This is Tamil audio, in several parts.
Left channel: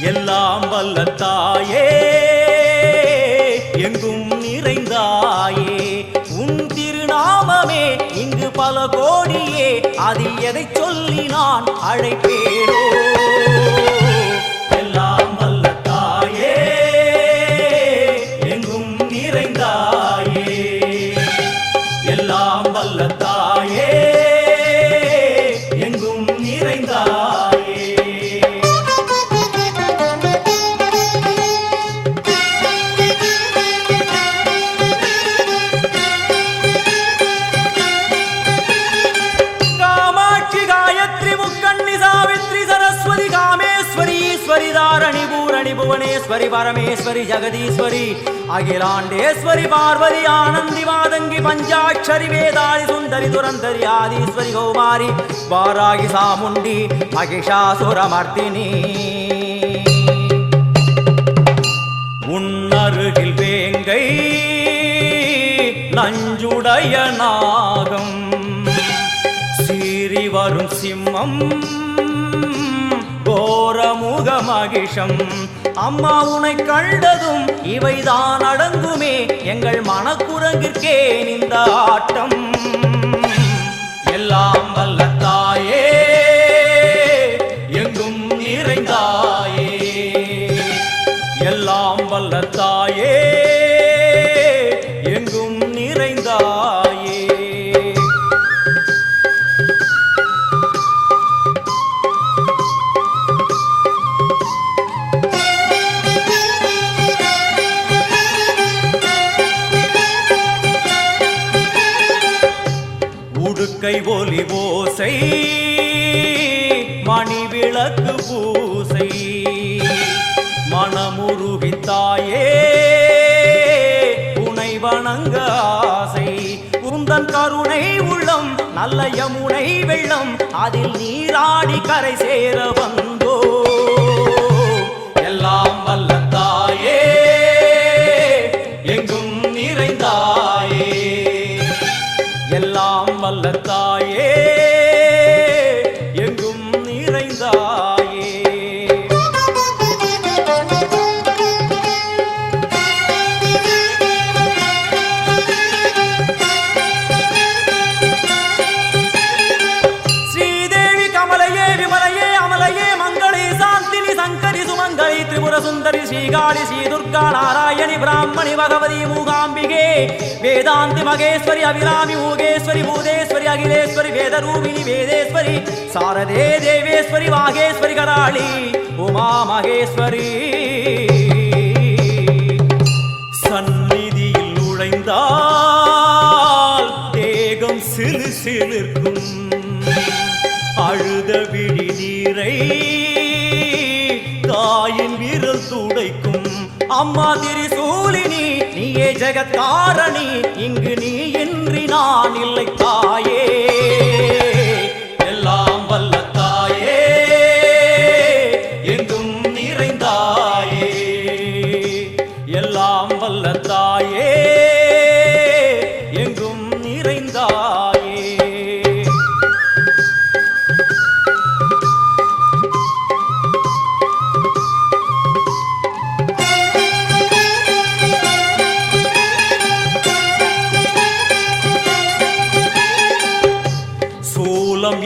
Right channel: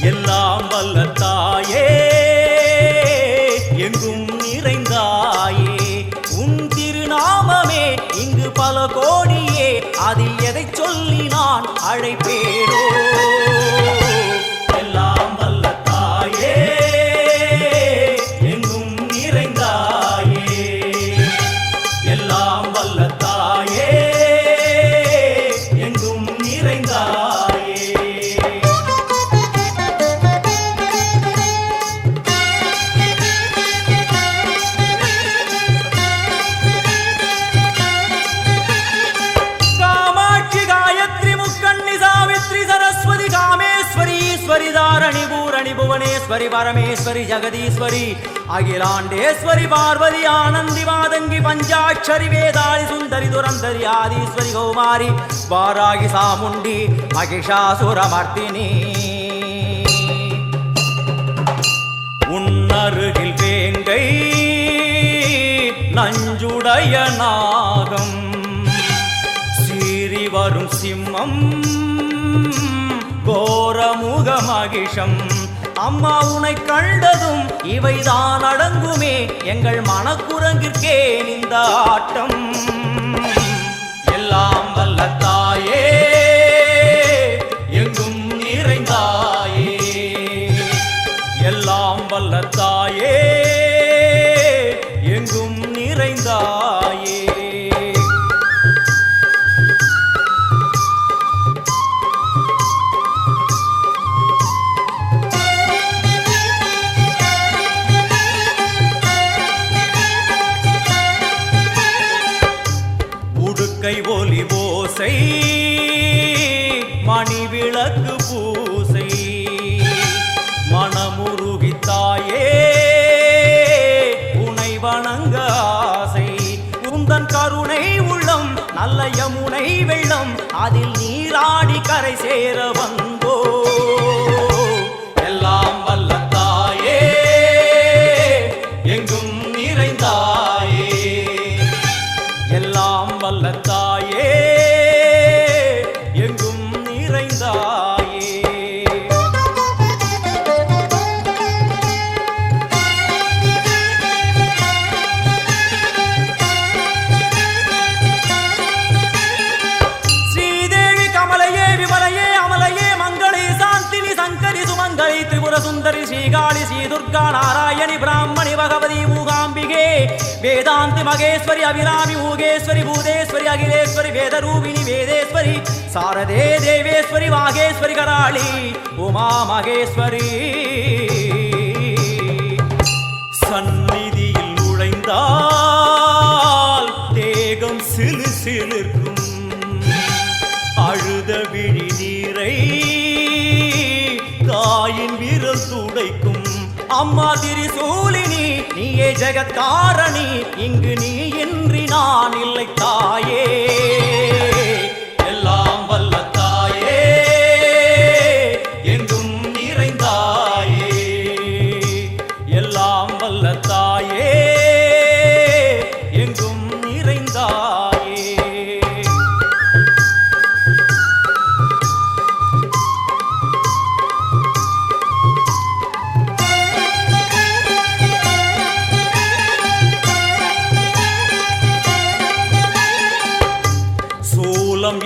எல்லாம் வல்ல தாயே எங்கும் நிறைந்தாயே உன் திருநாமமே இங்கு பல கோடியே அதில் எதை சொல்லி நான் அழைப்பேனோ எல்லாம் வல்ல தாயே எங்கும் நிறைந்தாயே எல்லாம் வல்ல தாயே எங்கும் நிறைந்தாயே தாரணி பூரணி புவனேஸ்வரி பரமேஸ்வரி ஜெகதீஸ்வரி அகிலாண்டேஸ்வரி பார்வதி ஆனந்தி மாதங்கி பஞ்சாட்சரி வேதாளி சுந்தரி துரந்தரி ஆதீஸ்வரி கௌமாரி வாராகி சாமுண்டி மகிஷாசுரமர்த்தினி உன்னருகில் வேங்கை நஞ்சுடைய நாகம் சீறி வரும் சிம்மம் கோரமுக மகிஷம் அம்மா உனை கண்டதும் இவைதான் அடங்குமே எங்கள் மனக்குரங்கிற்கே இந்த ஆட்டம் எல்லாம் வல்ல தாயே எங்கும் நிறைந்தாயே எல்லாம் வல்ல தாயே எங்கும் நிறைந்தாயே கை ஒலி ஓசை மணி விளக்கு பூசை மனமுருகித்தாயே உனை வணங்க ஆசை உந்தன் கருணை உள்ளம் நல்ல யமுனை வெள்ளம் அதில் நீராடி கரை சேர வந்தோ எல்லாம் வல்ல தாயே எங்கும் நிறைந்தாயே எல்லாம் வல்ல தாயே எங்கும் நிறைந்தாயே ஸ்ரீதேவி கமலையே விமலையே அமலையே மங்களே சாந்தினி சங்கரி சுமங்கலி திரிபுர சுந்தரி ஸ்ரீகாளி ஸ்ரீ துர்கா நாராயணி பிராமணி பகவதி மூகாம்பிகே வேதாந்தி மகேஸ்வரி அபிராமி மூகேஸ்வரி பூதேஸ்வரி அகிலேஸ்வரி வேதரூபிணி வேதேஸ்வரி சாரதே தேவேஸ்வரி வாகேஸ்வரி கராளி உமா மகேஸ்வரி சந்நிதியில் நுழைந்தால் தேகம் சிலு சிலிர்க்கும் அழுத விழி நீரை தாயின் விரல் துடைக்கும் அம்மா திரிசூலினி நீயே ஜெகத்காரணி இங்கு நீ இன்றி நான் இல்லை தாயே எல்லாம் வல்ல தாயே எங்கும் நிறைந்தாயே எல்லாம் வல்ல தாயே எங்கும் நிறைந்தாயே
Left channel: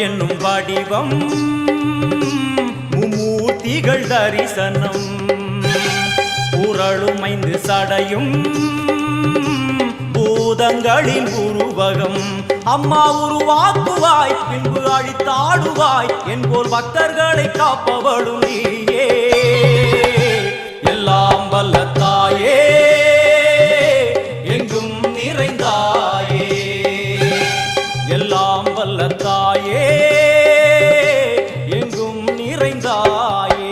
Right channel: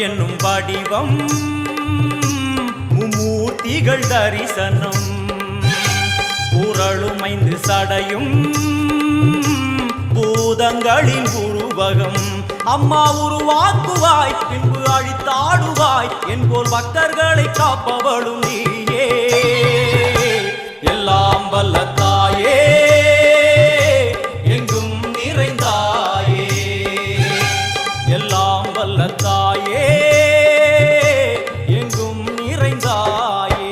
என்னும் வடிவம் மும்மூர்த்திகள் தரிசனம் உரளுமைந்து சடையும் பூதங்களின் உருவகம் அம்மா உருவாக்குவாய் பின்பு அழித்தாடுவாய் என்போல் பக்தர்களை காப்பவளும் நீயே எல்லாம் வல்ல தாயே எங்கும் நிறைந்தாயே எல்லாம் வல்ல தாயே எங்கும் நிறைந்தாயே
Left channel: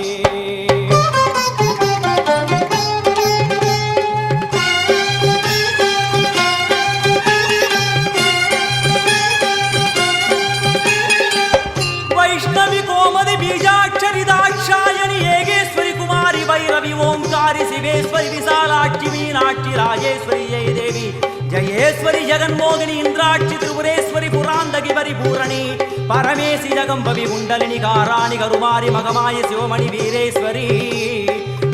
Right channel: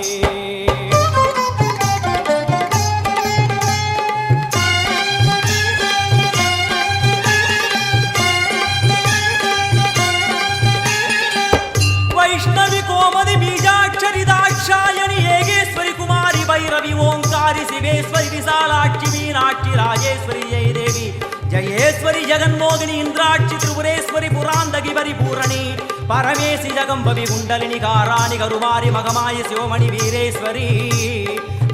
வைஷ்ணவி கோமதி பீஜாட்சரி தாட்சாயணி ஏகேஸ்வரி குமாரி பைரவி ஓங்காரி சிவேஸ்வரி விசாலாட்சி மீனாட்சி ராஜேஸ்வரி ஜெய தேவி ஜயேஸ்வரி ஜெகன்மோகினி இந்திராட்சி திரிபுரேஸ்வரி புராந்தகி பரிபூரணி பரமேசி ஜகம்பவி குண்டலினி காராணி கருமாரி மகமாய சிவமணி வீரேஸ்வரி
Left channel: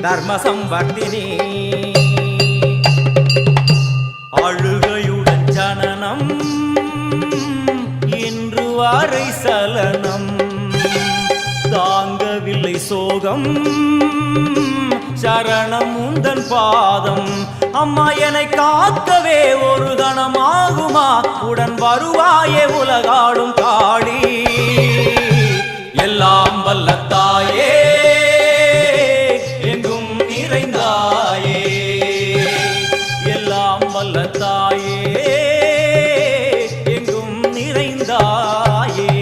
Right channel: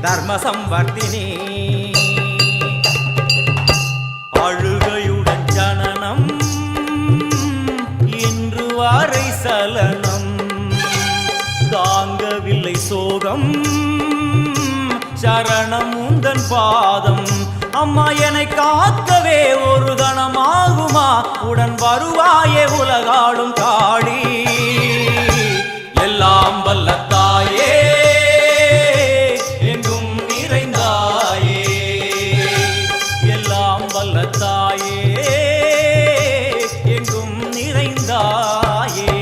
தர்ம சம்வர்த்தினி அழுகையுடன் ஜனனம் இன்று வாரை சலனம் தாங்கவில்லை சோகம் சரணம் உந்தன் பாதம் அம்மா என்னை காக்கவே ஒரு கணமாகுமா உடன் வருவாயே உலகாடும் காளி எல்லாம் வல்ல தாயே எங்கும் நிறைந்தாயே எல்லாம் வல்ல தாயே எங்கும் நிறைந்தாயே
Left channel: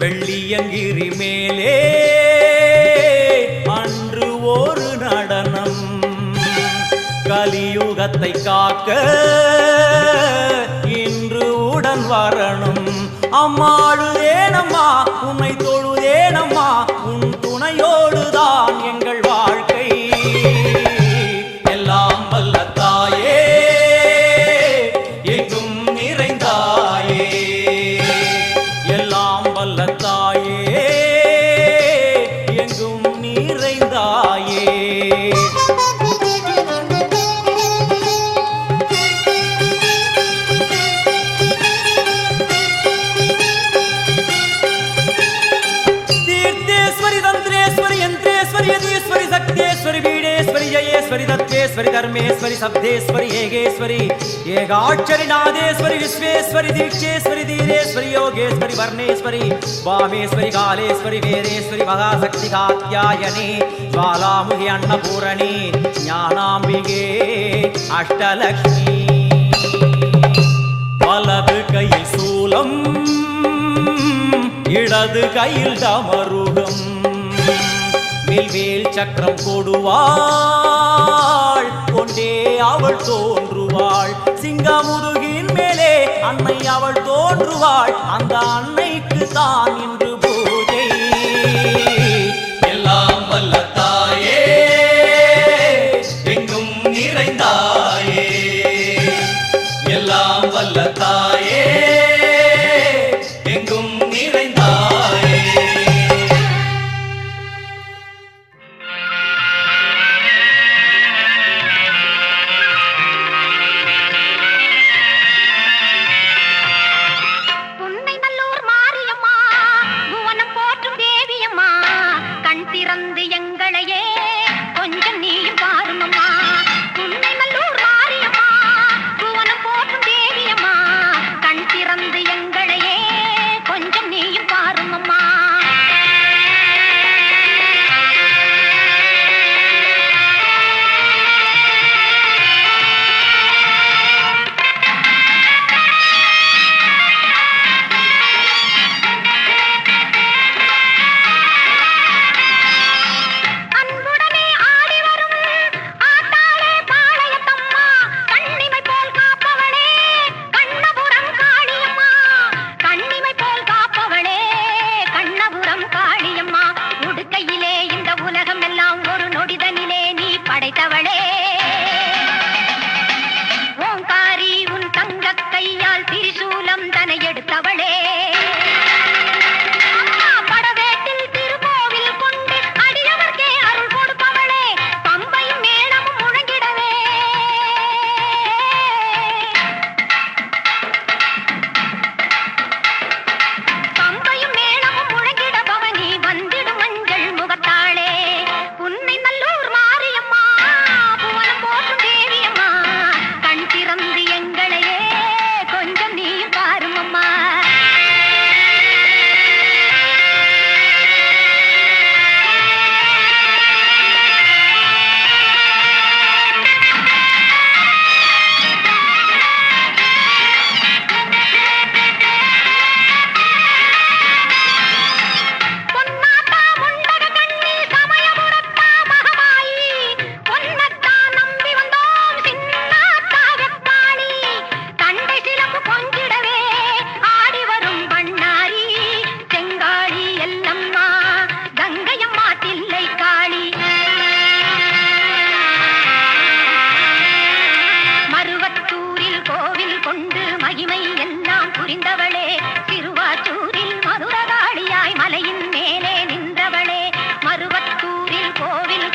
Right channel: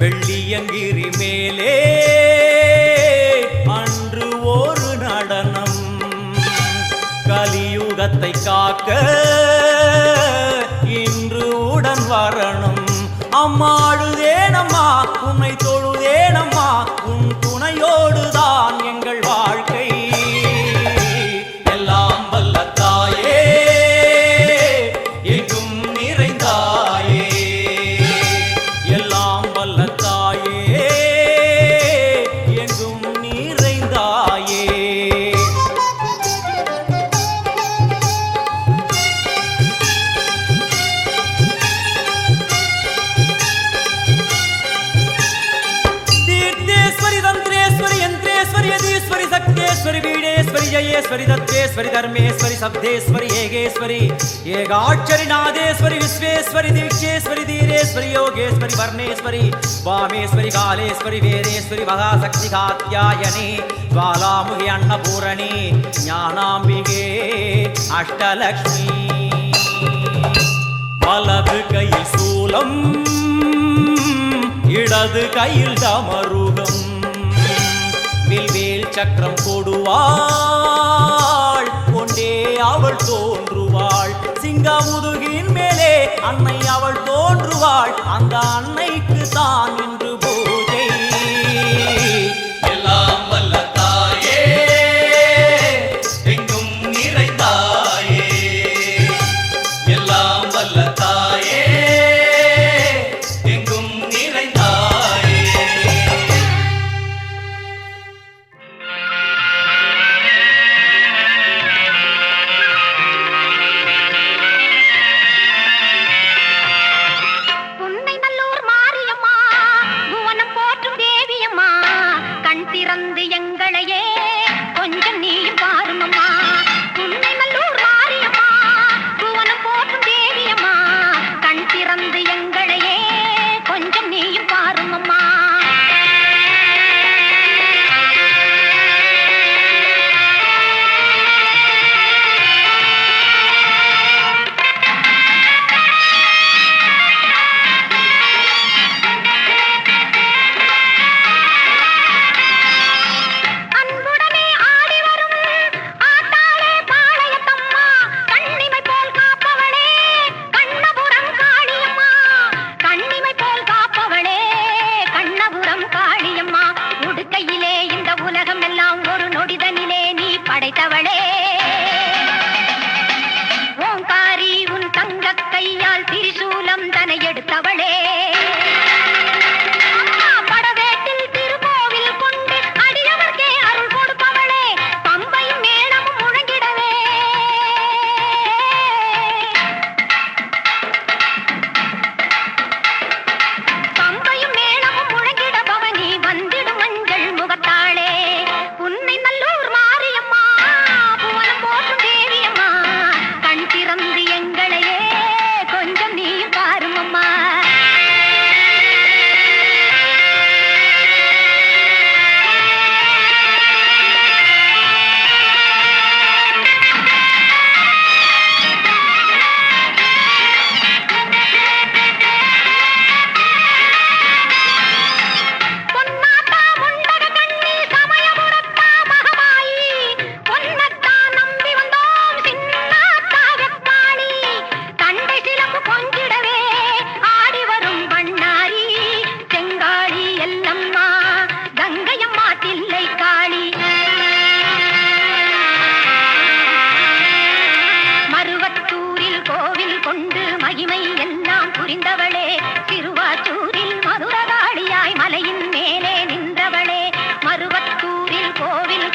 வெள்ளியங்கிரி மேலே அன்று ஒரு நடனம் கலியுகத்தை காக்க இன்று உடன் வரணும் அம்மா அழுதேனம்மா உன்னை தொழுதேனம்மா உன் துணையோடுதான் எங்கள் வாழ்க்கை எல்லாம் வல்ல தாயே எங்கும் நிறைந்தாயே எல்லாம் வல்ல தாயே எங்கும் நிறைந்தாயே தீர்த்தேஸ்வரி தந்திரேஸ்வரி யந்திரேஸ்வரி யதீஸ்வரி சக்தேஸ்வரி வீடேஸ்வரி ஜயேஸ்வரி தத்வேஸ்வரி தர்மேஸ்வரி சப்தேஸ்வரி ஏகேஸ்வரி ஏகாட்சரி நாதேஸ்வரி விஸ்வேஸ்வரி தீட்சேஸ்வரி தீரேஸ்வரி யோகேஸ்வரி வர்ணேஸ்வரி வாமேஸ்வரி காலேஸ்வரி வேதேஸ்வரி மகாசக்தி காத்யாயனி ஜ்வாலாமுகி அன்னபூரணி ஞானாம்பிகே அஷ்டலக்ஷ்மி வலது கையில் சூலம் இடது கையில் டமருகம் வில்வேல் சக்கரம் கொடுவாள் கொண்டே அவள் தோன்றுவாள் சிங்கமுதுகின் மேலே அன்னை அவள் தோன்றுவாள் அந்த அன்னைக்கு தான் இன்று பூஜை எல்லாம் வல்ல தாயே எங்கும் நிறைந்தாயே எல்லாம் வல்ல தாயே எங்கும் நிறைந்தாயே திறந்து எங்களையே கொஞ்சம் நீயும் பாருமம்மா உன்னை நல்லூர் மாரியம்மா புவனம் போற்றும் தேவியம்மா கண் திறந்து எங்களையே கொஞ்சம் நீயும் பாருமம்மா ஆடி வரும் ஆட்ட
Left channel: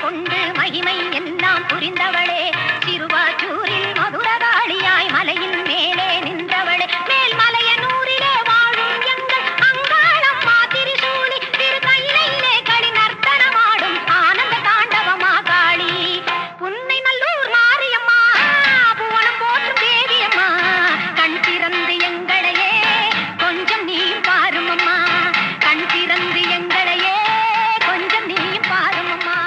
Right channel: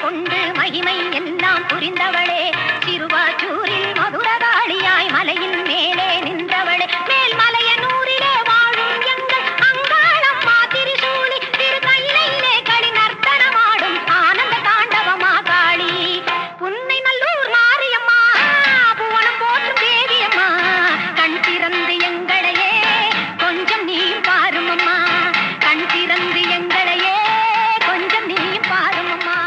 கொண்டு மகிமை எல்லாம் புரிந்தவளே திருவாச்சூரில் மதுரகாளியாய் மலையின் மேலே நின்றவளே மேல்மலையனூரிலே வாழும் எங்கள் அங்காளம்மா திரிசூலி திரு கையிலே களி நர்த்தனமாடும் ஆனந்த தாண்டவமா காளி புன்னை நல்லூர் மாரியம்மா புவனம் போற்றும் தேவியம்மா கண் திறந்து எங்களையே கொஞ்சம் நீயும் பாரும் அம்மா கண் திறந்து எங்களையே கொஞ்சம் நீயும் பாரும் அம்மா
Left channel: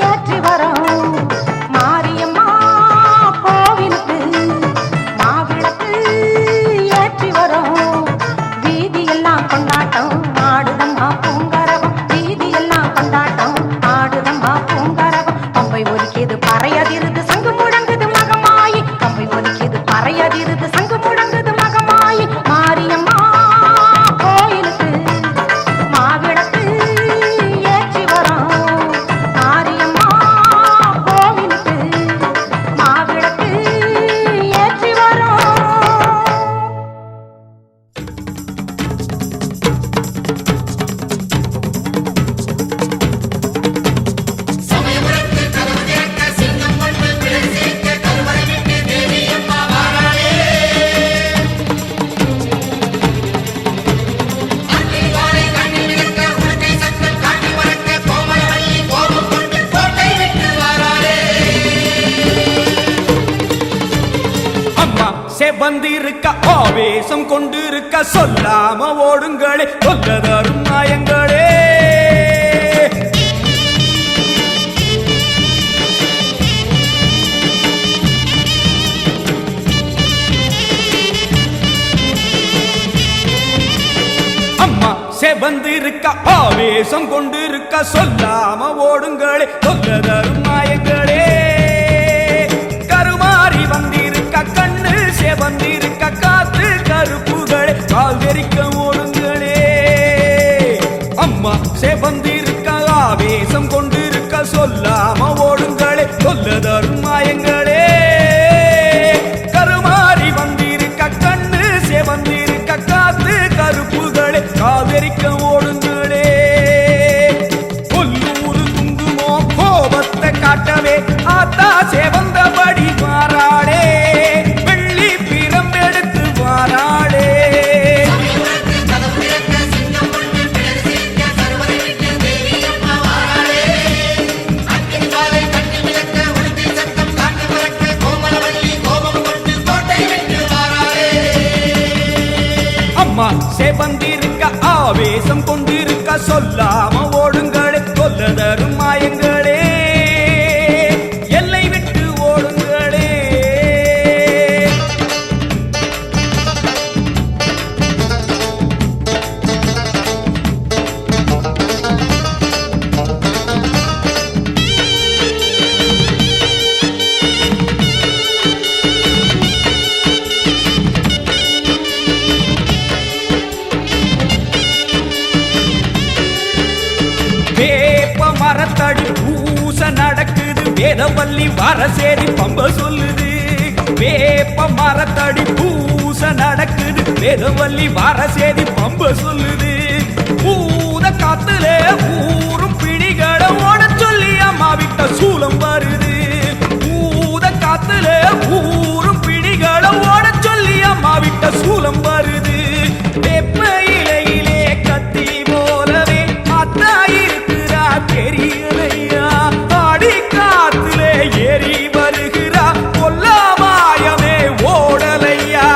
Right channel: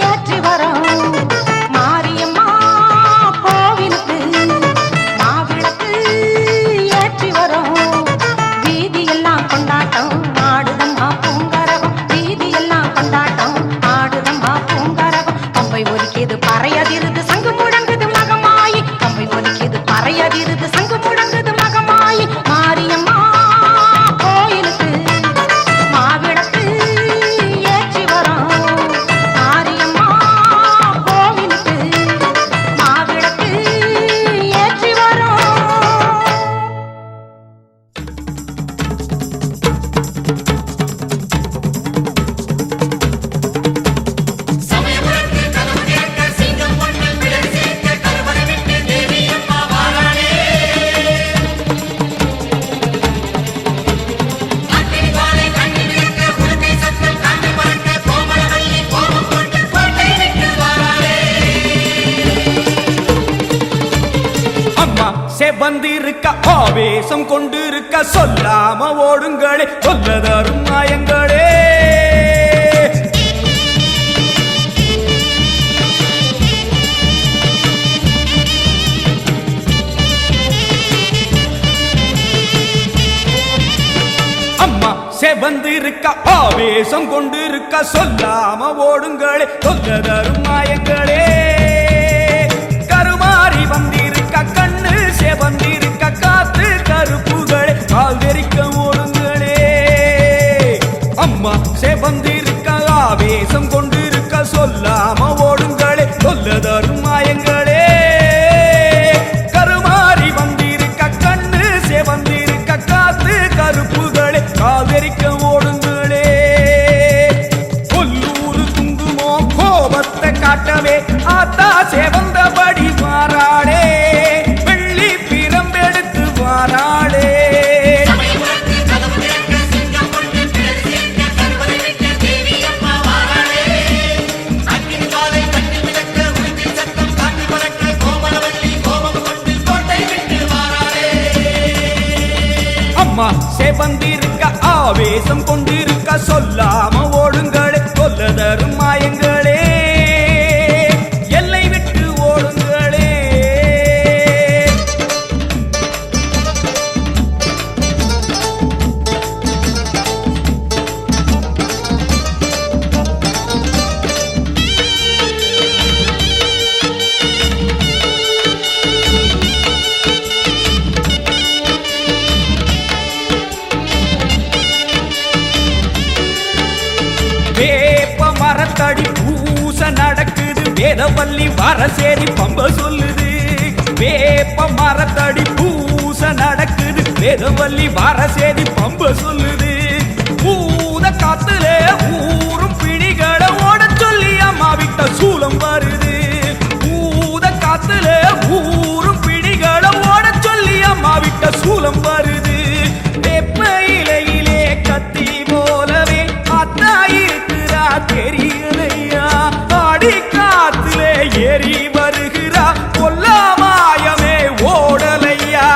ஏற்றி வரோம் மாரியம்மா கோவிலுக்கு வந்திருக்க ஆவேசம் கொண்டிருக்க சொல்லாம ஓடுங்களே கொல்லதரும் மாயங்களே அம்மா செவந்திருக்க ஆவேசம் கொண்டிருக்க சொல்லாம ஓடுங்களே கொல்லதரும் மாயங்களே கருமாறி வந்திருக்க கண்ணு செவந்திருக்க காத்து கருப்புகளே கால் வெறிக்க ஓடுங்களே அம்மா செவந்திருக்க ஆவேசம் கொண்டிருக்க சொல்லாம ஓடுங்களே கொல்லதரும் மாயங்களே கருமாறி வந்திருக்க கண்ணு செவந்திருக்க காத்து கருப்புகளே காவிரிக்க ஓடுங்களே கொல்லூரு குங்குமோ கோபத்தை காட்டவே ஆத்தா செவந்தபடி வாராளே வெள்ளி பிரம்பெடுத்து வாராளே செவந்திருக்க ஆவேசம் கொண்டிருக்க சொல்லாம ஓடுங்களே கொல்லதரும் மாயங்களே எல்லை விட்டு ஓடுங்களே வேப்ப மரத்தடி பூச நடக்குது வேதவல்லி வரசேரி பம்ப சொல்லுது வேப்ப மரத்தடி பூச நடக்குது வேதவல்லி வரசேரி பம்ப சொல்லுது பூத காத்துல ஊரும் பிணிகளை ஓட சொல்லி அம்மா விட்ட சூலம் வருது பூத காத்துல ஊரும் பிணிகளை ஓட சொல்லி அம்மா விட்ட சூலம் வருது வேப்ப இலையிலே கத்தி போலவே அத்தா இருக்கிறா தெரியலையா ஆடி காத்திலே ஏறி வருகிறா கொல்லாமாயமே ஓடலையா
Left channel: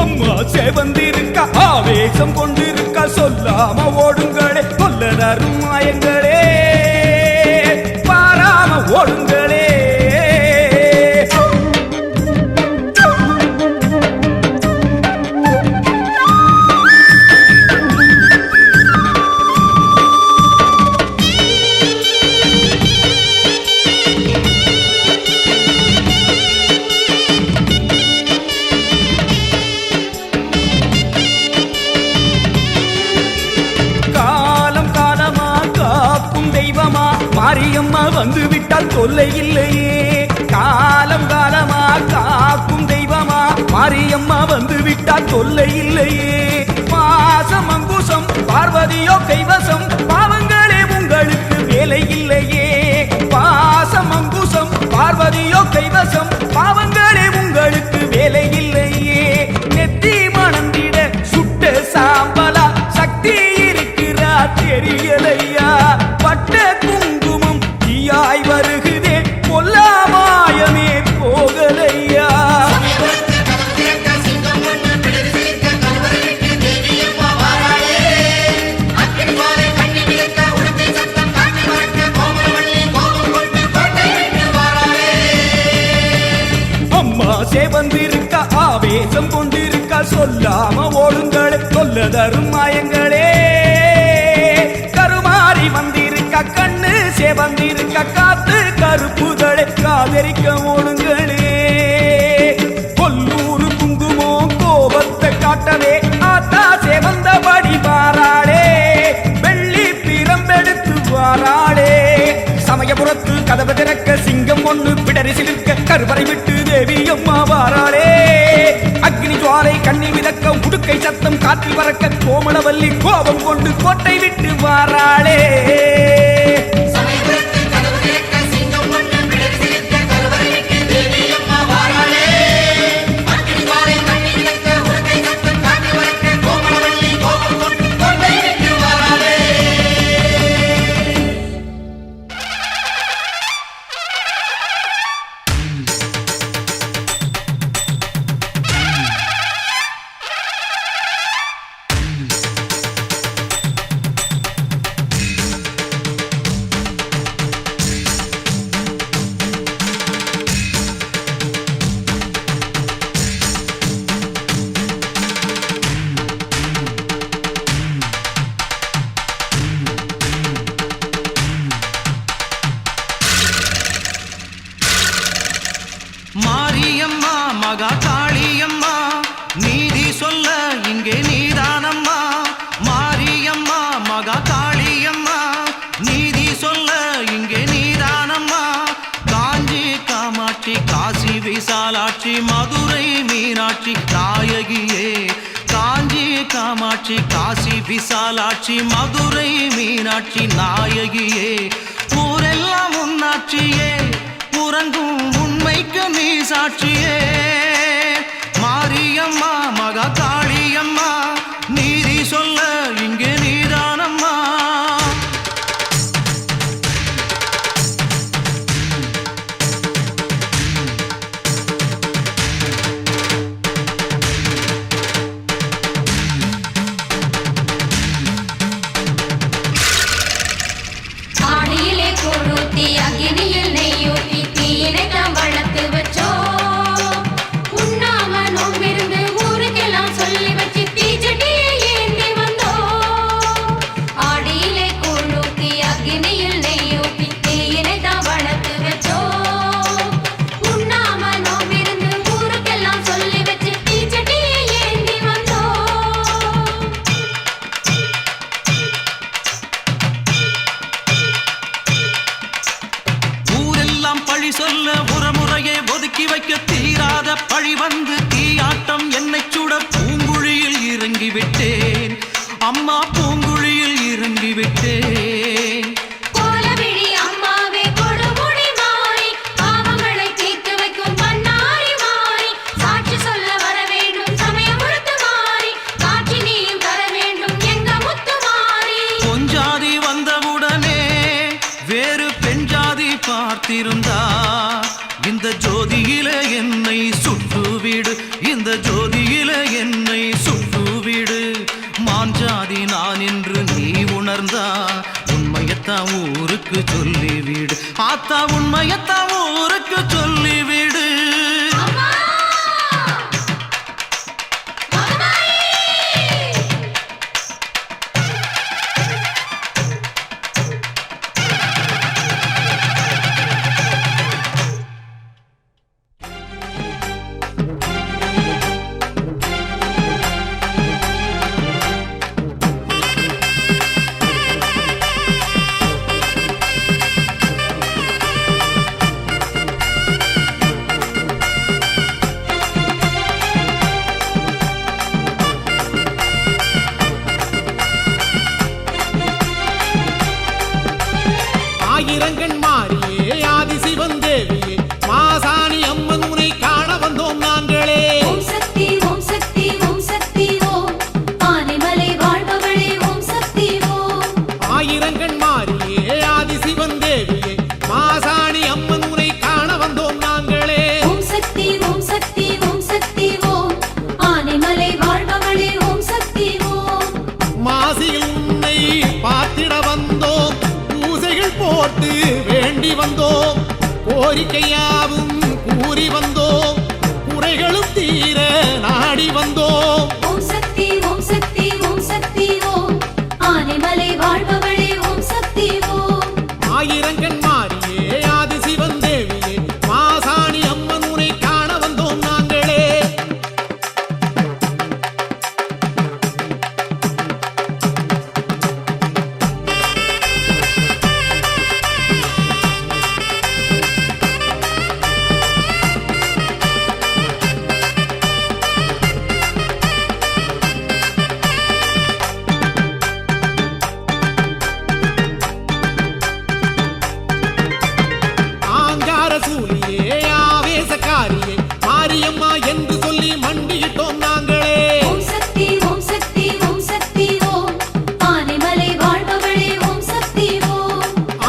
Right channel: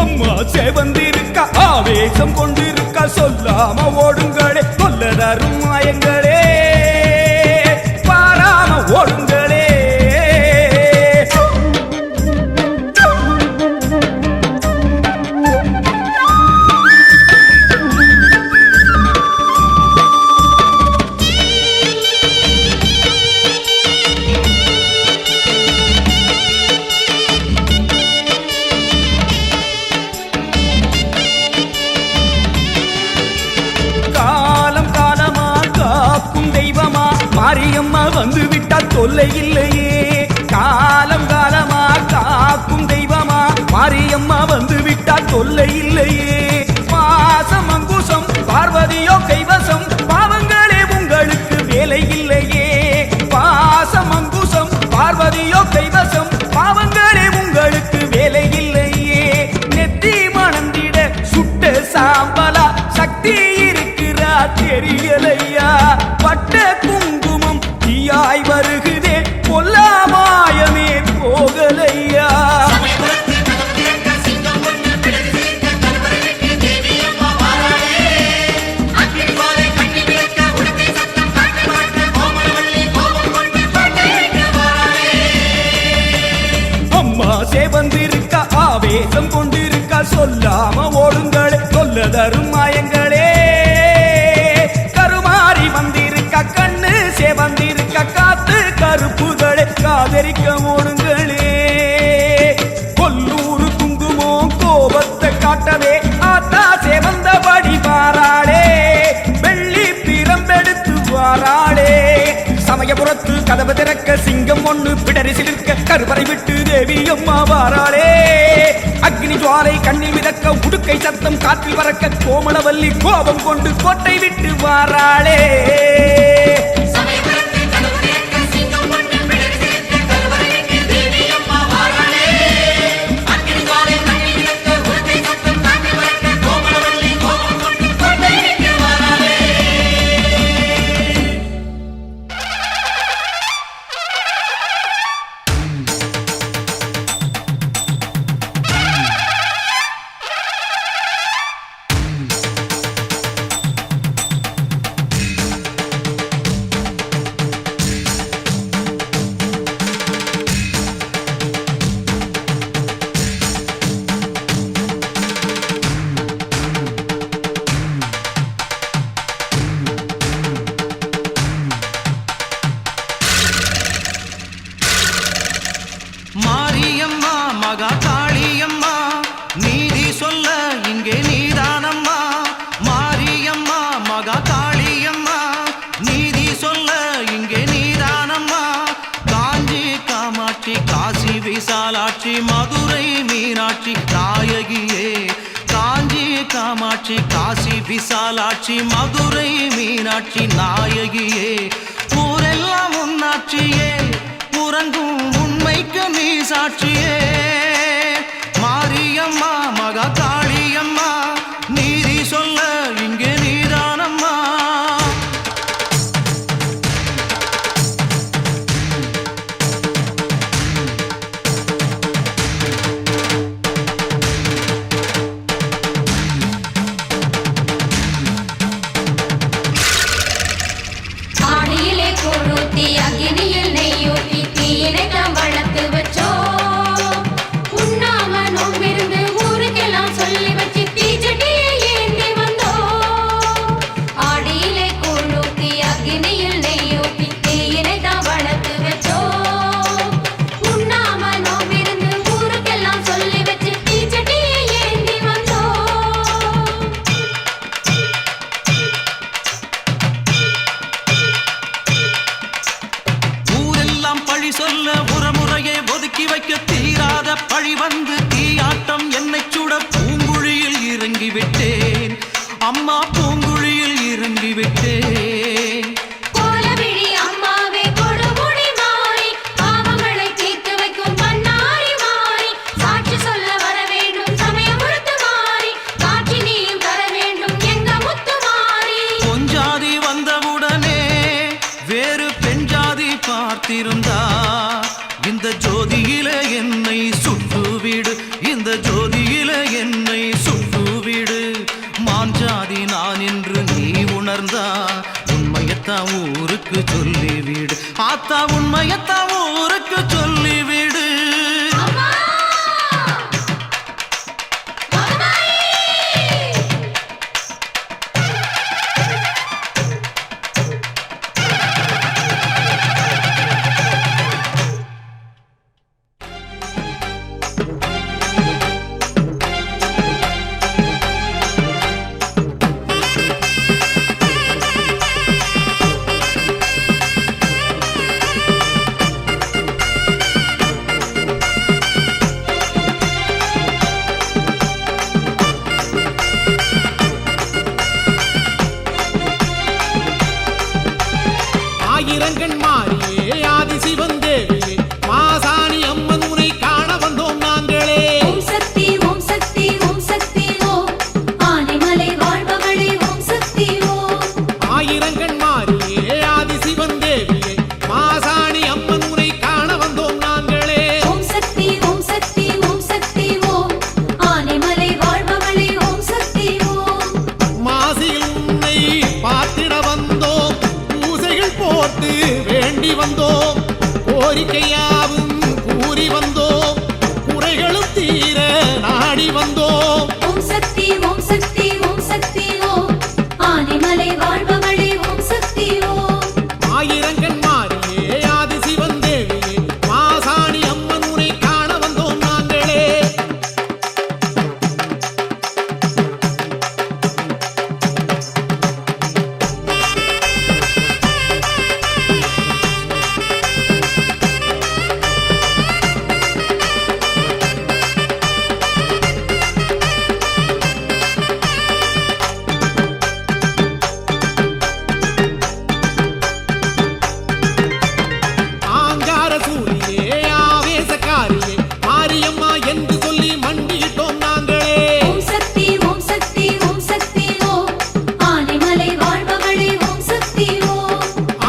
அம்மா செவந்திருக்க ஆவேசம் கொண்டிருக்க சொல்லாம ஓடுங்களே கொல்லதரும் மாயங்களே பாராம ஓடுங்களே தெய்வமா மாரியம்மா வந்து விட்டால் தொல்லை இல்லையே காலம் காலமா காக்கும் தெய்வமா மாரியம்மா வந்து விட்டால் தொல்லை இல்லையே பாசம் அங்குசம் பார்வதியோ கைவசம் பாவங்களே உங்களுக்கு வேலை இல்லையே பாசம் அங்குசம் பார்வதியோ கைவசம் பாவங்களே உங்களுக்கு வேலை இல்லையே நெத்தி மணந்திட சுட்ட சாம்பலா சக்தி இருக்கிறா தெரியலையா பட்ட குங்குமம் தீயாய் வருகுதே கொல்லாமாயமே போகலையா அம்மா செவந்திருக்க ஆவேசம் கொண்டிருக்க சொல்லாம ஓடுங்களே கொல்லதரும் மாயங்களே கருமாறி வந்திருக்க கண்ணு செவந்திருக்க காத்து கருப்புகளே காதரிக்க ஓடுங்களே கொல்லூரு குங்குமோ கோபத்தை காட்டவே ஆத்தா செவந்தபடி வாராளே வெள்ளி பிரம்பெடுத்து வாராளே சமயபுரத்து கதவு திறக்க சிங்கம் ஒண்ணு பிடரி சிலிர்க்க கருவறை விட்டு தேவி அம்மா வாராளே அக்னி ஜுவாலை கண்ணில் மிதக்க உடுக்கை சத்தம் காற்றில் பறக்க கோமளவல்லி கோபம் கொண்டு கோட்டை விட்டு வாராளே காசி விசாலாட்சி மதுரை மீனாட்சி நாயகியே ஊரெல்லாம் உன்னாட்சியே உறங்கும் உண்மைக்கு நீ சாட்சியே மாரியம்மா மகா காளியம்மா நீதி சொல்ல இங்கே நீதானம்மா அக்னியில் நெய்யூட்டி தீயினை தாம் வளர்த்து வச்சோம் உண்ணாம நோம்பிருந்து ஊருக்கெல்லாம் சொல்லி வச்சு தீச்சட்டியை ஏந்தி வந்தோம் ஆடியிலே கூழூத்தி அக்னியில் நெய்யூட்டி தீயினை தாம் வளர்த்து வச்சோம் உண்ணாம நோம்பிருந்து ஊருக்கெல்லாம் சொல்லி வச்சு தீச்சட்டியை ஏந்தி வந்தோம் பழி சொல்ல முறையே ஒதுக்கி வைக்க தீராத பழி வந்து தீயாட்டம் என்னை சுட பூங்குழியில் இறங்கி விட்டேன் அம்மா பூங்குழியில் இறங்கி விட்டேன் கோலவிழி அம்மாவே கொடுமுடி மாறி பாவங்களை தீர்த்து வைக்கும் பண்ணாரி மாறி சாட்சி சொல்ல வர வேண்டும் சமயம் முழுத்து மாறி காட்சி நீயும் தர வேண்டும் எங்க முத்து மாறி பொஞ்சாதி வந்தவுடனே வேறு பெண் ஜாதி பார்த்திருந்தா இந்த ஜோதியில என்னை சுட்டுவிடு இந்த ஜோதியில என்னை சுட்டுவிடு மாஞ்சாதி நான் என்று நீ உணர்ந்தா உண்மையத்தான் ஊருக்கு சொல்லிவிடு ஆத்தா உண்மையத்தான் ஊருக்கு சொல்லிவிடு ஆயிரங்கண் மாறியே ஆதிசிவன் தேவியே மாசாணி அம்மன் உனை காண வந்தோம் நாங்களே ஓம் சக்தி ஓம் சக்தி ஓம் சக்தி ஓம் ஆனைமலை வாழ்பவளே ஓம் சக்தி ஓம் ஆயிரங்கண் மாறியே ஆதிசிவன் தேவியே மாசாணி அம்மன் உனை காண வந்தோம் நாங்களே ஓம் சக்தி ஓம் சக்தி ஓம் சக்தி ஓம் ஆனைமலை வாழ்பவளே ஓம் சக்தி ஓம் மாசியில் உன்னை பார்த்திட வந்தோம் பூசைகள் போட்டு வேண்டி வந்தோம் கோரிக்கையாவும் கூறி வந்தோம் குறைகளும் தீர நாடி வந்தோம் ஓம் சக்தி ஓம் சக்தி ஓம் சக்தி ஓம் ஆனைமலை வாழ்பவளே ஓம் சக்தி ஓம் ஆயிரங்கண் மாறியே ஆதிசிவன் தேவியே மாசாணி அம்மன் உனை காண வந்தோம் நாங்களே சூரியே ஆவேசக்காரியே மாரியம்மா என்று சொல்லி மண்டியிட்டோம் நாங்களே ஓம் சக்தி ஓம் சக்தி ஓம் சக்தி ஓம் ஆனைமலை வாழ்பவளே ஓம் சக்தி ஓம்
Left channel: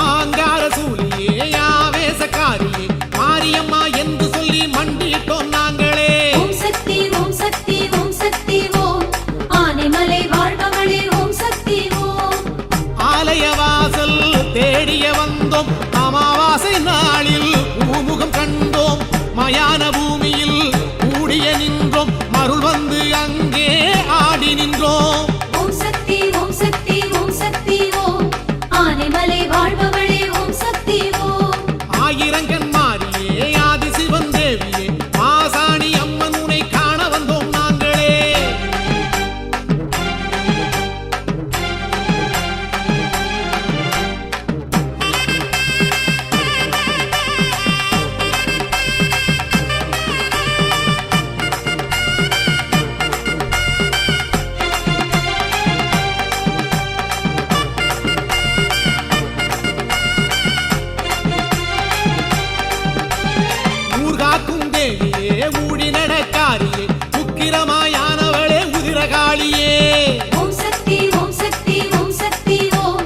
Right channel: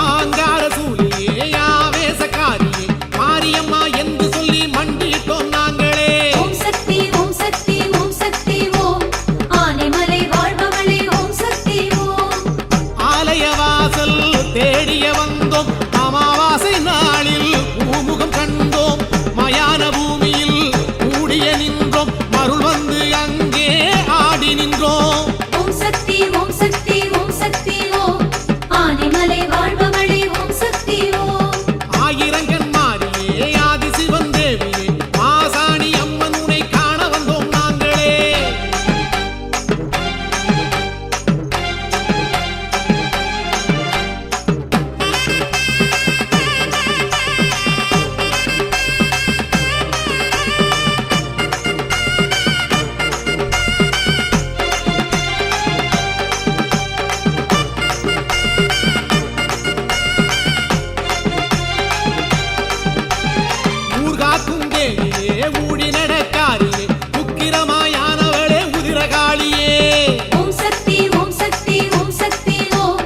ஆங்கார சூரியே ஆவேசக்காரியே மாரியம்மா என்று சொல்லி மண்டியிட்டோம் நாங்களே ஓம் சக்தி ஓம் சக்தி ஓம் சக்தி ஓம் ஆனைமலை வாழ்பவளே ஓம் சக்தி ஓம் ஆலயவாசல் தேடிய வந்தோம் அமாவாசை நாளில் பூமுகம் கண்டோம் மயான பூமியில் கூடிய நின்றோம் மருள் வந்து அங்கே ஆடி நின்றோம் ஓம் சக்தி ஓம் சக்தி ஓம் சக்தி ஓம் ஆனைமலை வாழ்பவளே ஓம் சக்தி ஓம் ஆயிரங்கண் மாறியே ஆதிசிவன் தேவியே மாசாணி அம்மன் உனை காண வந்தோம் நாங்களே ஊடி நடக்காரியே உக்கிரமாயானவளே உதிரகாளியே ஓம் சக்தி ஓம் சக்தி ஓம் சக்தி ஓம்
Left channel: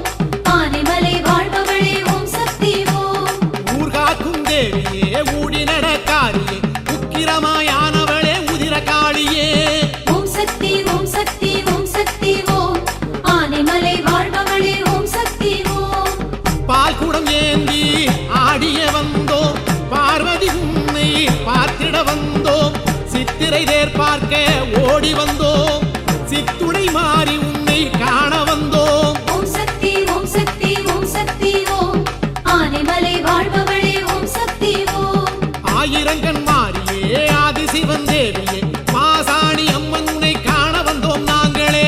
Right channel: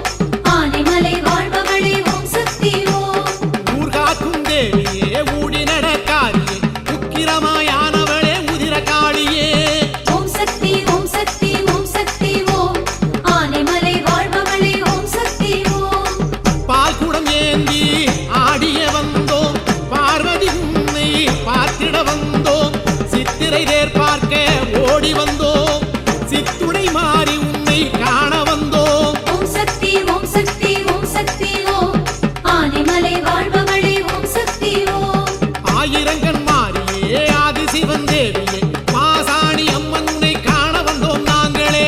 ஆனைமலை வாழ்பவளே ஓம் சக்தி ஓம் ஊர்காக்கும் தேவியே ஊடி நடக்காரியே உக்கிரமாயானவளே உதிரகாளியே ஓம் சக்தி ஓம் சக்தி ஓம் சக்தி ஓம் ஆனைமலை வாழ்பவளே ஓம் சக்தி ஓம் பால் குடம் ஏந்தி ஆடிய வந்தோம் பார்வதி உன்னை பார்த்திட வந்தோம் சித்திரை தேர் பார்க்க ஓடி வந்தோம் சித்துடை மாறி உன்னை காண வந்தோம் ஓம் சக்தி ஓம் சக்தி ஓம் சக்தி ஓம் ஆனைமலை வாழ்பவளே ஓம் சக்தி ஓம் ஆயிரங்கண் மாறியே ஆதிசிவன் தேவியே மாசாணி அம்மன் உன்னை காண வந்தோம் நாங்களே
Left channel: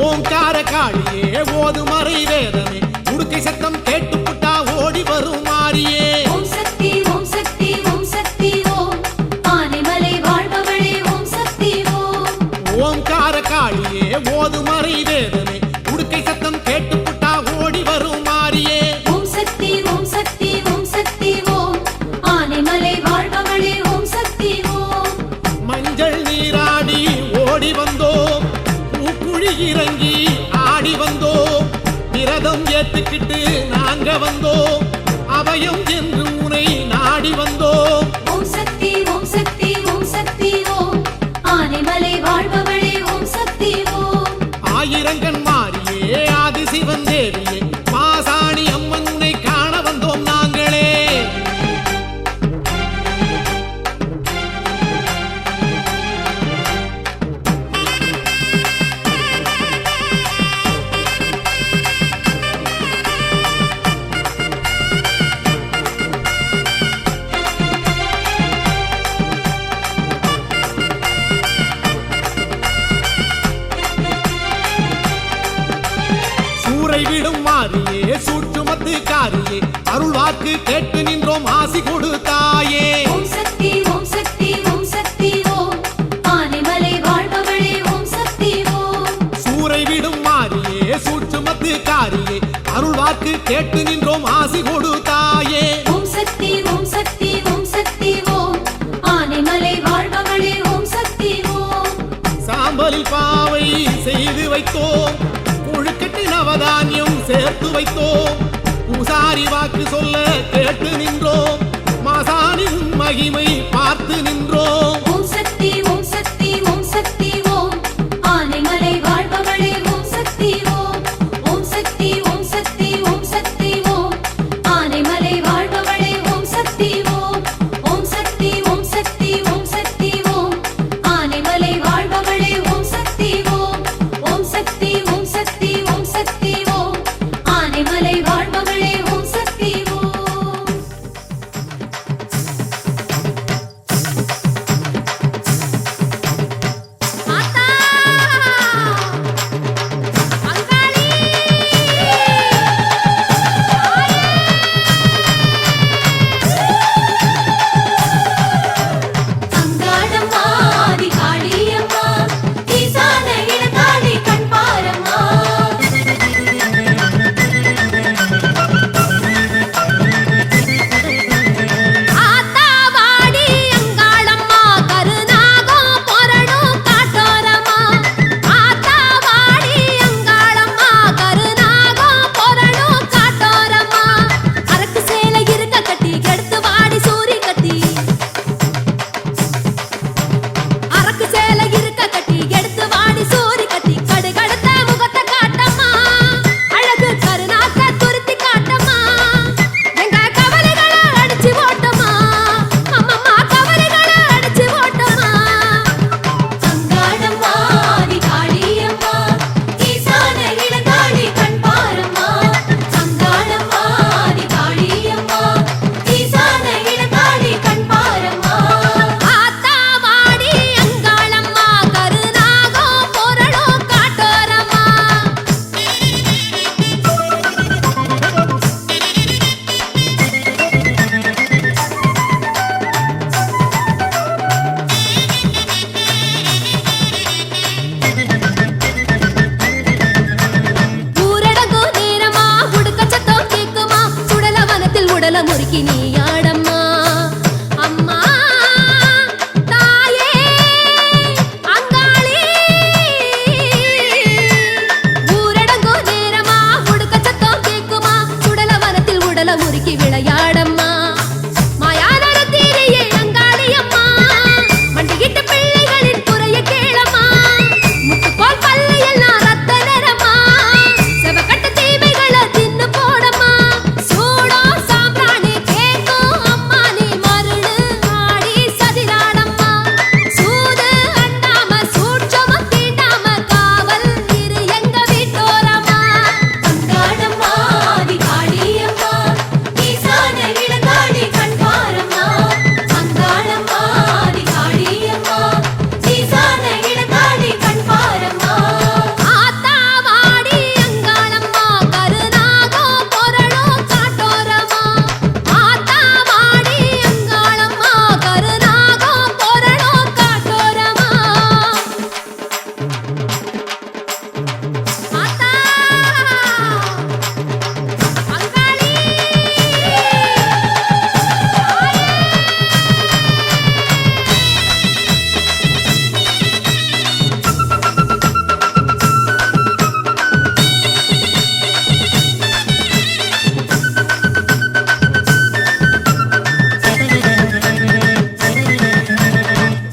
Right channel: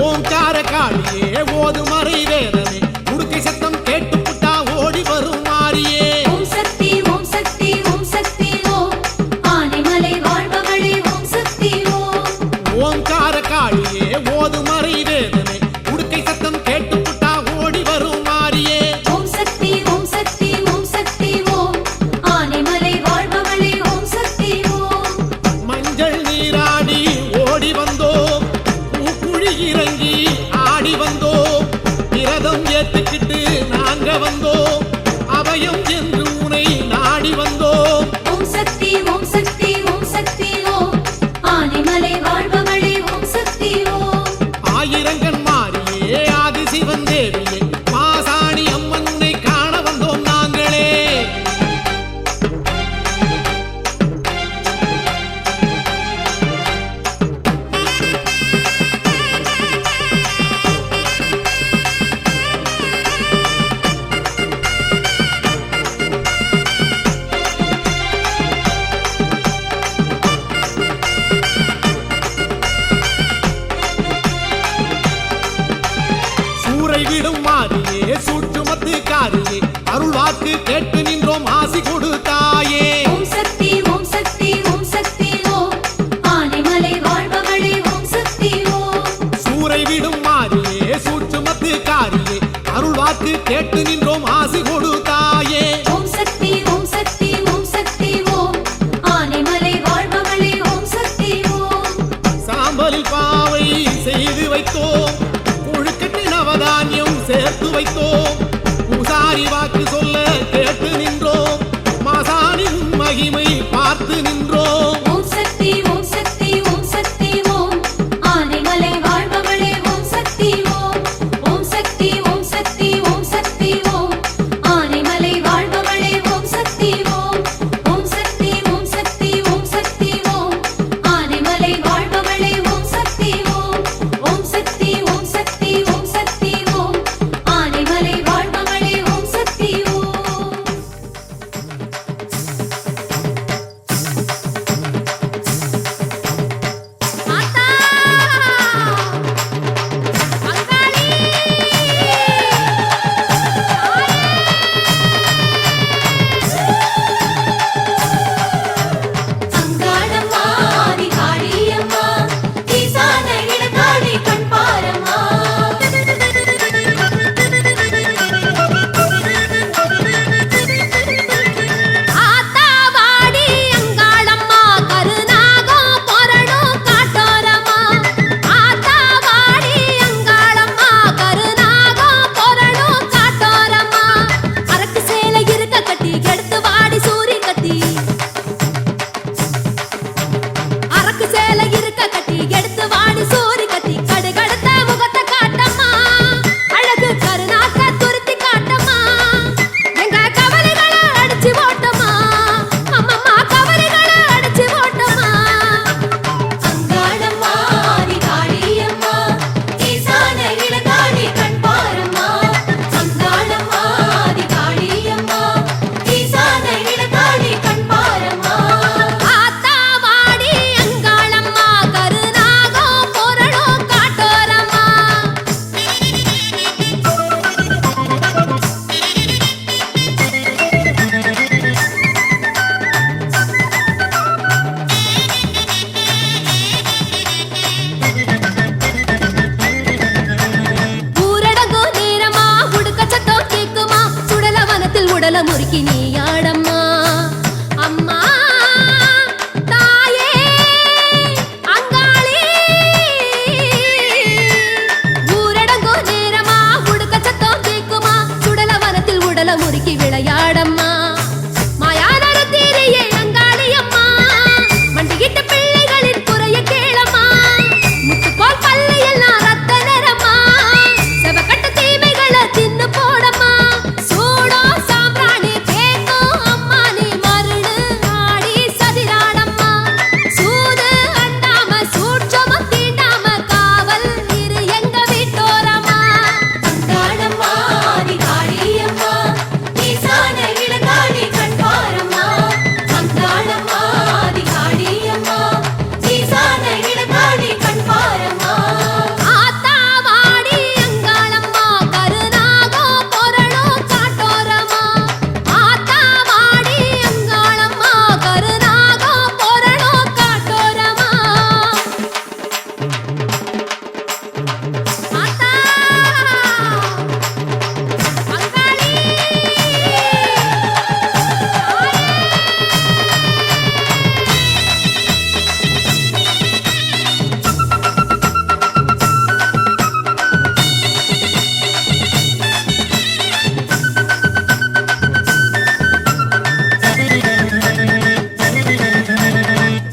ஓம்கார காளியே ஓதுமறை வேதமே உடுக்கை சத்தம் கேட்டு புட்டா ஓடி வரும் மாறியே ஓம் சக்தி ஓம் சக்தி ஓம் சக்தி ஓம் ஆனைமலை வாழ்பவளே ஓம் சக்தி ஓம் ஓம்கார காளியே ஓதுமறை வேதமே உடுக்கை சத்தம் கேட்டு புட்டா ஓடி வரும் மாறியே ஓம் சக்தி ஓம் சக்தி ஓம் சக்தி ஓம் ஆனைமலை வாழ்பவளே ஓம் சக்தி ஓம் மஞ்சள் நீராடி ஓடி வந்தோம் பூக்குழி இறங்கி ஆடி வந்தோம் விரதம் ஏத்துக்கிட்டு நாங்க வந்தோம் அபயம் என்று உனை நாடி வந்தோம் ஓம் சக்தி ஓம் சக்தி ஓம் சக்தி ஓம் ஆனைமலை வாழ்பவளே ஓம் சக்தி ஓம் ஆயிரங்கண் மாறியே ஆதிசிவன் தேவியே மாசாணி அம்மன் உன்னை காண வந்தோம் நாங்களே சூறை விடும் மாறியே சூற்றுமத்து காரியே அருள் வாக்கு கேட்டு நின்றோம் ஆசி கொடுத்தாயே ஓம் சக்தி ஓம் சக்தி ஓம் சக்தி ஓம் ஆனைமலை வாழ்பவளே ஓம் சக்தி ஓம் சூறை விடும் மாறியே சூற்றுமத்து காரியே அருள் வாக்கு கேட்டு நின்றோம் ஆசி கொடுத்தாயே ஓம் சக்தி ஓம் சக்தி ஓம் சக்தி ஓம் ஆனைமலை வாழ்பவளே ஓம் சக்தி ஓம் சாம்பலில் பாவை செய்து வைத்தோம் புழுக்கட்டு நவதானியம் சேர்த்து வைத்தோம் பூசாரி வாக்கு சொல்ல கேட்டு நின்றோம் மாசாணி உன் மகிமை பார்த்து நின்றோம் ஓம் சக்தி ஓம் சக்தி ஓம் சக்தி ஓம் ஆனைமலை வாழ்பவளே ஓம் சக்தி ஓம் ஓம் சக்தி ஓம் சக்தி ஓம் சக்தி ஓம் ஆனைமலை வாழ்பவளே ஓம் சக்தி ஓம் ஓம் சக்தி ஓம் சக்தி ஓம் சக்தி ஓம் ஆனைமலை வாழ்பவளே ஓம் சக்தி ஓம் ஓம் சக்தி ஓம் சக்தி ஓம் சக்தி ஓம் ஆனைமலை வாழ்பவளே ஓம் சக்தி ஓம் துணைக்கு நீயாடம்மா அம்மா தாயே அங்காளி ஊரடங்கோ நேரமா உடுக்க சத்தம் கேக்குமா சுடல வனத்தில் உடல முறுக்கி விளையாடம்மா மாயானர தீரையே அங்காளி அம்மா மண்டிகிட்ட பிள்ளைகளின் குறைய கேளம்மா முத்துப்போல் பல்லு எல்லாம் ரத்த நிறமா செவக்கட்ட தீமைகளை தின்னு போடம்மா சூடோ சாம்பிராணி கேக்கும் அம்மா நீ மருடு ஆடி சதிராடம்மா சூது அண்டாம சூட்சம தீண்டாம காவல் இரு எங்க வீட்டோரமா அங்காளம்மா ஆதி காளியம்மா ஈசான இளங்காளி கண்பாரம்மா அங்காளம்மா ஆதி காளியம்மா ஈசான இளங்காளி கண்பாரம்மா ஆத்தா வாடி அங்காளம்மா கருநாகோ பொறளோ காட்டோரமா ஆத்தா வாடி அங்காளம்மா கருநாகோ பொறளோ காட்டோரமா ஆத்தா அங்காளி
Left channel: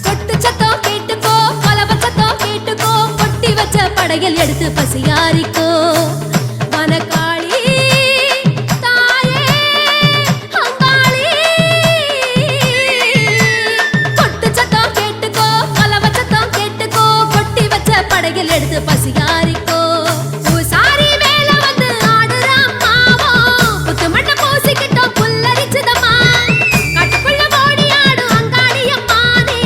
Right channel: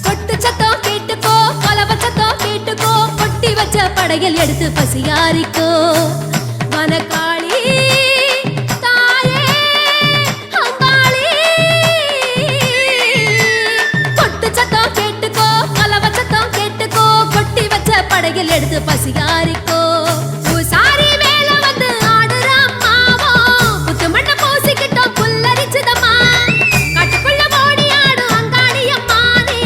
கொட்டு சத்தம் கேட்டுக்கோ கொலவ சத்தம் கேட்டுக்கோ கொட்டி வச்ச படையல் எடுத்து பசியாரிக்கோ வனக்காளி தாயே அங்காளி கொட்டு சத்தம் கேட்டுக்கோ கொலவ சத்தம் கேட்டுக்கோ கொட்டி வச்ச படையல் எடுத்து பசியாரிக்கோ பூசாரி வேலை வந்து ஆடுற அம்மாவோ புத்து மண்ண பூசிக்கிட்டோம் புல்லரிச்சுதம்மா காட்டுக்குள்ள ஓடி ஆடும் அங்காளி அம்மா நீ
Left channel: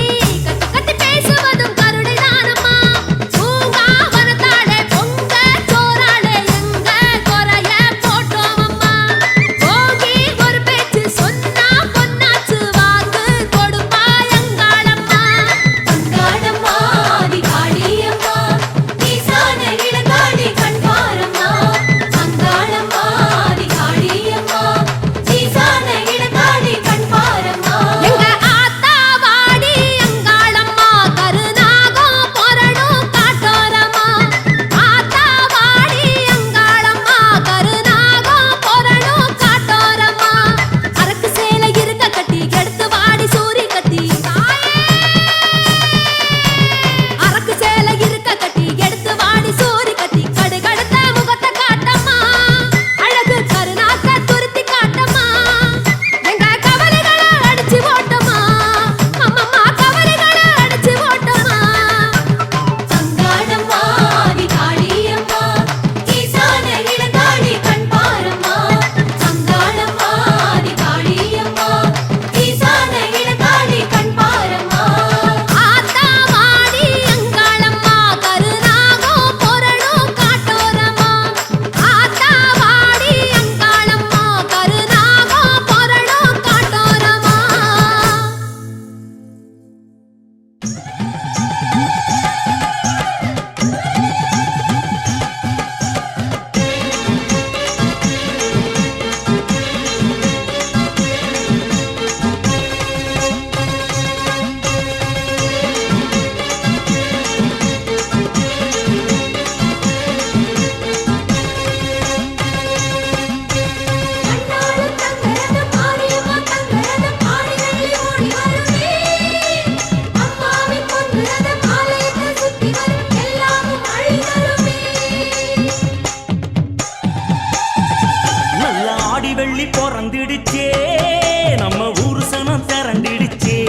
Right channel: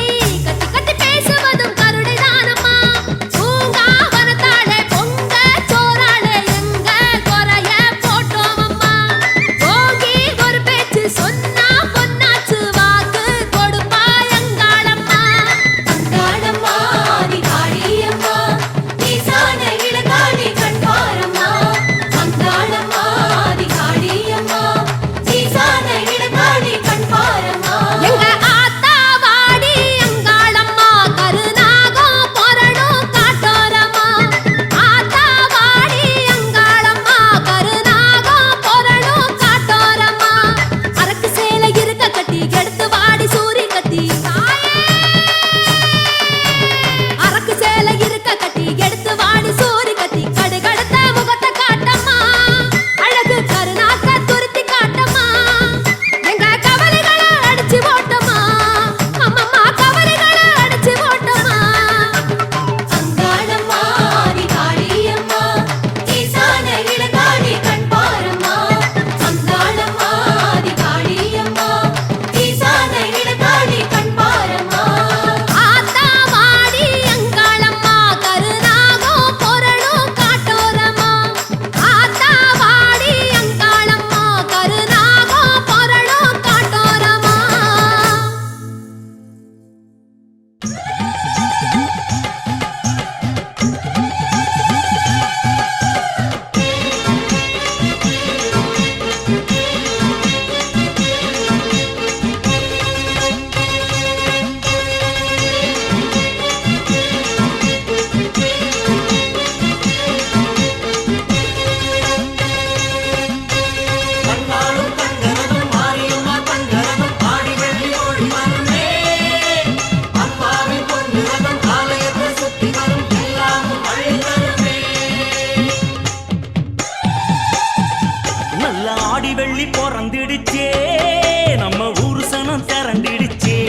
கத்தி கத்தி பேசுவதும் கருணை தானம்மா பூங்கா வனத்தாளே பொங்க சோறாளே எங்க குறைய போட்டோம் அம்மா போகி ஒரு பேச்சு சொன்னா பொன்னாச்சு வாக்கு கொடுப்பாய் அங்காளம்மா அங்காளம்மா ஆதி காளியம்மா ஈசான இளங்காளி கண்பாரம்மா அங்காளம்மா ஆதி காளியம்மா ஈசான இளங்காளி கண்பாரம்மா எங்க ஆத்தா வாடி அங்காளம்மா கருநாகோ பொறளோ காட்டோரமா ஆத்தா வாடி அங்காளம்மா கருநாகோ பொறளோ காட்டோரமா அரக்கு சேலை இருக்க கட்டி எடுத்து வாடி சூரி கத்தி அரக்கு சேலை இருக்க கட்டி எடுத்து வாடி சூரி கத்தி கடுகடுத்த முகத்தை காட்டம்மா அழகு கருநாக்க துருத்தி காட்டம்மா எங்க கவலைகளை அடிச்சு ஓட்டம்மா அம்மம்மா கவலைகளை அடிச்சு ஓட்டம்மா அங்காளம்மா ஆதி காளியம்மா ஈசான இளங்காளி கண்பாரம்மா அங்காளம்மா ஆதி காளியம்மா ஈசான இளங்காளி கண்பாரம்மா ஆத்தா வாடி அங்காளம்மா கருநாகோ பொறளோ காட்டோரமா ஆத்தா வாடி அங்காளம்மா கருநாகோ பொறளோ காட்டோரமா நல்ல ஆடி வெள்ளி பிறந்திடுச்சே நம்ம ஊரு சனம் திரண்டிடுச்சே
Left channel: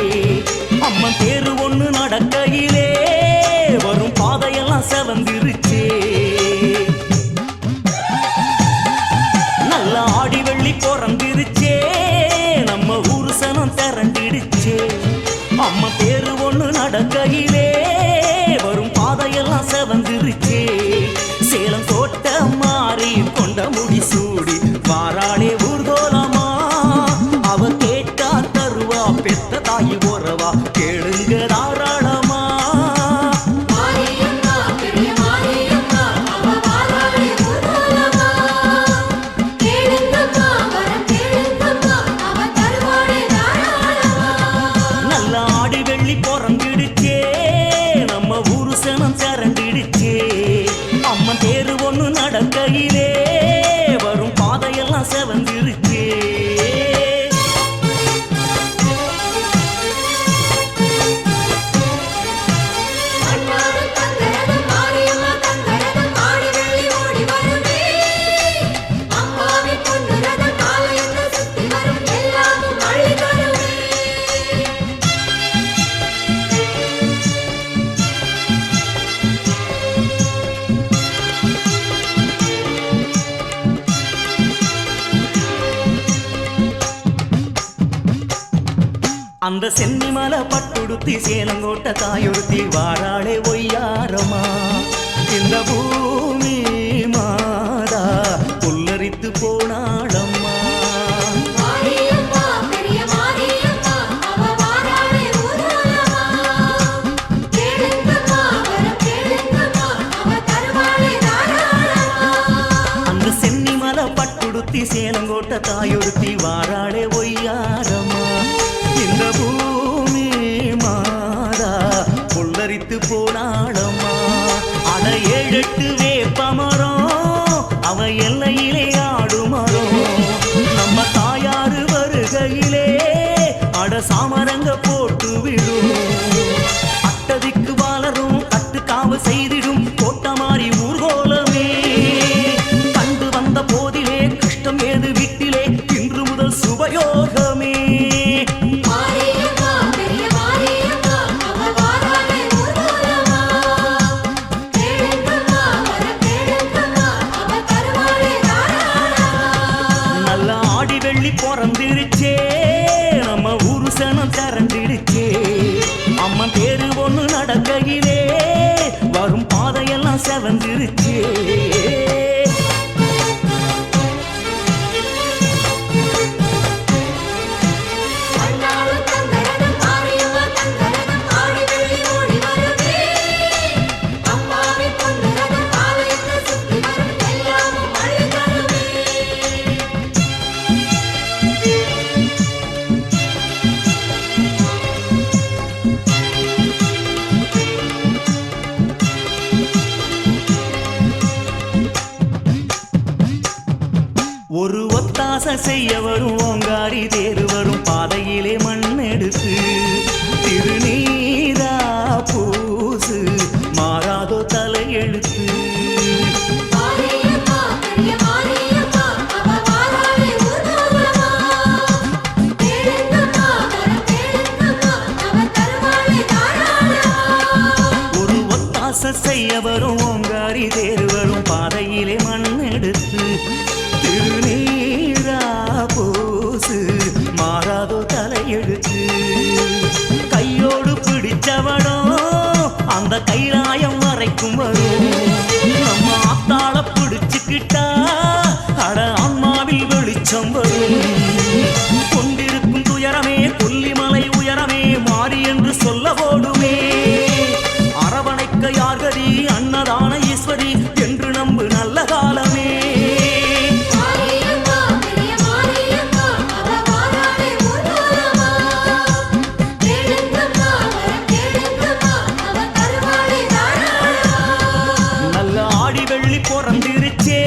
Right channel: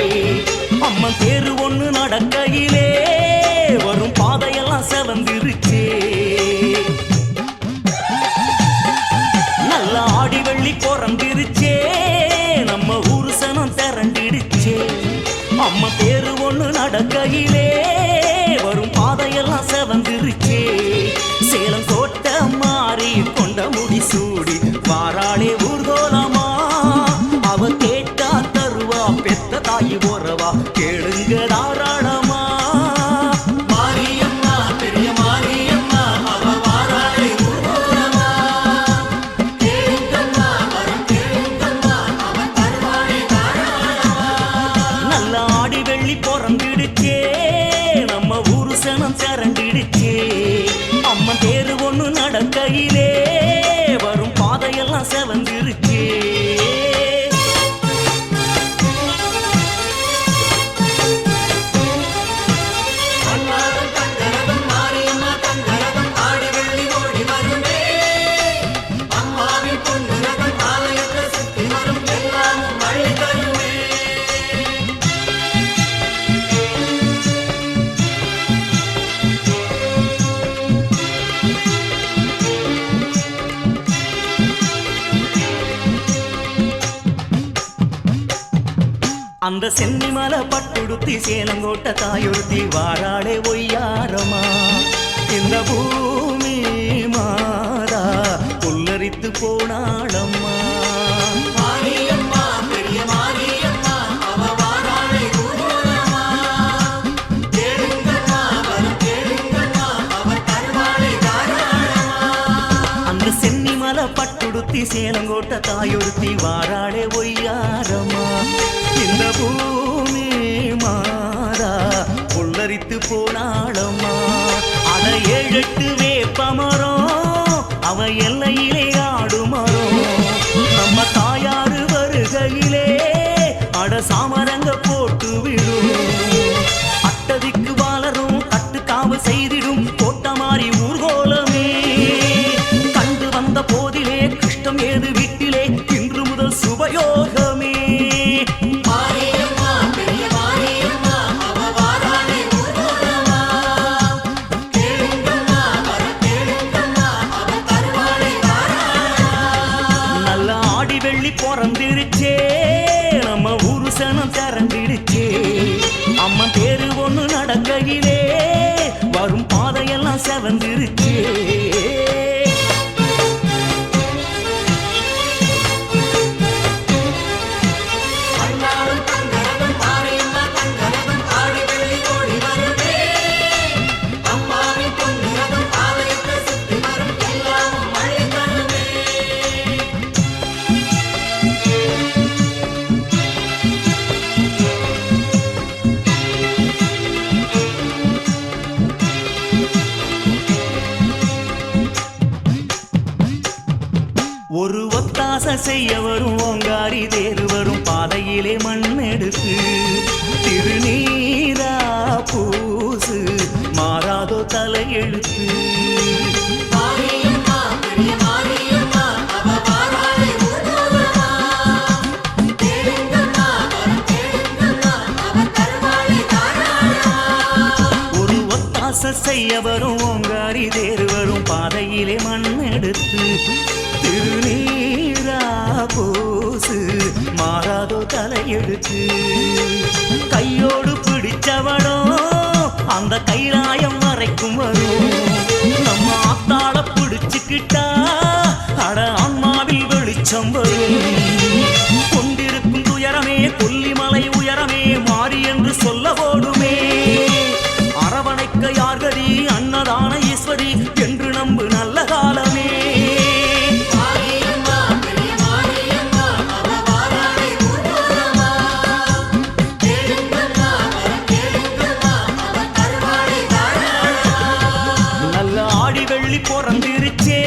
அம்மன் தேரு ஒண்ணு நடக்கையிலே வரும் பாதையெல்லாம் செவந்திருச்சே நல்ல ஆடி வெள்ளி பிறந்திருச்சே நம்ம ஊரு சனம் திரண்டிடுச்சே அம்மா தேரு ஒண்ணு நடக்கையிலே வரும் பாதையெல்லாம் செவந்திருச்சே சேலம் கோட்ட மாறி கொண்ட முடி சூடி வாராளே ஊர்கோலமா அவ கேட்டா தருவா பெத்த தாயி உறவா கேளுங்க தாராளமா மாரியம்மா பெரிய மாரியம்மா அவ வாராளே ஊர்கோலமா கேளுங்கம்மா வரம் கேளுங்கம்மா அவ நல்ல ஆடி வெள்ளி பிறந்துடுச்சே நம்ம ஊரு சனம் திரண்டிடுச்சே அம்மன் தேரு ஒண்ணு நடக்கையிலே வரும் பாதையெல்லாம் செவந்திருச்சே அந்த சென்னிமலை பட்டுடுத்தி சேலங்கோட்ட தாயொருத்தி வாராளே ஒய்யாரமா இந்த பூமி மாதா புல்லரித்து போனாளம்மா அந்த சென்னிமலை பட்டுடுத்தி சேலங்கோட்ட தாயொருத்தி வாராளே ஒய்யாரமா இந்த பூமி மாதா புல்லரித்து போனாளம்மா அட 7-8 வேப்பமரம் அவ எல்லையிலே ஆடுமரம் நம்ம தாயாரு வருகையிலே அட சாமரங்க போட்டு விடும் அட்டதிக்கு வாளரும் கட்டுக்காவு செய்திடும் கோட்ட மாறி ஊர்கோலமே கண்டு வந்த போதிலே கஷ்டம் ஏது வீட்டிலே இன்று முதல் சுபயோகமே பிறந்திருச்சே நம்ம ஊரு சனம் திரண்டிடுச்சே அம்மன் தேரு ஒண்ணு நடக்கையிலே வரும் பாதையெல்லாம் செவந்திருச்சே ஒரு ஒத்தாசை செய்ய வரும் ஓங்காரி தேரு வரும் பாதையிலே மண் எடுத்து திருநீரா பூசு மாறாதோ தலையெழுத்து ஒரு ஒத்தாசை செய்ய வரும் ஓங்காரி தேரு வரும் பாதையிலே மண் எடுத்து திருநீரா பூசு மாறாதோ தலையெழுத்து கையோடு பிடிச்சவனோ அந்த கைலாயம் வரைக்கும் வரும் நம்ம ஆத்தாள பிடிச்சுக்கிட்டா அட ஆன்மாவில் வெளிச்சம் வரும் கொண்டிருக்கும் துயரமே கொல்லிமலை உயரமே மாறி என்று சொல்ல ஓடுமே அரவணைக்க யார்கதி அன்னதான ஈஸ்வரி என்று நம்பு நல்ல காலமே பிறந்திருச்சே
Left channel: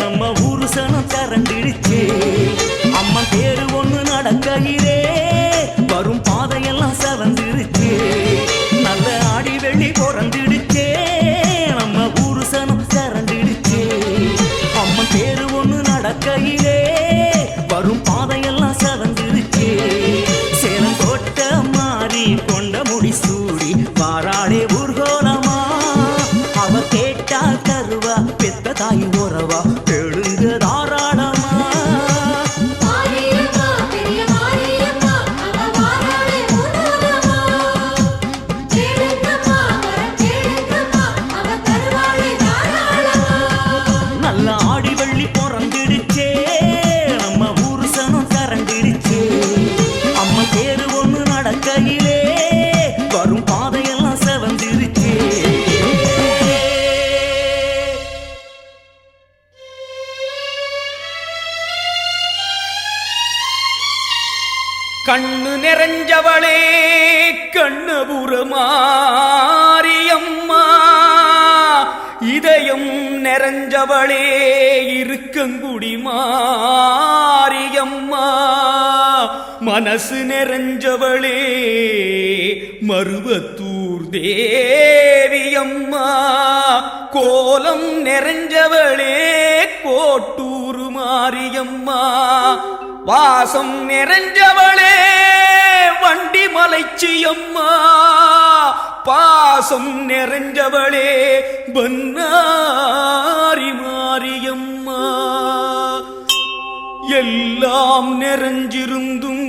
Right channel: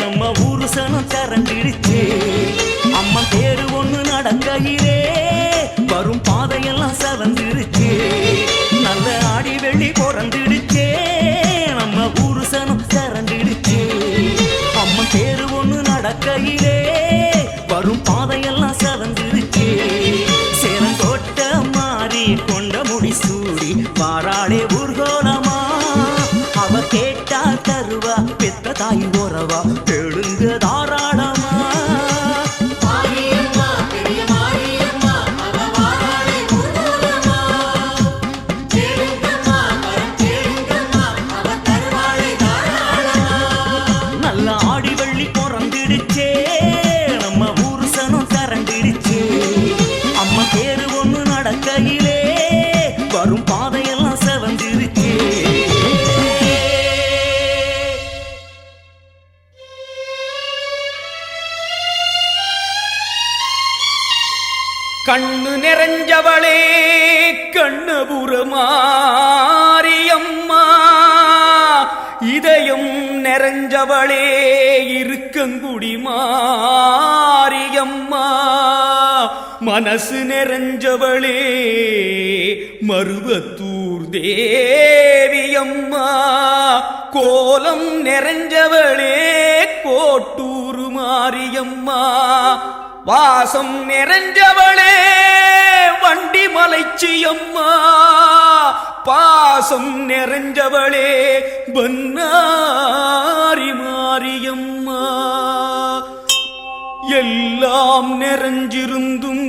நம்ம ஊரு சனம் திரண்டிருச்சே அம்மன் தேரு ஒண்ணு நடக்கையிலே வரும் பாதையெல்லாம் செவந்திருச்சே நல்ல ஆடி வெள்ளி பிறந்திடுச்சே நம்ம ஊரு சனம் திரண்டிடுச்சே அம்மன் தேரு ஒண்ணு நடக்கையிலே வரும் பாதையெல்லாம் செவந்திருச்சே சேலங்கோட்ட மாறி கொண்ட முடி சூடி வாராளே ஊர்கோலமா அவ கேட்டா தருவா பெத்த தாய் உறவா எழுங்க தாராளமா நல்ல ஆடி வெள்ளி பிறந்திடுச்சே நம்ம ஊரு சனம் திரண்டிடுச்சே அம்மா தேரு ஒண்ணு நடக்கையிலே வரும் பாதையெல்லாம் செவந்திருச்சே கண்ணு நிற நிறைஞ்சவளே கண்ணபுரமாரியம்மா இதயம் நிறைஞ்சவளே இருக்கங்குடி மாரியம்மா மனசு நிறைஞ்சவளே மருவத்தூர் தேவியம்மா கோலம் நிறைஞ்சவளே கோட்டூர் மாரியம்மா வாசம் நிறைஞ்சவளே வண்டி மலைச்சியம்மா பாசம் நிறைஞ்சவளே பன்னாரி மாரியம்மா எல்லாம் நிறைஞ்சிருந்தும்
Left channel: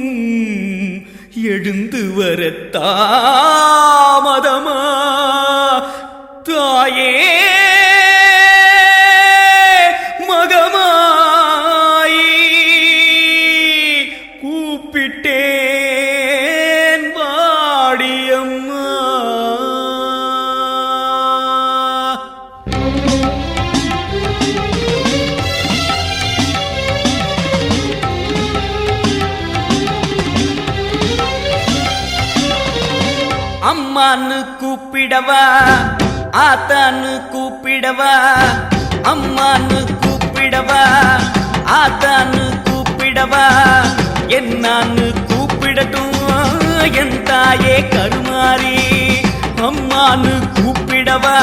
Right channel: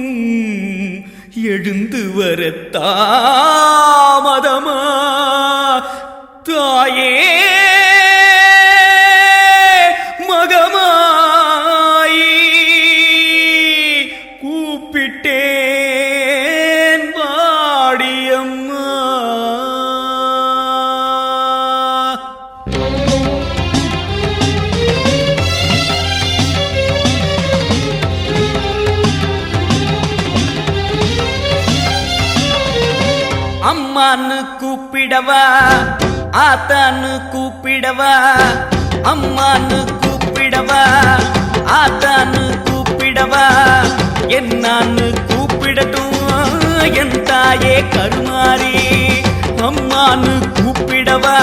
எழுந்து வர தாமதமா தாயே மகமாயி கூப்பிட்டேன் வாடியம்மா அம்மான்னு கூப்பிடவா ஆத்தான்னு கூப்பிடவா அம்மான்னு கூப்பிடவா ஆத்தான்னு கூப்பிடவா என்னான்னு கூப்பிடட்டும் என் தாயே கருமாரி அம்மான்னு கூப்பிடவா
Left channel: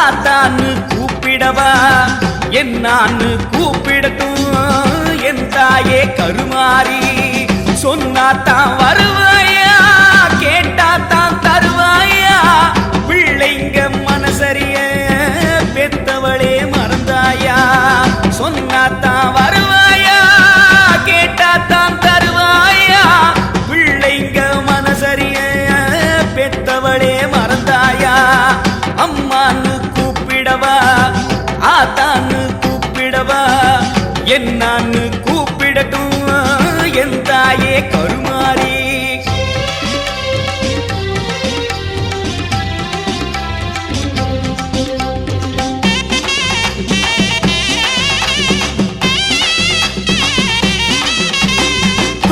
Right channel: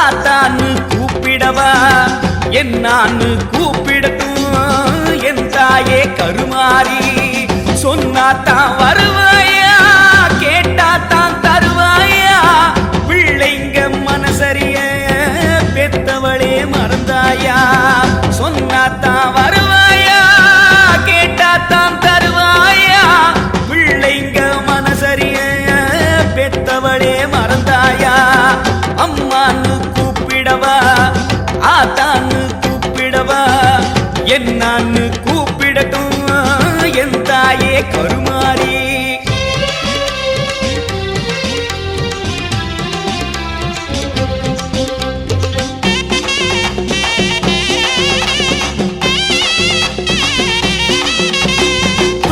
ஆத்தான்னு கூப்பிடவா என்னான்னு கூப்பிடட்டும் என் தாயே கருமாரி சொன்னாத்தான் வருவாயா கேட்டாத்தான் தருவாயா பிள்ளைங்க மனசரிய பெத்தவளே மறந்தாயா சொன்னாத்தான் வருவாயா கேட்டாத்தான் தருவாயா பிள்ளைங்க மனசரிய பெத்தவளே மறந்தாயா அம்மான்னு கூப்பிடவா ஆத்தான்னு கூப்பிடவா என்னான்னு கூப்பிடட்டும் என் தாயே கருமாரி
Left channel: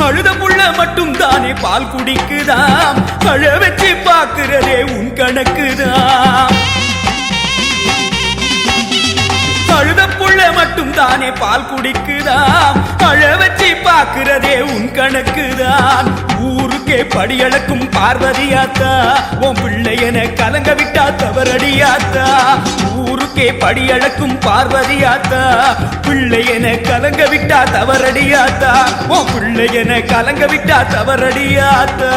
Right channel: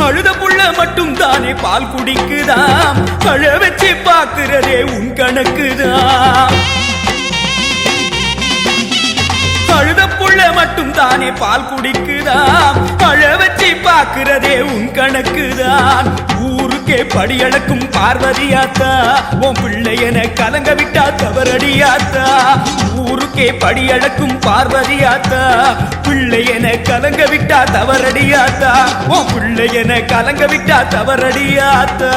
அழுத புள்ள மட்டும் தானே பால் குடிக்குதாம் அழ வச்சு பாக்குறதே உன் கணக்குதான் அழுத புள்ள மட்டும் தானே பால் குடிக்குதாம் அழ வச்சு பாக்குறதே உன் கணக்குதான் ஊருக்கே படியளக்கும் பார்வதியாத்தா உன் பிள்ளையன கலங்க விட்டா தவறடியாத்தா ஊருக்கே படியளக்கும் பார்வதியாத்தா பிள்ளையன கலங்க விட்டா தவறடியாத்தா உன் பிள்ளையன கலங்க விட்டா தவறடியாத்தா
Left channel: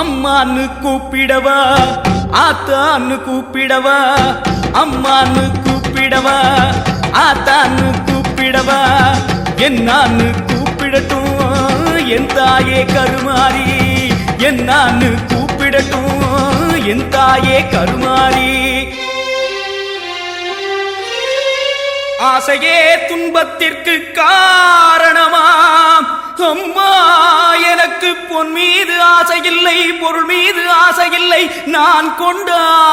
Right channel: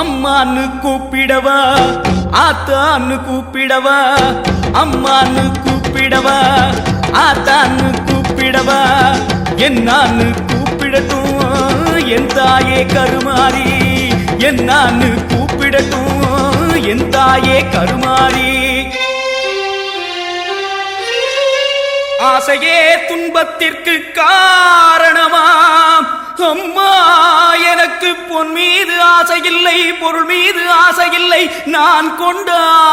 அம்மான்னு கூப்பிடவா ஆத்தான்னு கூப்பிடவா அம்மான்னு கூப்பிடவா ஆத்தான்னு கூப்பிடவா என்னான்னு கூப்பிடட்டும் என் தாயே கருமாரி என்னான்னு கூப்பிடட்டும் என் தாயே கருமாரி ஆசையே துன்பத்திற்கு காரணமாம் அம்மா எனக்கு பொன் மீது ஆசையில்லை பொருள் மீது ஆசையில்லை நான் கொண்ட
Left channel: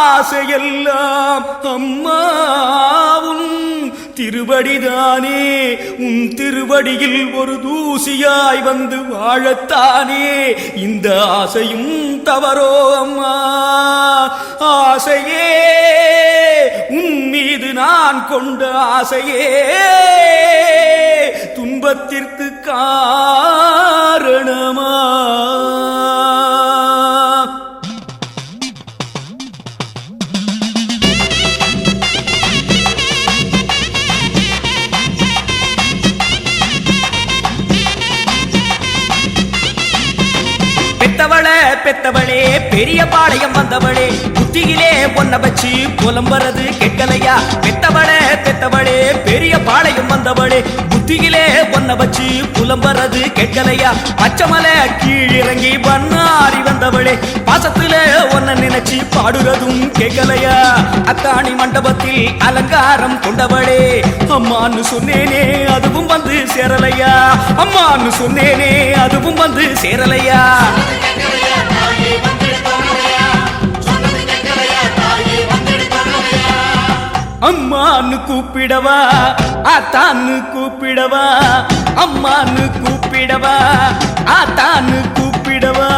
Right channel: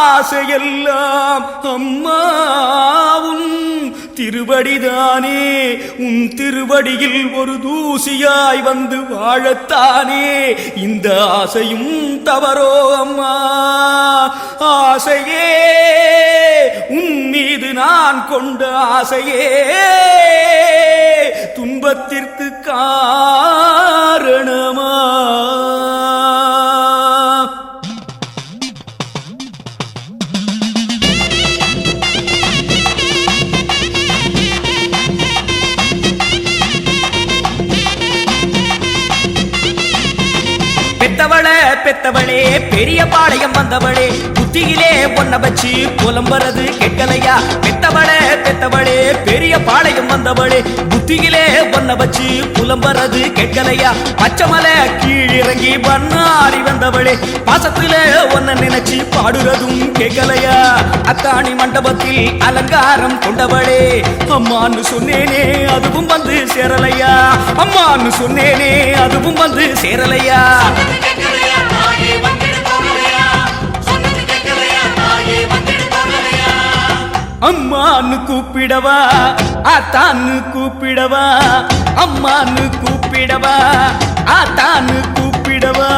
ஆசையெல்லாம் அம்மா உன் திருவடிதானே உன் திருவடியில் ஒரு தூசியாய் வந்து வாழத்தானே இந்த ஆசையும் தவறோ அம்மா ஆசையே உன் மீது நான் கொண்ட ஆசையே துன்பத்திற்கு காரணமா பெத்தவளே பெரிய பாளையம் வந்தவளே புத்தியிலே ஒன்ன வச்சு புலம்புறது கேட்கலையா பெத்தவளே பெரிய பாளையம் வந்தவளே புத்தியிலே ஒன்ன வச்சு புலம்புறது கேட்கலையா பச்சைமலை கீழிறங்கி பண்ணாரி வந்தவளே பாசத்துல ஒன்ன நினைச்சு பாடுறதும் கேட்கலையா அத்தாணி மண்டபத்தில் அலங்காரம் கொண்டவளே அம்மான்னு சொன்னேனே அதுவும் வந்து சேரலையா அம்மான்னு சொன்னேனே அதுவும் வந்து சேரலையா அம்மான்னு கூப்பிடவா ஆத்தான்னு கூப்பிடவா அம்மான்னு கூப்பிடவா ஆத்தான்னு கூப்பிடவா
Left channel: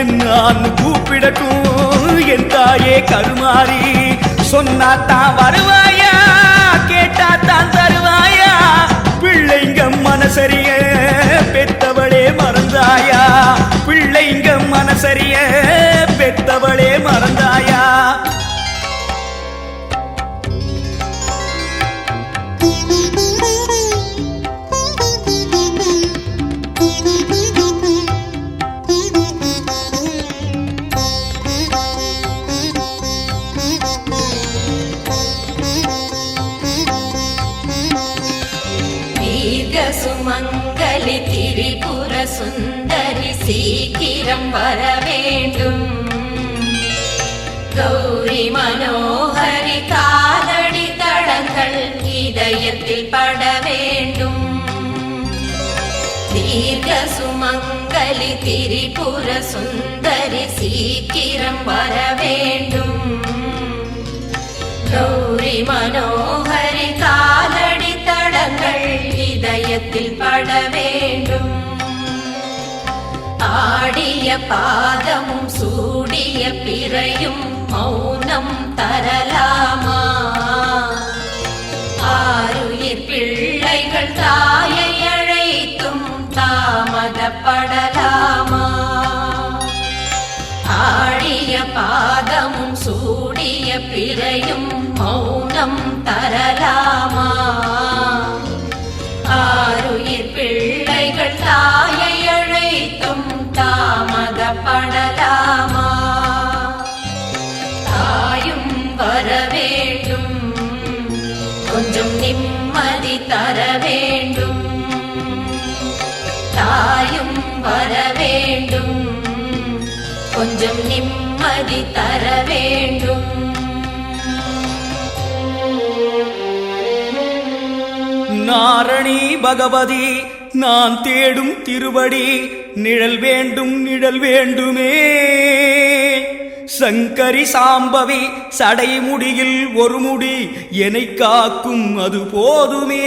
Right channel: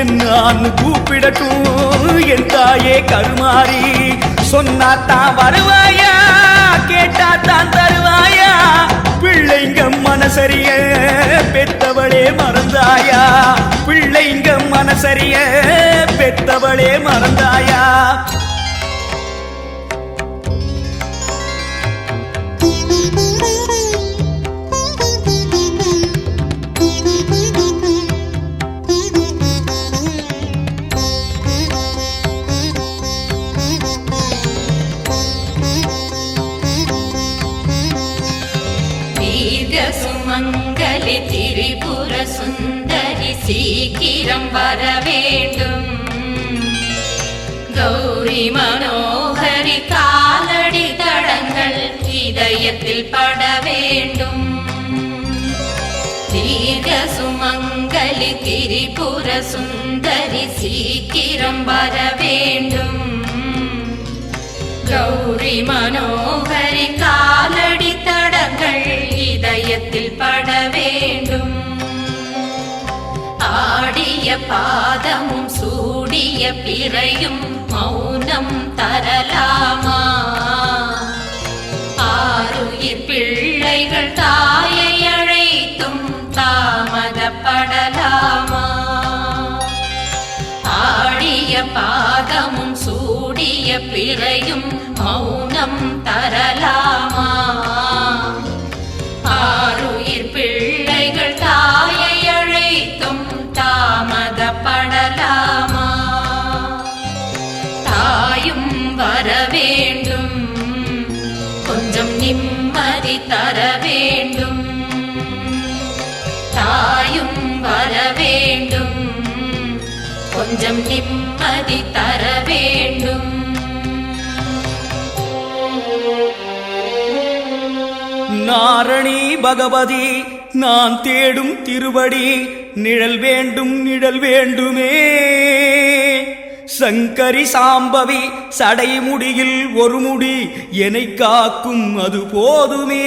என்னான்னு கூப்பிடட்டும் என் தாயே கருமாறி சொன்னாத்தான் வருவாயா கேட்டாத்தான் தருவாயா பிள்ளைங்க மனசரிய பெத்தவளே மறந்தாயா பிள்ளைங்க மனசரிய பெத்தவளே மறந்தாயா சுமங்கலி திரிபுர சுந்தரி சீக்கிரம் வர வேண்டும் கௌரி மனோகரி காலடி தடங்கள் இதயத்தில் பட வேண்டும் தீர்க்க சுமங்கலி திரிபுர சுந்தரி சீக்கிரம் வர வேண்டும் கௌரி மனோகரி காலடி தடங்கள் இதயத்தில் பட வேண்டும் ஆடிய பாதமும் சூடிய பிறையும் மௌனம் தரலாமா ஆருயிர் பிள்ளைகள் தாயை அழைத்தும் தாமதப்படலாமா ஆடிய பாதமும் சூடிய பிறையும் மௌனம் தரலாமா ஆருயிர் பிள்ளைகள் தாயை அழைத்தும் தாமதப்படலாமா தாயும் வர வேண்டும் கொஞ்சம் நிம்மதி தர வேண்டும் தாயும் வர வேண்டும் கொஞ்சம் நிம்மதி தர வேண்டும் நாரணி பகவதி நான் தேடும் திருவடி நிழல் வேண்டும் நிழல் வேண்டுமே சங்கரி சாம்பவி சடைமுடியில் ஒரு முடி என்னை காக்கும் அது போதுமே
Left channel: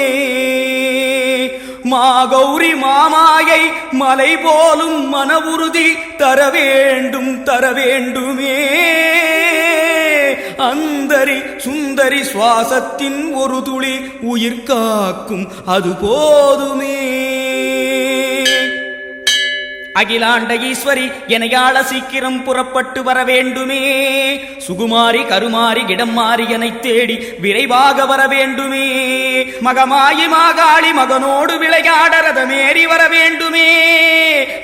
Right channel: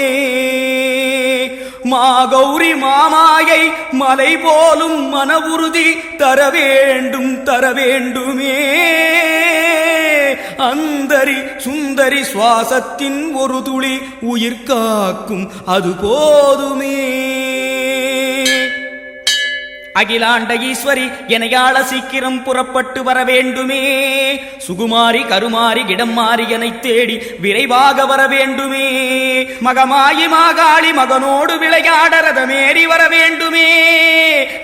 மாகௌரி மாமாயை மலை போலும் மன உறுதி தர வேண்டுமே அந்தரி சுந்தரி சுவாசத்தின் ஒரு துளி உயிர் காக்கும் அது போதுமே அகிலாண்ட ஈஸ்வரி எனையாள சீக்கிரம் புறப்பட்டு வர வேண்டுமே சுகுமாரி கருமாரி இடம் மாறி என்னை தேடி விரைவாக வர வேண்டுமே மகமாயி மாகாளி மகனோடு விளையாட ரதமேறி வர வேண்டுமே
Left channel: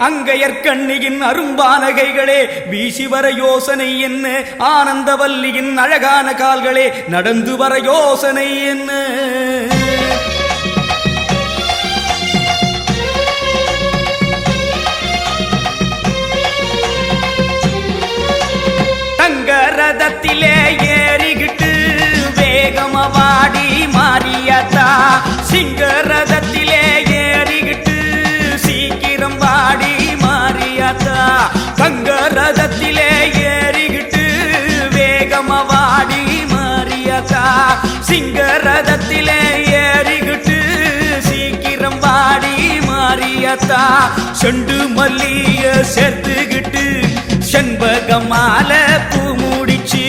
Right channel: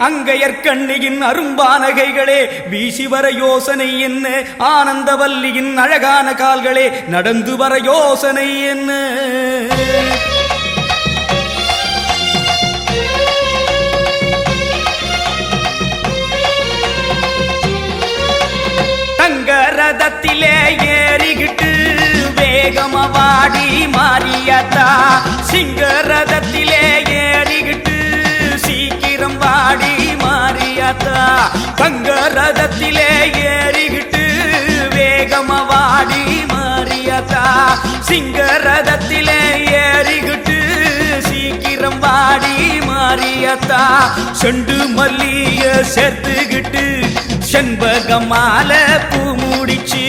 அங்கையற்கண்ணியின் அரும்பானகைகளே வீசி வர யோசனை என்ன ஆனந்தவல்லியின் அழகான கால்களே நடந்து வர யோசனை என்ன ரதத்திலே ஏறிகிட்டு வேகமவாடி மாறியாத்தா சிங்கரதத்திலே ஏறிகிட்டு சீக்கிரம் வாடி மாறியாத்தா தங்க ரதத்திலே ஏறிகிட்டு வேகமவாடி மாறியாத்தா சிங்கரதத்திலே ஏறிகிட்டு சீக்கிரம் வாடி மாறியாத்தா செண்டு மல்லிய சேர்த்துகிட்டு செண்பகமால பூ முடிச்சு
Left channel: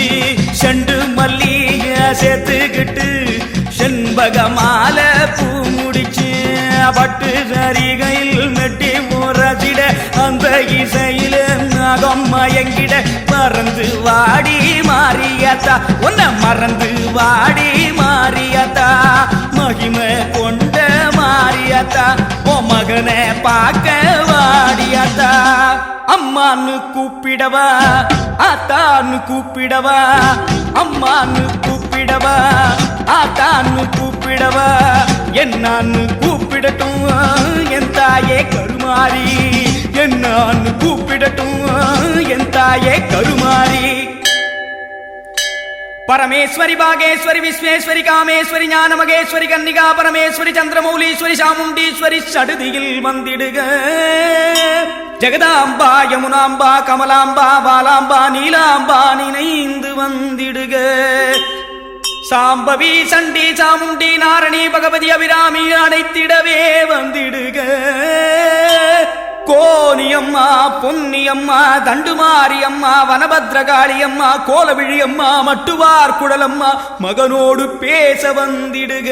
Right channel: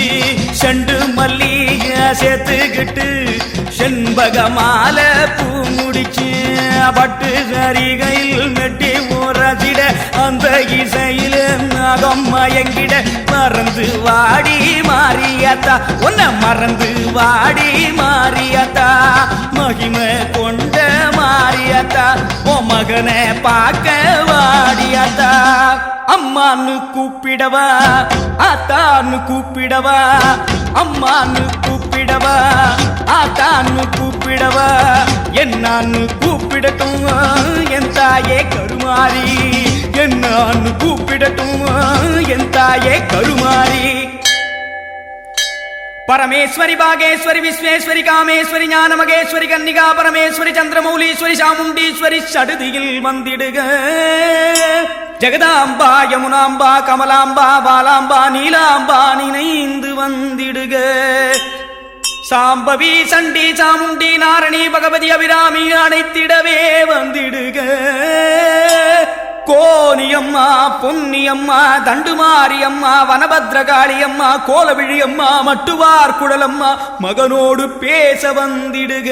செண்டு மல்லிய சேர்த்துக்கிட்டு செண்பகமால பூ முடிச்சு பட்டு சரிகையில் மெட்டி முரசிட அந்த இசையில நகம் மயங்கிட மறந்து வாடி மாறியாத்தா உன்னை மறந்து வாடி மாறியாத்தா மகிமை கொண்ட மாறியாத்தா ஓ மகனை பார்க்க வாடியாத்தா அம்மான்னு கூப்பிடவா ஆத்தான்னு கூப்பிடவா அம்மான்னு கூப்பிடவா ஆத்தான்னு கூப்பிடவா என்னான்னு கூப்பிடட்டும் என் தாயே கருமாரி என்னான்னு கூப்பிடட்டும் என் தாயே கருமாரி பரமேஸ்வரி பாகேஸ்வரி விஸ்வேஸ்வரி காமேஸ்வரி ஞானமகேஸ்வரி கன்னிகா பரமேஸ்வரி சந்திரமௌலீஸ்வரி சாமுண்டீஸ்வரி சடுதியில் வந்திடுக ஜெகதாம்பா யமுனாம்பா கமலாம்பா பாலாம்பா நீலாம்பா நினைந்து வந்திடுக சாம்பவி சண்டி சாமுண்டி நாரணி பகவதி அபிராமி அனைத்திடவே வந்திடுக கோனியம்மா பொன்னியம்மா தண்டுமாரியம்மா வனபத்ரகாளியம்மா கோலவிழியம்மா மட்டுவார் குடலம்மா மகனோடு பேச வந்திடுக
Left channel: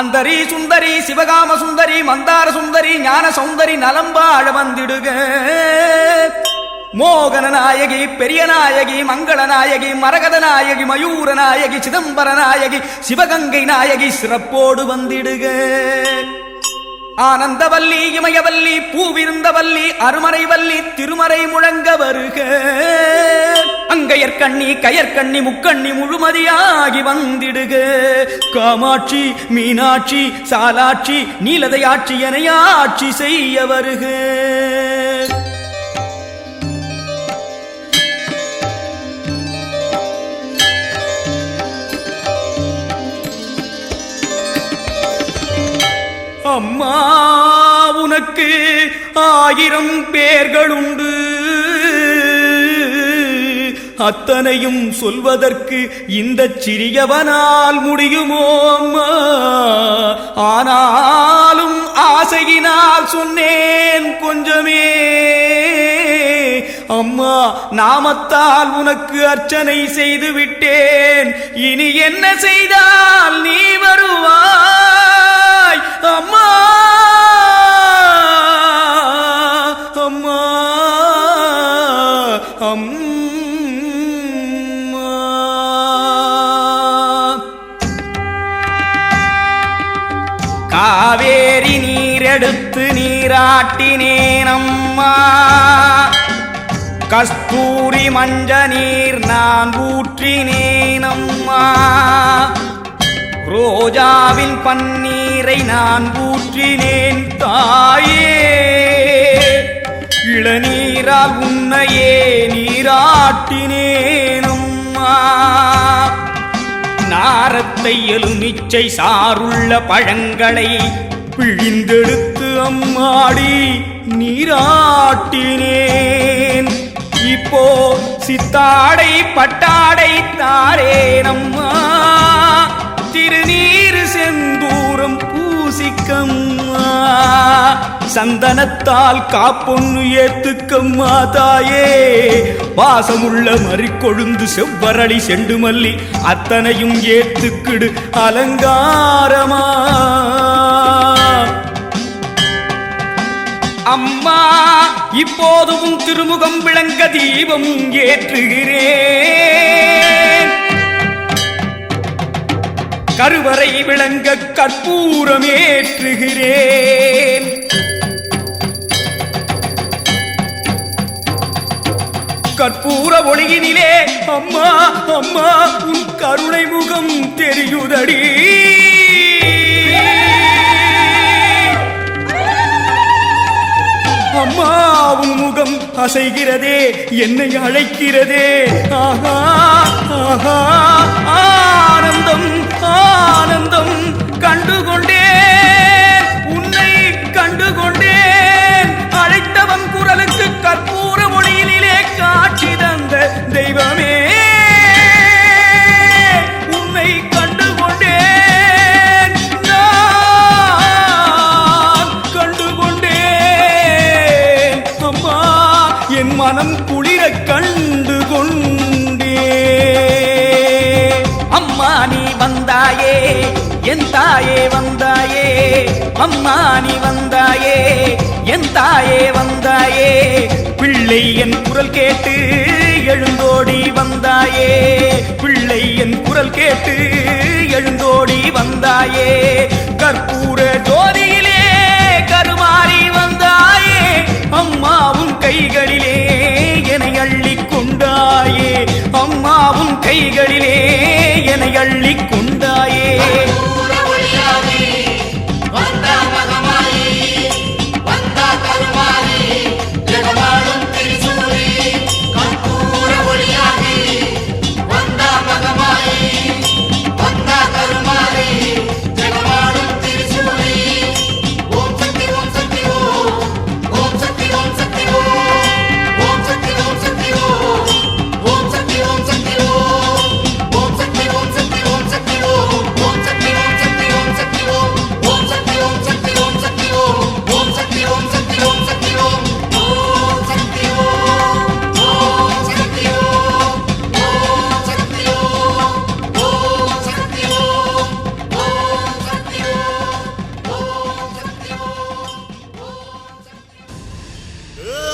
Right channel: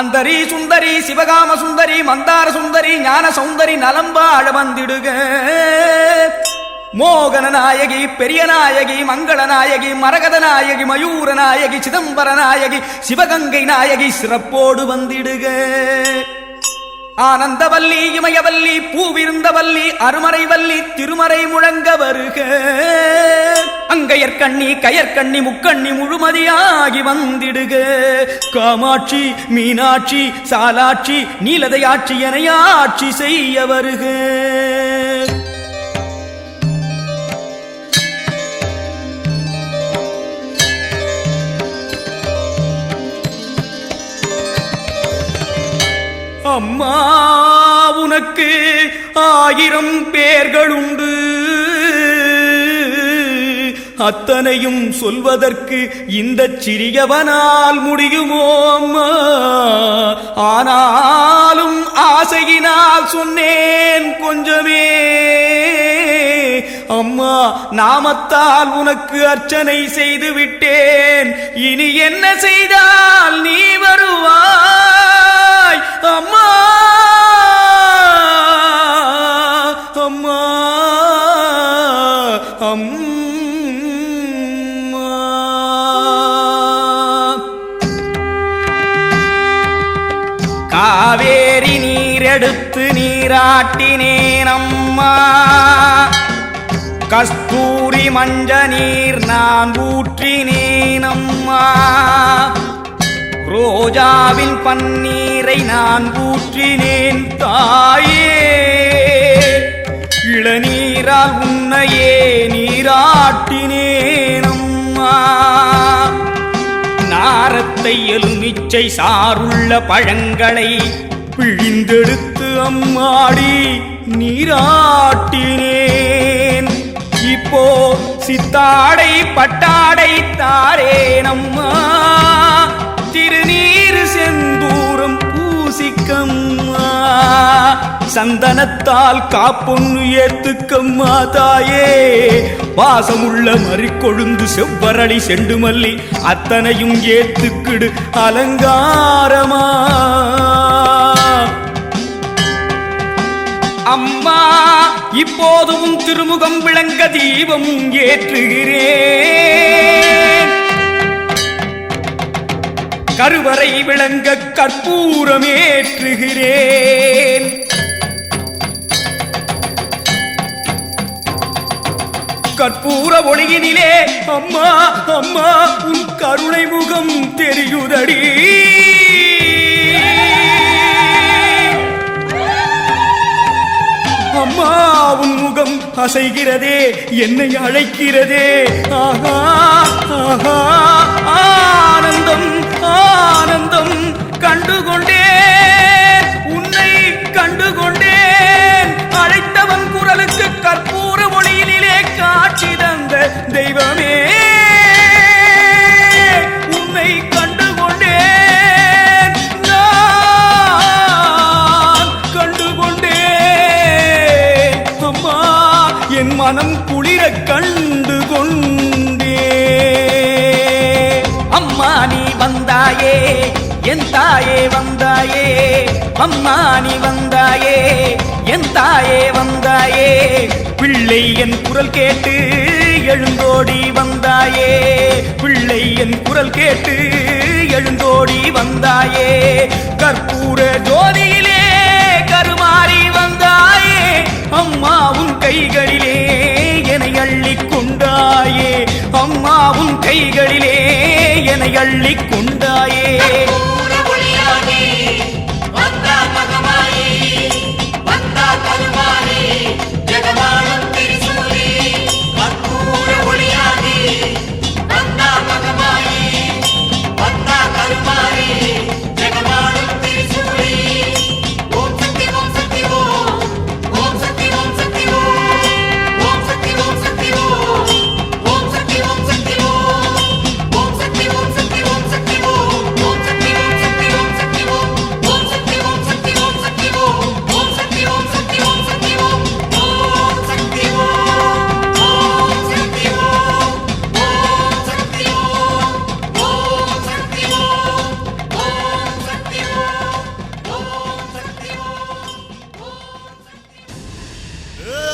அந்தரி சுந்தரி சிவகாம சுந்தரி மந்தார சுந்தரி ஞான சௌந்தரி நலம்பாழ வந்திடுக மோகன நாயகி பெரிய நாயகி மங்கள நாயகி மரகத நாயகி மயூர நாயகி சிதம்பர நாயகி சிவகங்கை நாயகி சிறப்போடு வந்திடுக ஆனந்தவல்லி இமயவல்லி பூவிருந்தவல்லி அருமறைவல்லி திருமறை முழங்க வருக அங்கையற்கண்ணி கயற்கண்ணி முக்கண்ணி முழுமதியாகி வந்திடுக காமாட்சி மீனாட்சி சாலாட்சி நீலதையாட்சி எனையாட்சி செய்ய வருக அம்மா உனக்கு 1000 பேர்களுண்டு அத்தனையும் சொல்வதற்கு இந்த சிறியவனால் முடியுமோ அம்மா ஆனாலும் ஆசையினால் சொன்னேன் கொஞ்சமே அம்மா நாமத்தால் உனக்கு அர்ச்சனை செய்து விட்டேன் இனி என்ன செய்தால் நீ வருவாய் அம்மா அம்மா அம்மா காவேரி நீரெடுத்து நீராட்டினேன் அம்மா கஸ்தூரி மஞ்ச நீர் நான் ஊற்றினேன் அம்மா ரோஜாவின் பன்னீரை நான் ஊற்றினேன் தாயே இளநீரால் உன்னையே நீராட்டினேன் அம்மா நாரத்தை எலுமிச்சை சாருள்ள பழங்களை பிழிந்தெடுத்து அம்மாடி நீராட்டினேன் இப்போ சித்தாடை பட்டாடை தாரேன் அம்மா திருநீர் செந்தூரம் பூசிக்கம்மா சந்தனத்தால் காப்பொன்னு ஏத்துக்கம்மா தாயே வாசமுள்ள மறிக்கொழுந்து செவ்வரளி செண்டுமல்லி அத்தனையும் ஏத்துக்கிடு அலங்காரமா அம்மா இப்போதும் திருமுகம் விளங்க தீபம் ஏற்றுகிறேன் கருவறை விளங்க கற்பூரமேற்றுகிறேன் கற்பூர ஒளியினிலே அம்மா அம்மா உன் கருணை முகம் தெரியுதடி அம்மா உன் முகம் அசைகிறதே என்னை அழைக்கிறதே ஆஹா ஆஹா ஆனந்தம் ஆனந்தம் கண்டுகொண்டேன் உன்னை கண்டுகொண்டேன் அழைத்தவன் குரலுக்கு கற்பூர ஒளியிலே காட்சி தந்த தெய்வமே உன்னை கண்டுகொண்டேன் நான் கண்டுகொண்டேன் அம்மா என் மனம் குளிர கண்டு கொண்டே அம்மா நீ வந்தாயே என் தாயே வந்தாயே அம்மா நீ வந்தாயே என் தாயே வந்தாயே பிள்ளை என் குரல் கேட்டு எழுந்தோடி வந்தாயே பிள்ளை என் குரல் கேட்டு எழுந்தோடி வந்தாயே கற்பூர ஜோதியிலே கருமாறி வந்தாயே அம்மா அம்மாவும் கைகளிலே என்னை அள்ளிக் கொண்டாயே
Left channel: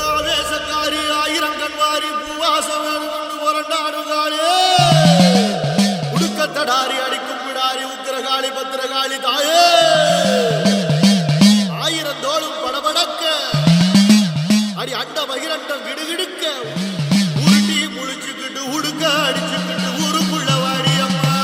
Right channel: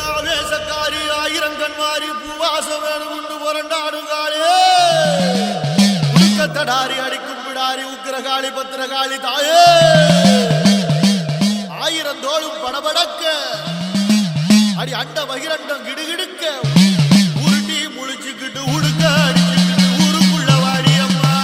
ஆவேசக்காரி ஆயிரங்கன்வாரி பூவாசம் வேணும் கொண்டு புரண்டாடுங்காளே உடுக்கத்தடாரி அடிக்கும் பிடாரி உக்கிரகாளி பத்திரகாளி தாயே ஆயிரம் தோளும் படபடக்க அடி அண்ட பகிரண்டம் கிடுகிடுக்க உருட்டி முழிச்சுக்கிட்டு உடுக்க அடிச்சுக்கிட்டு ஊருக்குள்ள வாடி அம்மா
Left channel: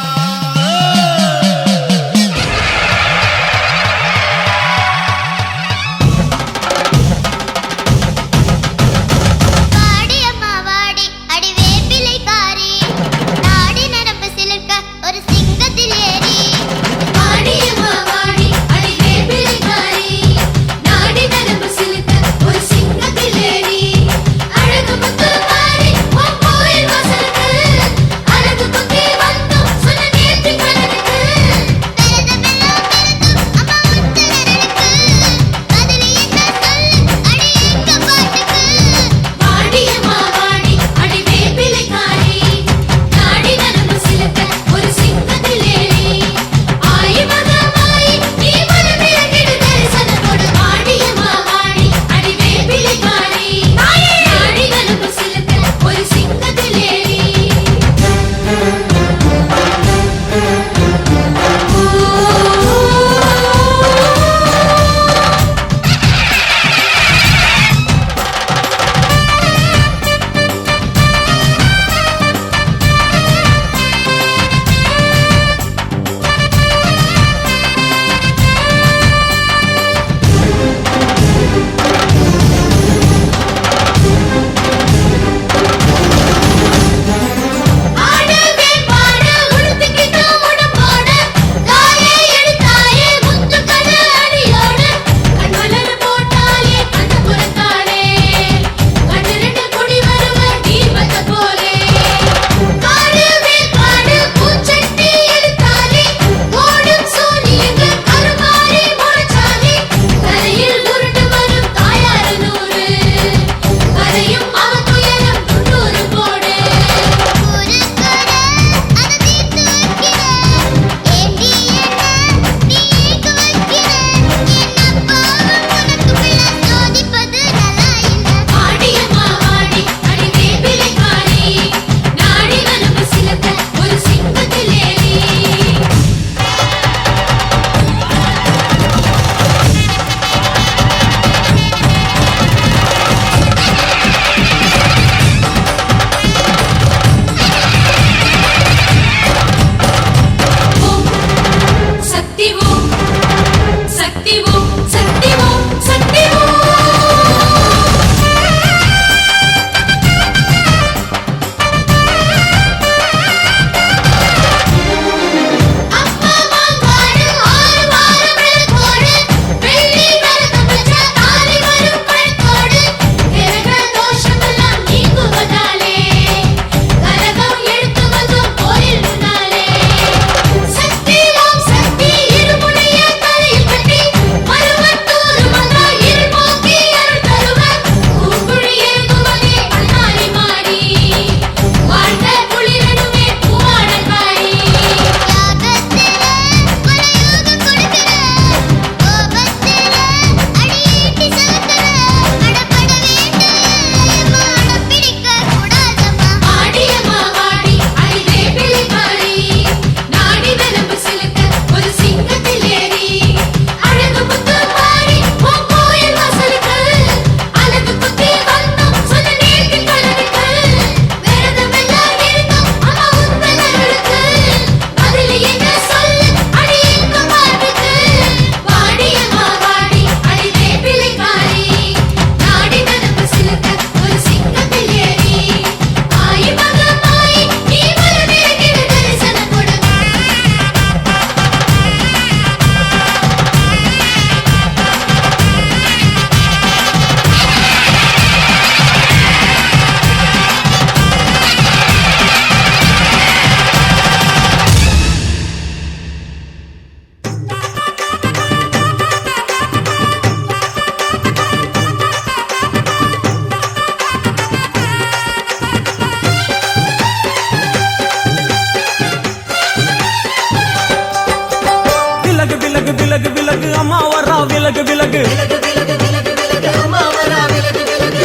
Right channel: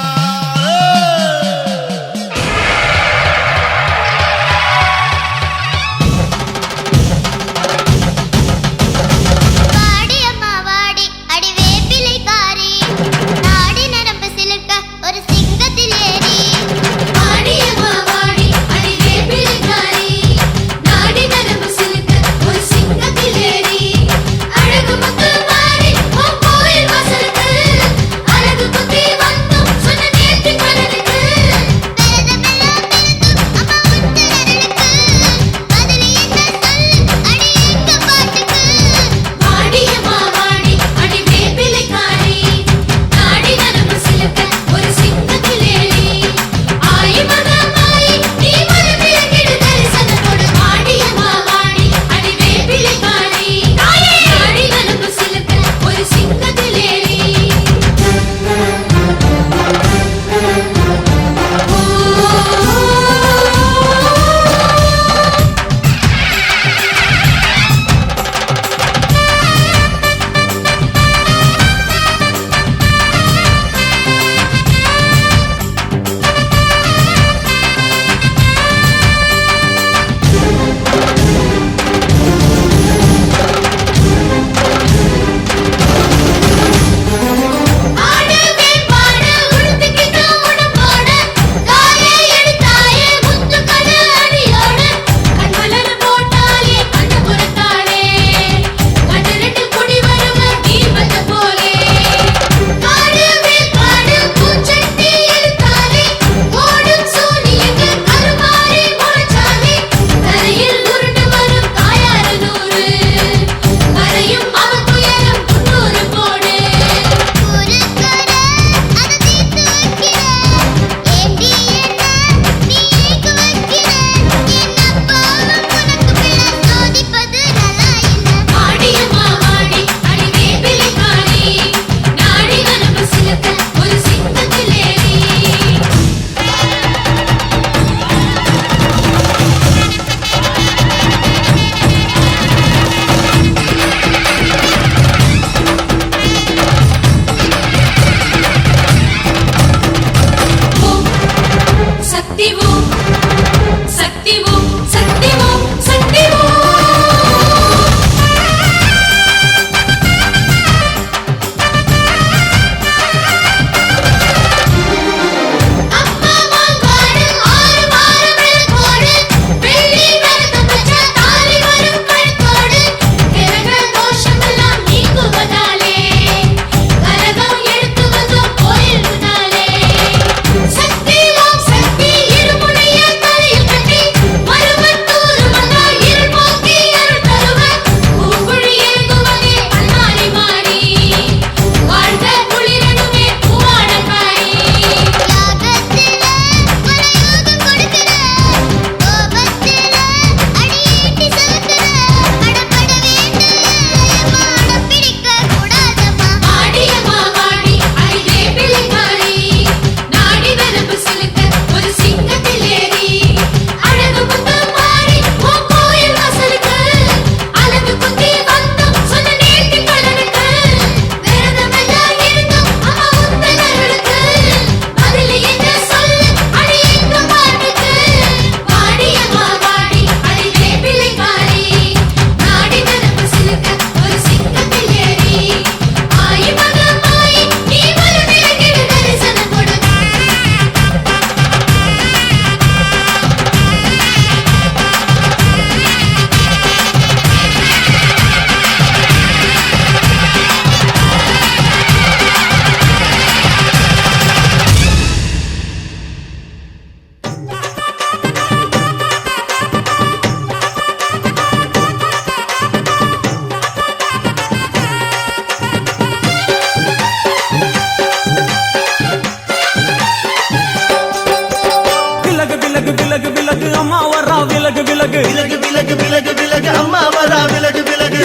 விலகு விலகு